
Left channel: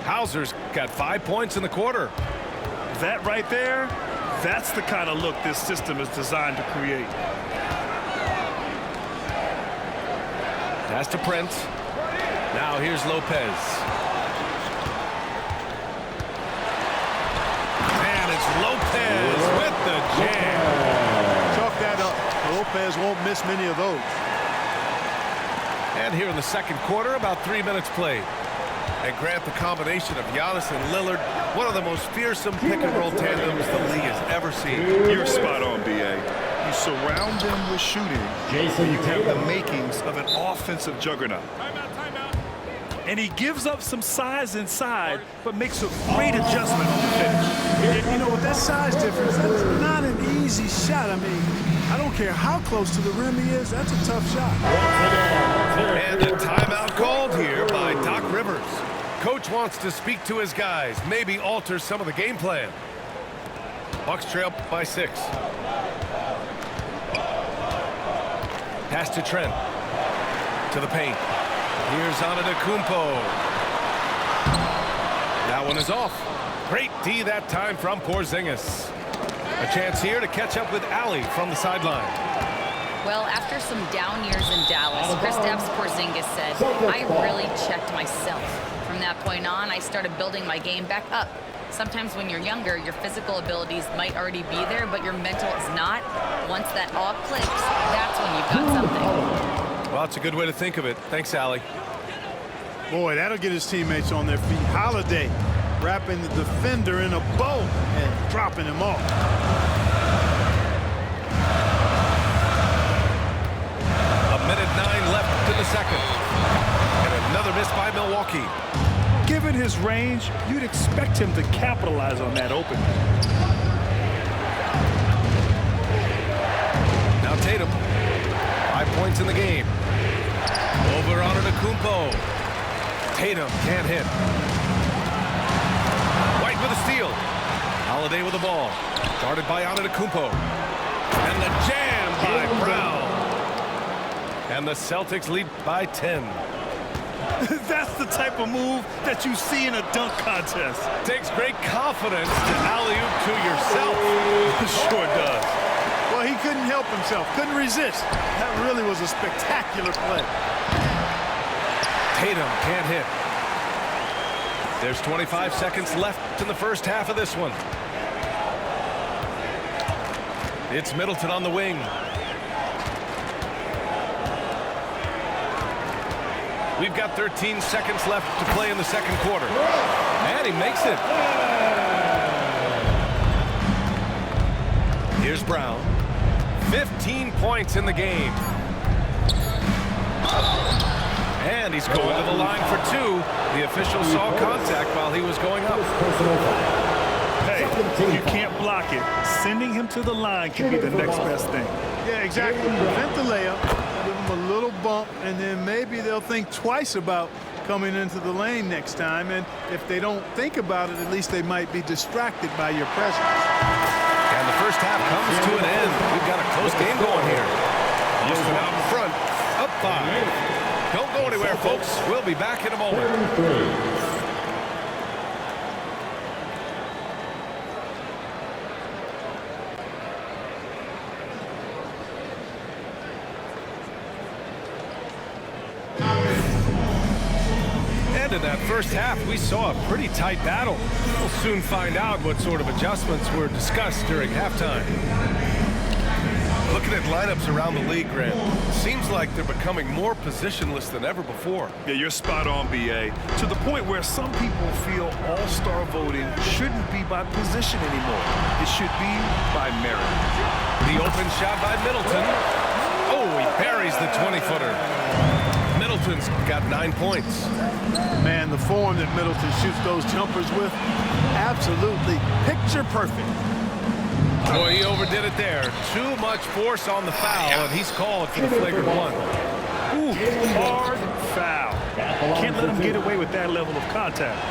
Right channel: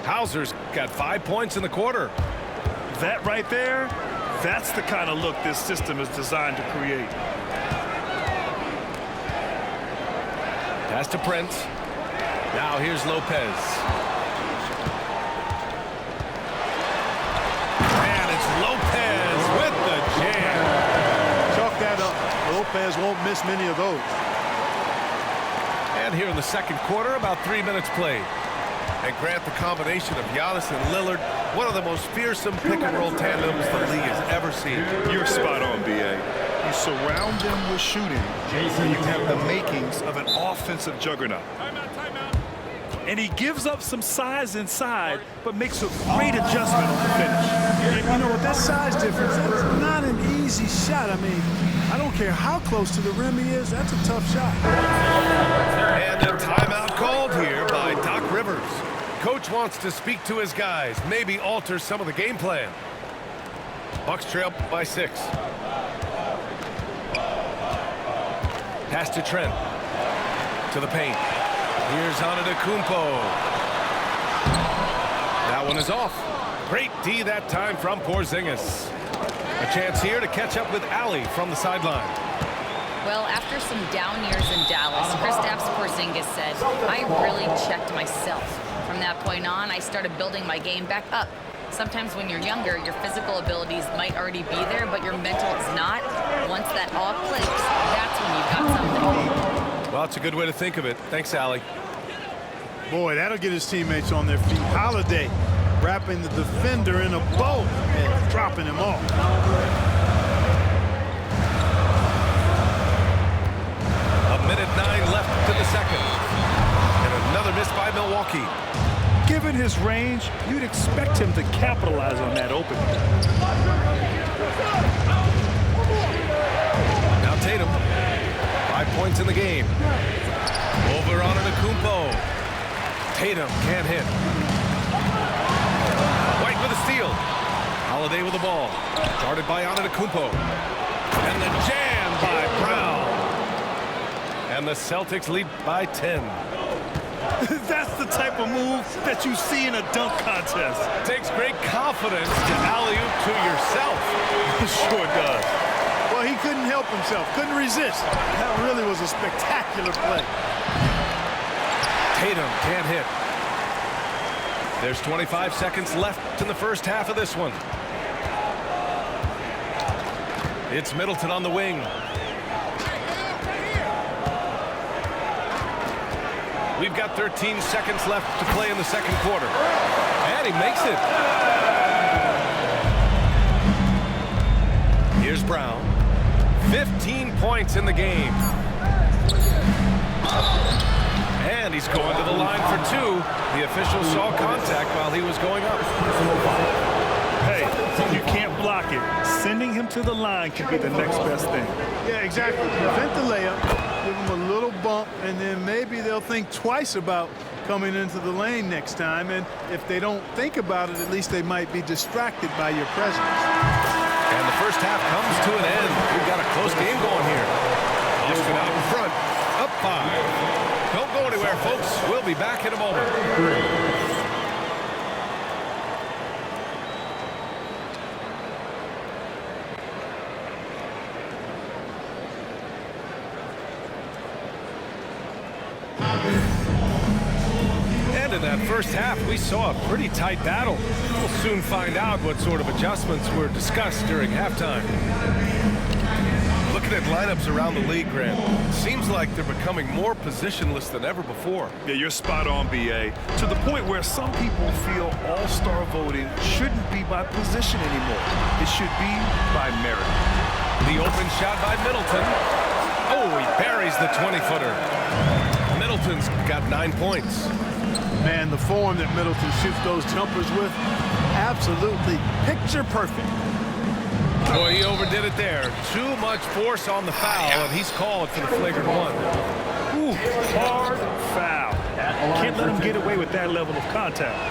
Hauser's got 5 points in the quarter. That right there, that's the kind of look this system is designed to create. Pass to Prince. Now here's Lopez. And it's Lopez with the jam. Chalk that up. Lopez won't miss many of those. And here in the second quarter, about 3 minutes played. And Grant, the combination of Giannis and Lillard, one of the most fearsome pick-and-roll tandems the league has ever seen. You're spot on, B.A. You surround them with shooting, and you have the makings of an offensive juggernaut. And he gives up some size inside, but makes a great adjustment on the finish. You know, with that size difference, that's not an easy shot. I mean, I don't care how close to the rim he is, that's a tough shot. And a timeout called here by Doc Rivers. Coach wants to speak to his guys, maybe alter some of the game plan. Bucks trail by 6. Pass to Trent. To the paint. Here's Antetokounmpo. That one is off. Great D that time from Porzingis. A chance here to catch up with Allie from the sideline. Well, after some down years in Dallas, Kristaps Porzingis said, I really checked myself. From that point on, I started building my game back up. Sometimes when you're younger, your physical abilities might already be there, but your mental is not. Once that all clicks, that's when you've got something. Well, it's a good way to think of it. Thanks, Allie. Boy, that'll get his teammates on their feet. Holiday wrapping the defender in a bow and dropping him off. A minute 9 left in the second. And another miss by Milwaukee. Given his range, you'd expect him to capitalize on that opening. Now Tatum, 5 points in the game. Over on Antetokounmpo. Tatum can't hit. White with a steal. Holiday with the ball. Guarded by Antetokounmpo. And the jam by Brown. And the Celtics lead by 10. That's the type of move that you see in a dunk contest. Takes great confidence to alley-oop to yourself. Sure does. Well, he couldn't help himself, couldn't resist. That really was a spectacular play. Tatum can't hit. There's 25 seconds left in the first half of this one. It's Middleton on the wing. We've got 13 seconds left to play in the second quarter. And he makes it. Here's Brown. 15 points in the game. And he's going to the line for 2. The official saw contact while he was going up. Hey, you can't block it. Sending him to the line can be the next best thing. Yeah, exactly. Prevent the layup, give them a little bump, and then maybe they'll think twice about coming into the lane next time. And if they don't think about it, at least they might be distracted by your presence. And the first half comes to an end. We've got a close game going here. Austin out in front, up 5. Don't go anywhere, folks. We'll be back in a moment. And in that first half, we saw a pretty tight battle. We'll soon find out what sort of adjustments were discussed during halftime. Looking at lineups around the league, Grant, seems like they're becoming more positionless than ever before. Yeah, you're spot on, B.A. To the point where some people feel all-star voting shouldn't be by position anymore. It should be by merit. The open shot by Middleton. Oh, he buries the 20-footer. Middleton's got 9 points. Man, the form that Middleton shoots those jumpers with, absolutely picture perfect. Boy, he overdid it there. Too much force on the foul, and he's called for the flagrant 1. Ooh, hard foul. Can't let him get away with that level of contact.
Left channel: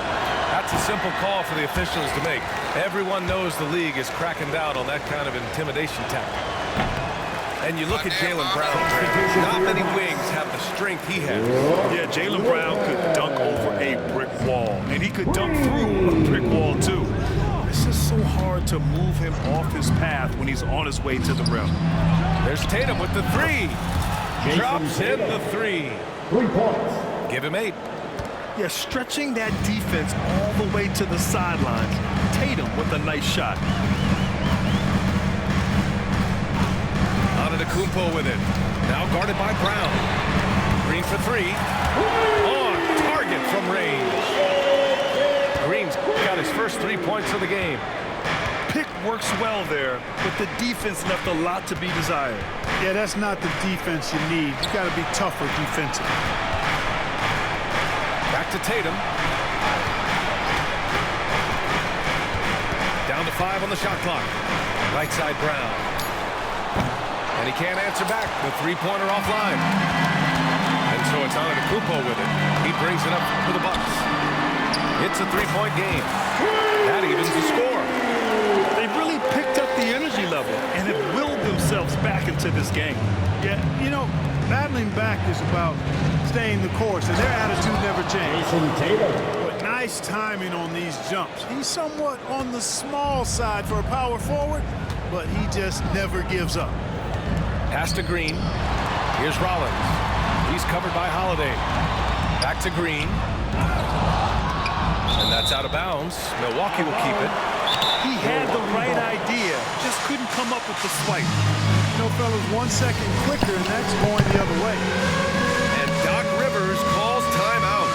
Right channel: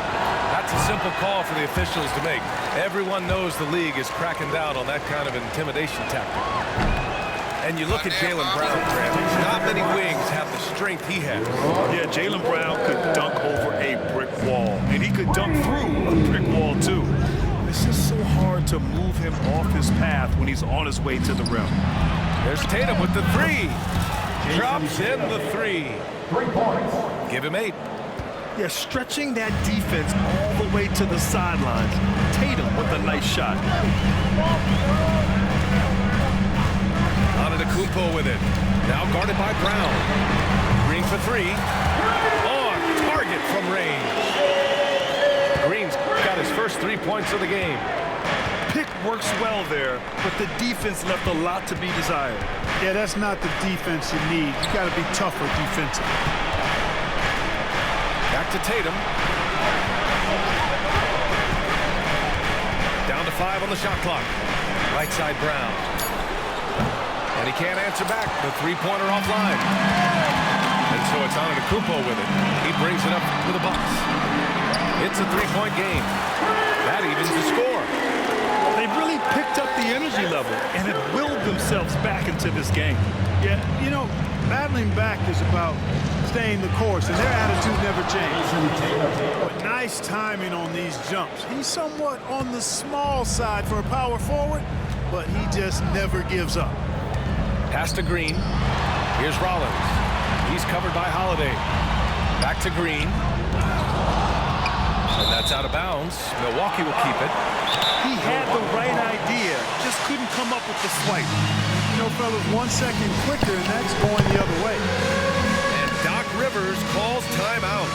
That's a simple call for the officials to make. Everyone knows the league is cracking down on that kind of intimidation tactic. And you look at Jaylen Brown, Grant. Not many wings have the strength he has. Yeah, Jaylen Brown could dunk over a brick wall, and he could dunk through a brick wall, too. It's just so hard to move him off his path when he's on his way to the rim. There's Tatum with the 3. Drops in the 3. 3 points. Give him 8. Yeah, stretching that defense all the way to the sidelines. Tatum with a nice shot. Antetokounmpo with it. Now guarded by Brown. Green for 3. On target from range. Green's got his first 3 points of the game. Pick works well there, but the defense left a lot to be desired. Yeah, that's not the defense you need. You got to be tougher defensively. Back to Tatum. Down to 5 on the shot clock. Right side Brown. And he can't answer back. The 3-pointer offline. And so it's Antetokounmpo with it. He brings it up for the Bucks. It's a 3-point game. That evens the score. They've really picked up the energy level and have willed themselves back into this game. Yeah, you know, battling back is about staying the course, and their attitude never changed. But nice timing on these jumps. He's somewhat on the small side for a power forward, but he just never gives up. Pass to Green. Here's Rollins. He's covered by Holiday. Back to Green. And that's out of bounds. Milwaukee will keep it. He had the right idea, just couldn't come up with the swipe. You know, fellas, 1 second quicker, and that's going the other way. And Doc Rivers calls timeout.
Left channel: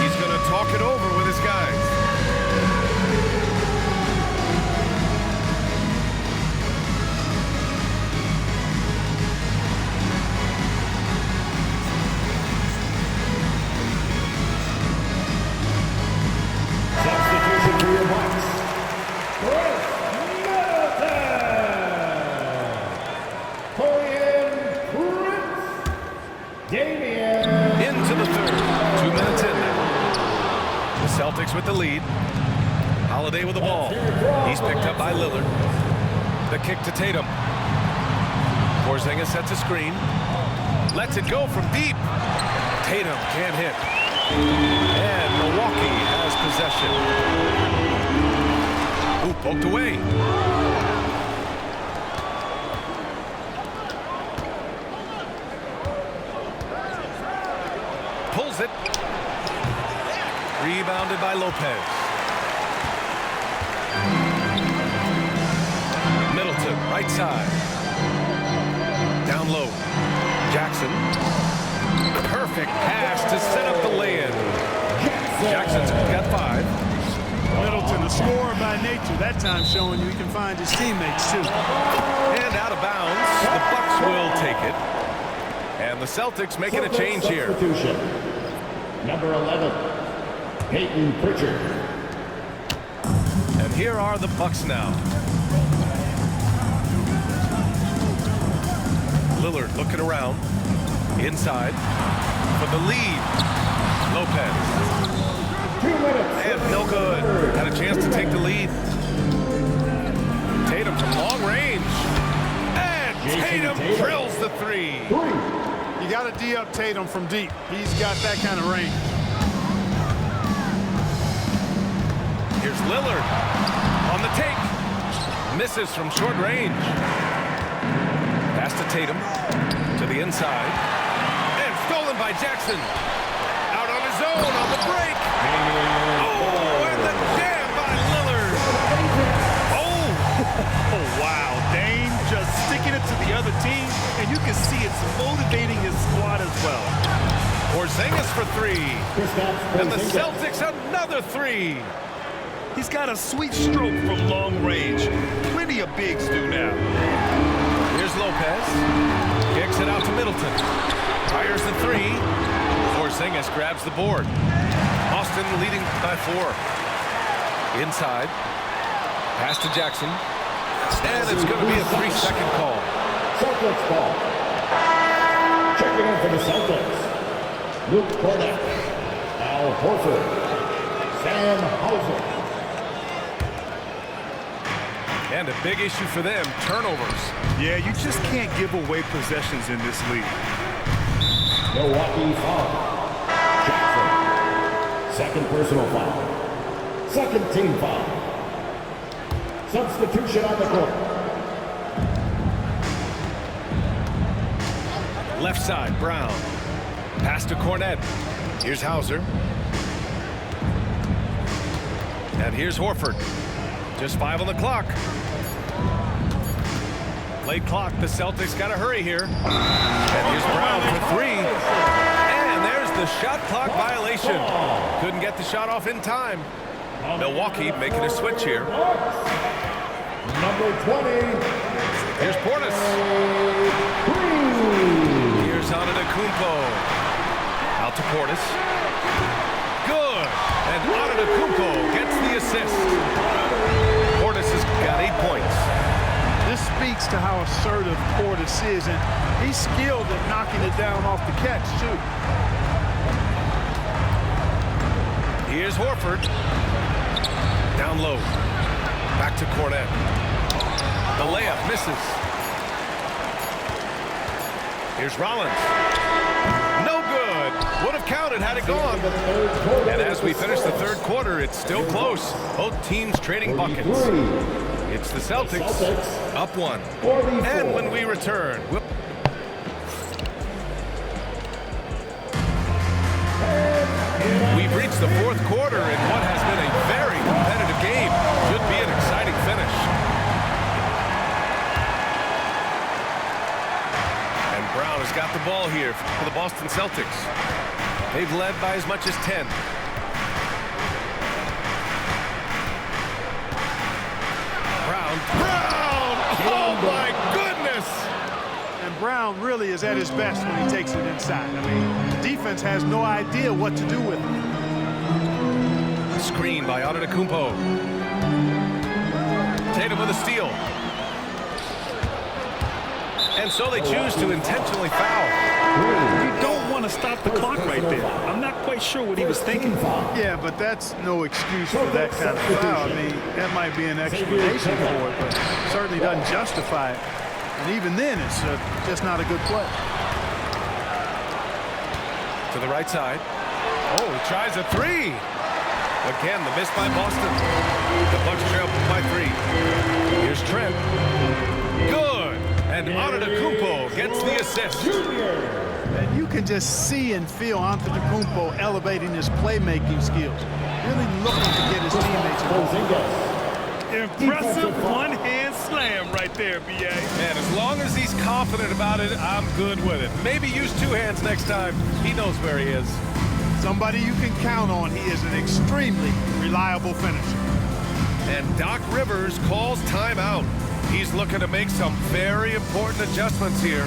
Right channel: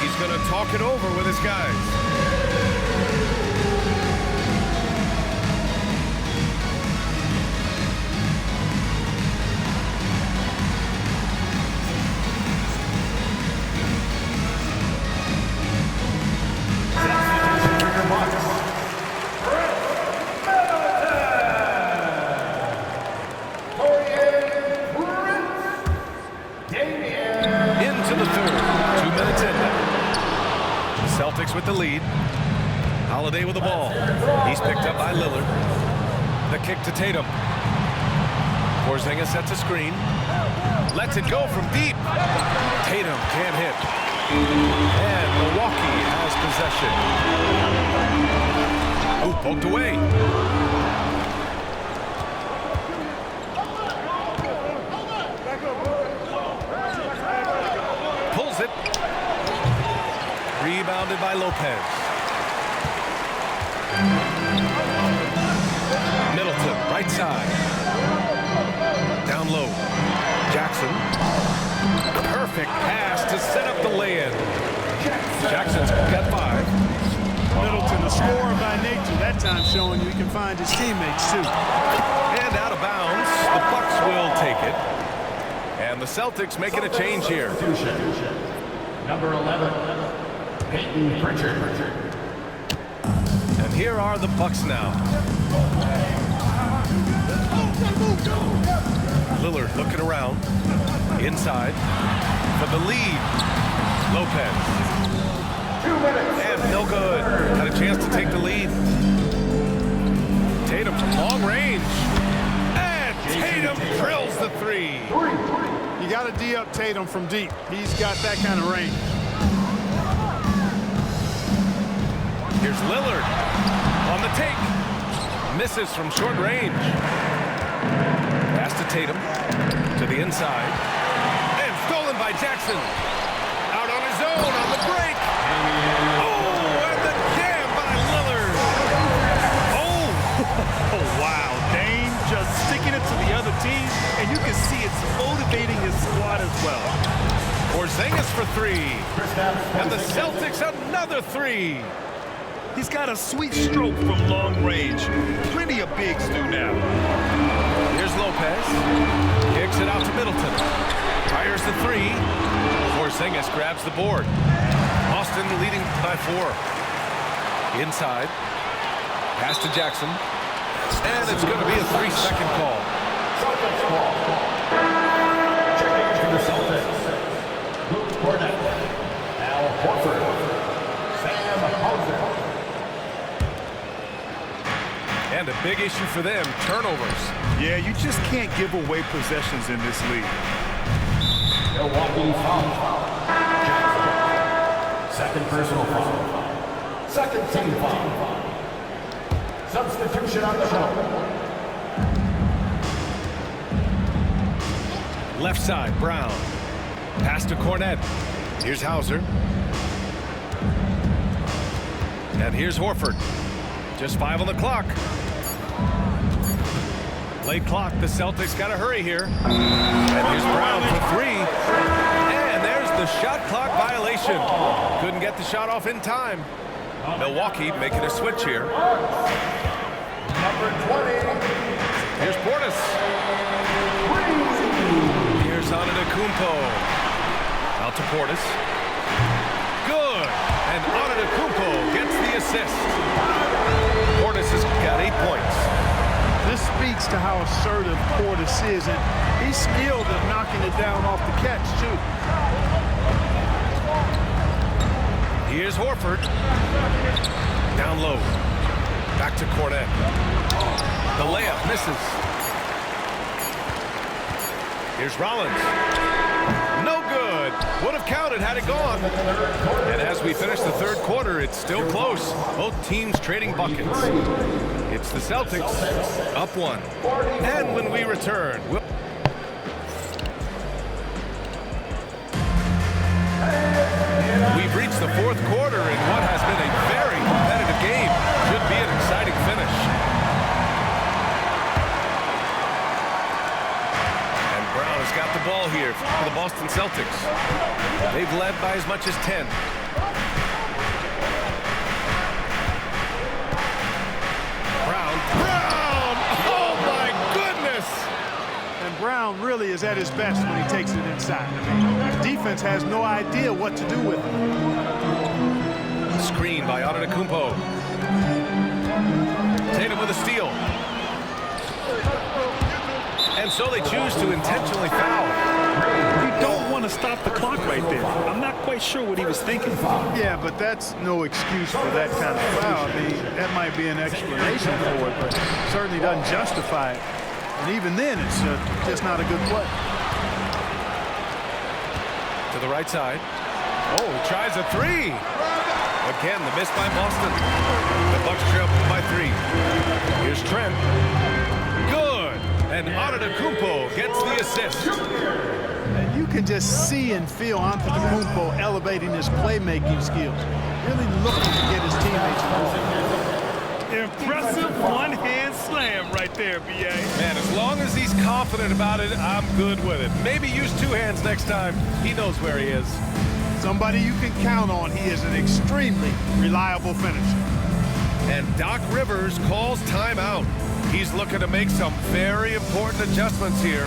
He's going to talk it over with his guys. Substitution for your Bucks. Into the third. 2 minutes in now. The Celtics with the lead. Holiday with the ball. He's picked up by Lillard. The kick to Tatum. Porzingis sets a screen. Lets it go from deep. Tatum can't hit. And Milwaukee has possession. Ooh, poked away. Pulls it. Rebounded by Lopez. Middleton, right side. Down low. Jackson. Perfect pass to set up the lay-in. Jackson's got 5. Middleton, a scorer by nature, that time showing you he can find his teammates, too. And out of bounds. The Bucks will take it. And the Celtics making a change here. Number 11, Peyton Pritchard. And here are the Bucks now. Lillard looking around. Inside. For the lead. Lopez. 2 minutes. And no good. Had a chance to take the lead. Tatum from long range. And Tatum drills the three. You got to D up Tatum from deep. He's got that kind of range. Here's Lillard on the take. Misses from short range. Pass to Tatum to the inside. And stolen by Jackson. Out on his own on the break. Oh, and the jam by Lillard. Oh, wow. Dame just sticking it to the other team, and you can see it's motivating his squad as well. Porzingis for three. And the Celtics another three. He's got a sweet stroke from long range. Plenty of bigs do now. Here's Lopez. Kicks it out to Middleton. Fires the three. Porzingis grabs the board. Boston leading by 4. Inside. Pass to Jackson. And it's going to be a 3-second call. Celtics ball. Checking in for the Celtics. Luke Cornett. Al Horford. Sam Hauser. And a big issue for them, turnovers. Yeah, you just can't give away possessions in this league. Milwaukee foul. Jackson. Second personal foul. Second team foul. Substitution on the court. Left side, Brown. Pass to Cornett. Here's Hauser. And here's Horford. Just 5 on the clock. Late clock, the Celtics got to hurry here. And here's Brown for 3. And there's the shot clock violation. Couldn't get the shot off in time. Milwaukee making a switch here. Number 20. Here's Portis. Here's Antetokounmpo. Out to Portis. Good. And Antetokounmpo gets the assist. Portis has got 8 points. This speaks to how assertive Portis is, and he's skilled at knocking it down off the catch, too. Here's Horford. Down low. Back to Cornett. The layup misses. Here's Rollins. No good. Would have counted had it gone. And as we finish the third quarter, it's still close. Both teams trading buckets. It's the Celtics up 1. And when we return, we've reached the fourth quarter in what has been a very competitive game. Should be an exciting finish. And Brown has got the ball here for the Boston Celtics. They've led by as much as 10. Brown. Oh my goodness! And Brown really is at his best when he takes it inside. I mean, the defense has no idea what to do with it. Screen by Antetokounmpo. Tatum with a steal. And so they choose to intentionally foul. You don't want to stop the clock right there. I'm not quite sure what he was thinking. Yeah, but that's no excuse for that kind of foul. I mean, that might be an explanation for it, but certainly doesn't justify it. And even then, it's just not a good play. To the right side. Oh, he tries a 3. Again, the miss by Boston. The Bucks trail by 3. Here's Trent. Good. And Antetokounmpo gets the assist. And you can just see and feel Antetokounmpo elevating his playmaking skills. Really looking to get his teammates involved. Impressive one-hand slam right there, B.A. Man, as long as he's confident about it, I'm good with it. Maybe use 2 hands next time. He knows where he is. Somebody you can count on. He is an extremely reliable finisher. And Doc Rivers calls timeout. He's looking to make some very important adjustments here.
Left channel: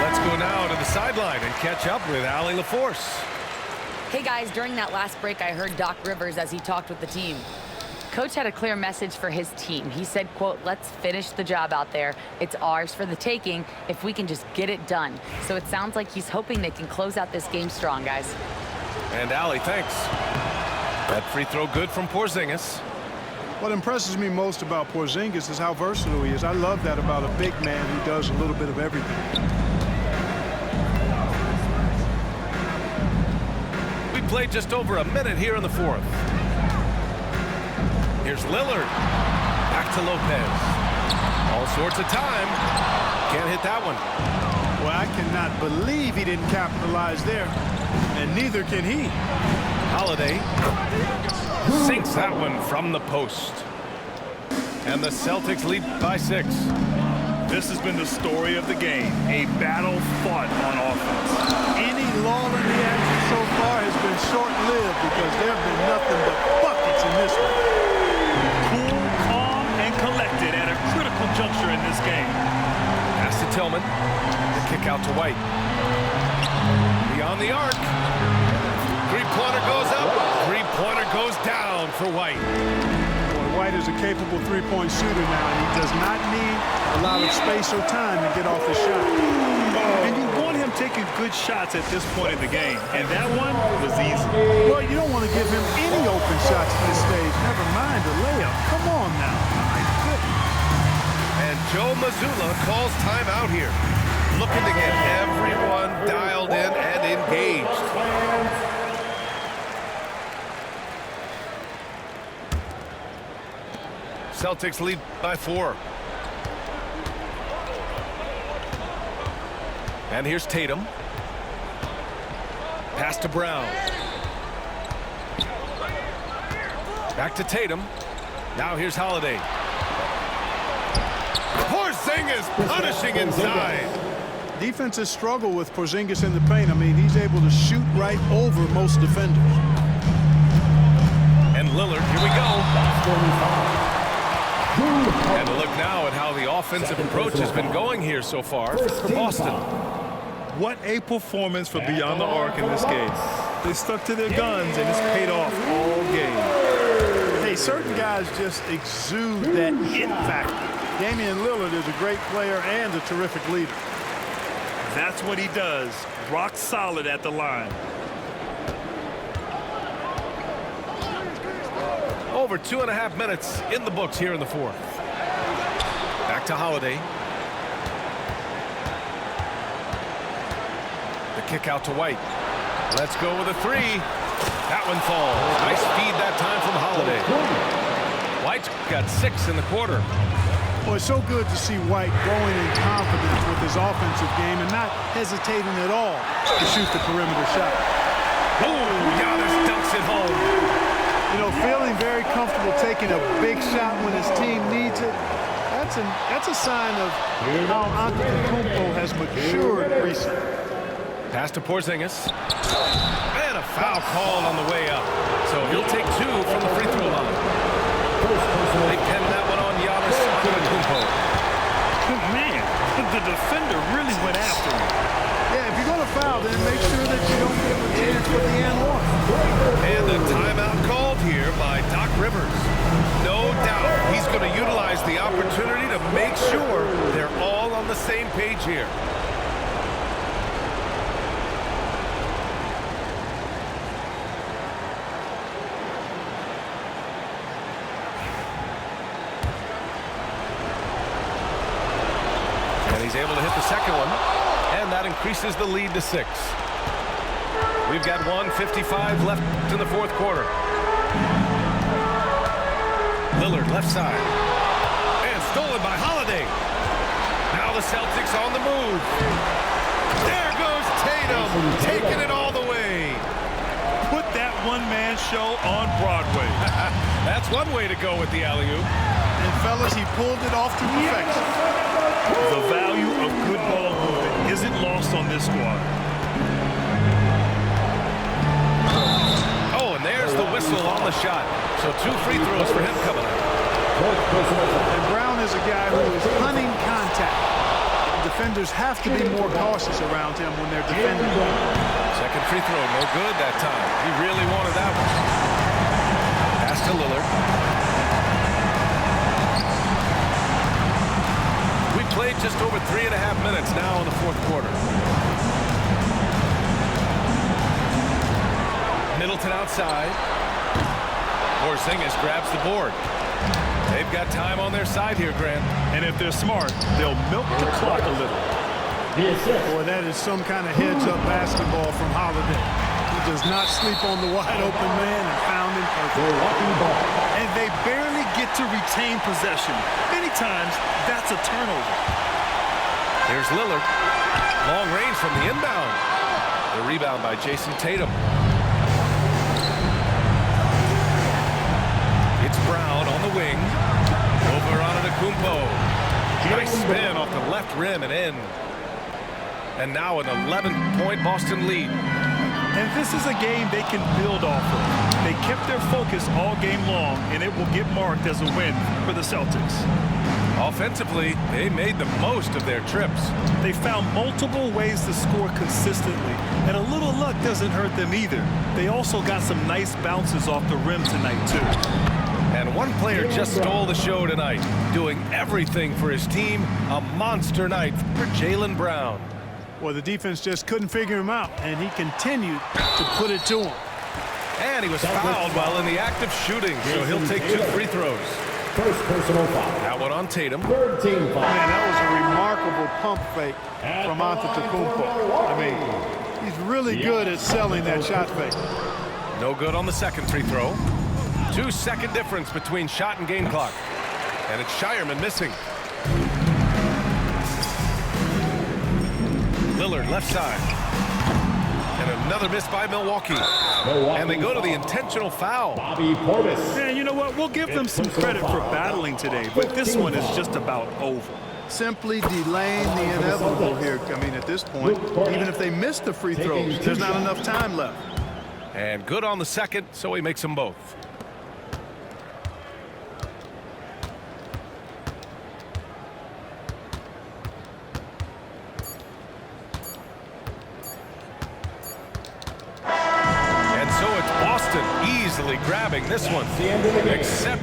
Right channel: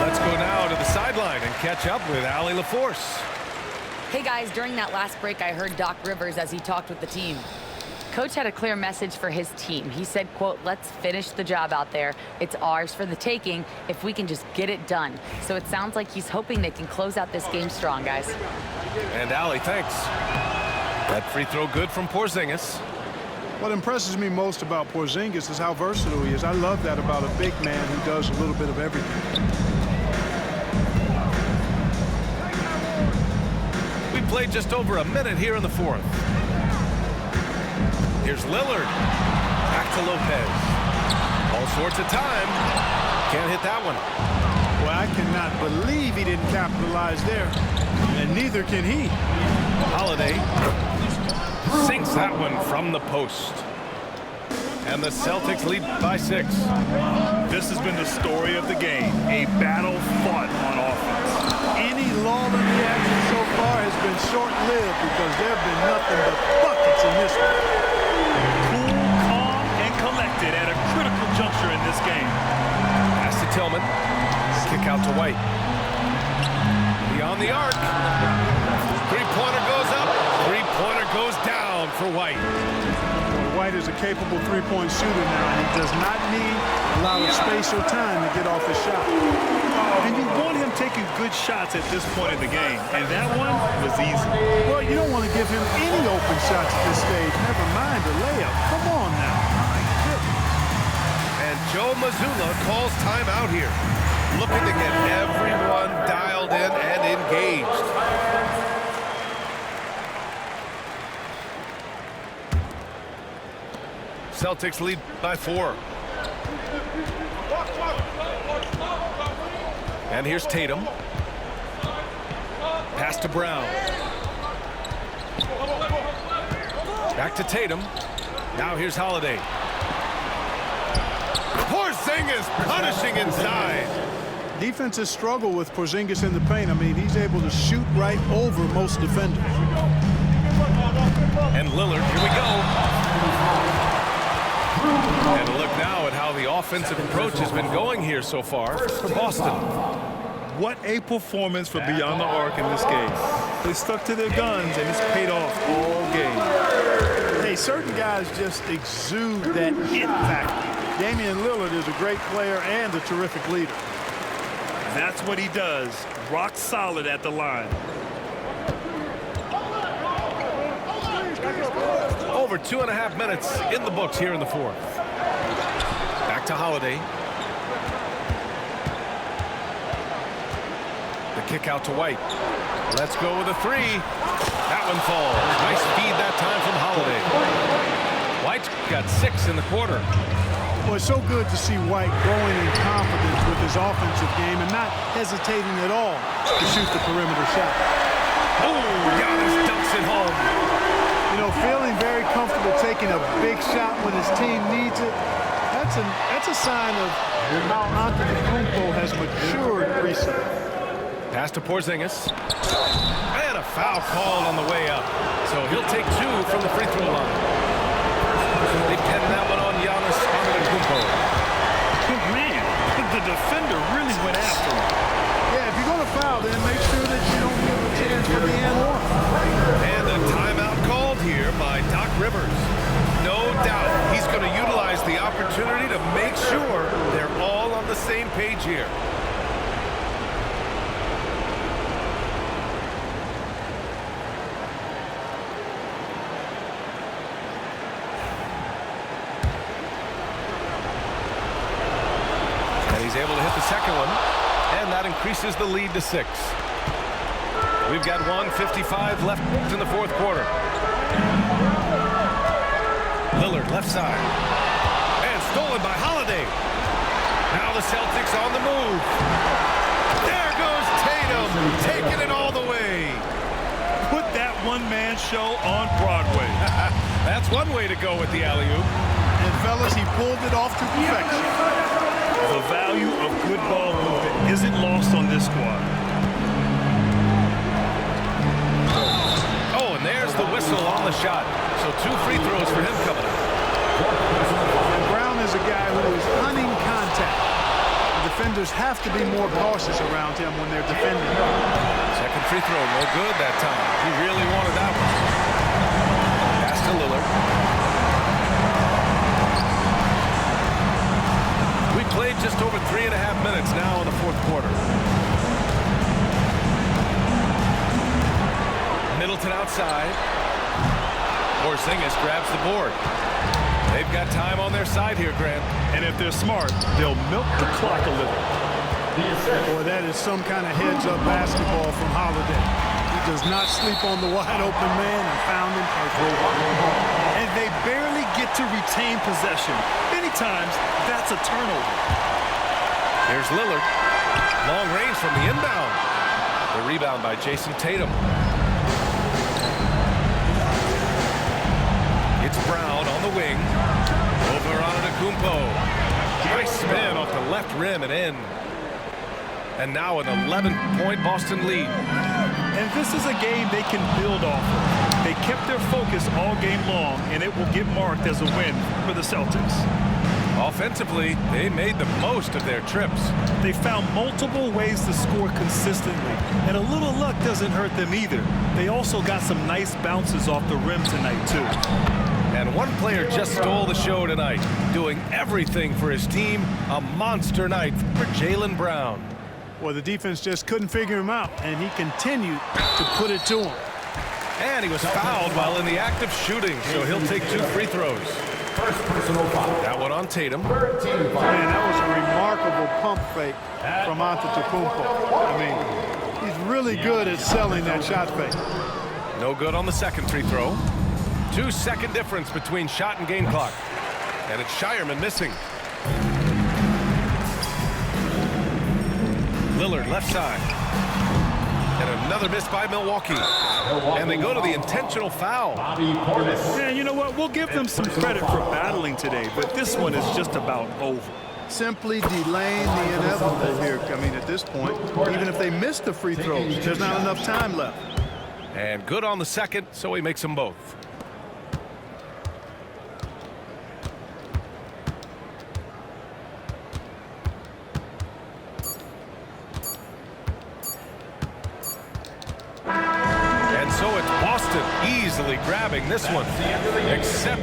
Let's go now to the sideline and catch up with Allie LaForce. Hey guys, during that last break, I heard Doc Rivers as he talked with the team. Coach had a clear message for his team. He said, quote, let's finish the job out there. It's ours for the taking if we can just get it done. So it sounds like he's hoping they can close out this game strong, guys. And Allie, thanks. That free throw good from Porzingis. What impresses me most about Porzingis is how versatile he is. I love that about a big man who does a little bit of everything. We played just over a minute here in the fourth. Here's Lillard. Back to Lopez. All sorts of time. Can't hit that one. Well, I cannot believe he didn't capitalize there. And neither can he. Holiday sinks that one from the post. And the Celtics lead by 6. This has been the story of the game, a battle fought on offense. Any lull in the action so far has been short-lived because there have been nothing but buckets in this one. Cool, calm, and collected at a critical juncture in this game. Pass to Tillman. The kick out to White. Beyond the arc. Three-pointer goes up. Three-pointer goes down for White. Boy, White is a capable three-point shooter now, and he does not need a lot of space or time to get off his shot. And you want him taking good shots at this point in the game, and that one was easy. Well, you don't want to give him any open shots at this stage, never mind a layup. Come on now. My goodness. And Joe Mazzulla calls timeout here, looking to get everyone dialed in and engaged. Celtics lead by 4. And here's Tatum. Pass to Brown. Back to Tatum. Now here's Holiday. Porzingis punishing inside. Defenses struggle with Porzingis in the paint. I mean, he's able to shoot right over most defenders. And Lillard, here we go. And a look now at how the offensive approach has been going here so far for Boston. What a performance for Beyond the Arc in this game. They stuck to their guns, and it's paid off all game. Hey, certain guys just exude that it factor. Damian Lillard is a great player and a terrific leader. That's what he does. Rock solid at the line. Over 2.5 minutes in the books here in the fourth. Back to Holiday. The kick out to White. Let's go with a 3. That one falls. Nice feed that time from Holiday. White's got 6 in the quarter. Well, it's so good to see White growing in confidence with his offensive game and not hesitating at all to shoot the perimeter shot. Oh, Giannis dunks it home. You know, feeling very comfortable taking a big shot when his team needs it, that's a sign of how Antetokounmpo has matured recently. Pass to Porzingis. And a foul called on the way up. So he'll take 2 from the free throw line. They pinned that one on Giannis Antetokounmpo. Man, the defender really went after him. Yeah, if you're going to foul, then make sure that you don't give a chance for the and one. And a timeout called here by Doc Rivers. No doubt he's going to utilize the opportunity to make sure they're all on the same page here. And he's able to hit the second one. And that increases the lead to 6. We've got 1:55 left in the fourth quarter. Lillard left side. And stolen by Holiday. Now the Celtics on the move. There goes Tatum, taking it all the way. Put that one-man show on Broadway. That's one way to go with the alley-oop. And fellas, he pulled it off to perfection. The value of good ball movement isn't lost on this squad. Oh, and there's the whistle on the shot. So 2 free throws for him coming up. And Brown is a guy who is hunting contact. Defenders have to be more cautious around him when they're defending. Second free throw, no good that time. He really wanted that one. Pass to Lillard. We played just over 3.5 minutes now in the fourth quarter. Middleton outside. Porzingis grabs the board. They've got time on their side here, Grant. And if they're smart, they'll milk the clock a little. Boy, that is some kind of heads-up basketball from Holiday. He does not sleep on the wide-open man and found him perfect. And they barely get to retain possession. Many times, that's a turnover. Here's Lillard. Long range from the inbound. The rebound by Jason Tatum. It's Brown on the wing. Over on Antetokounmpo. Nice spin off the left rim and in. And now an 11-point Boston lead. And this is a game they can build off of. They kept their focus all game long, and it will get marked as a win for the Celtics. Offensively, they made the most of their trips. They found multiple ways to score consistently, and a little luck doesn't hurt them either. They also got some nice bounces off the rim tonight, too. And one player just stole the show tonight, doing everything for his team. A monster night for Jaylen Brown. Well, the defense just couldn't figure him out, and he continued to put it to him. And he was fouled while in the act of shooting, so he'll take 2 free throws. First personal foul. That one on Tatum. Man, that was a remarkable pump fake from Antetokounmpo. I mean, he's really good at selling that shot fake. No good on the second free throw. 2-second difference between shot and game clock. And it's Shireman missing. Lillard left side. And another miss by Milwaukee. And they go to the intentional foul. Man, you know what? We'll give them some credit for battling today, but this one is just about over. Simply delaying the inevitable here. I mean, at this point, even if they miss the free throws, there's not enough time left. And good on the second, so he makes them both. And so it's Boston easily grabbing this one, except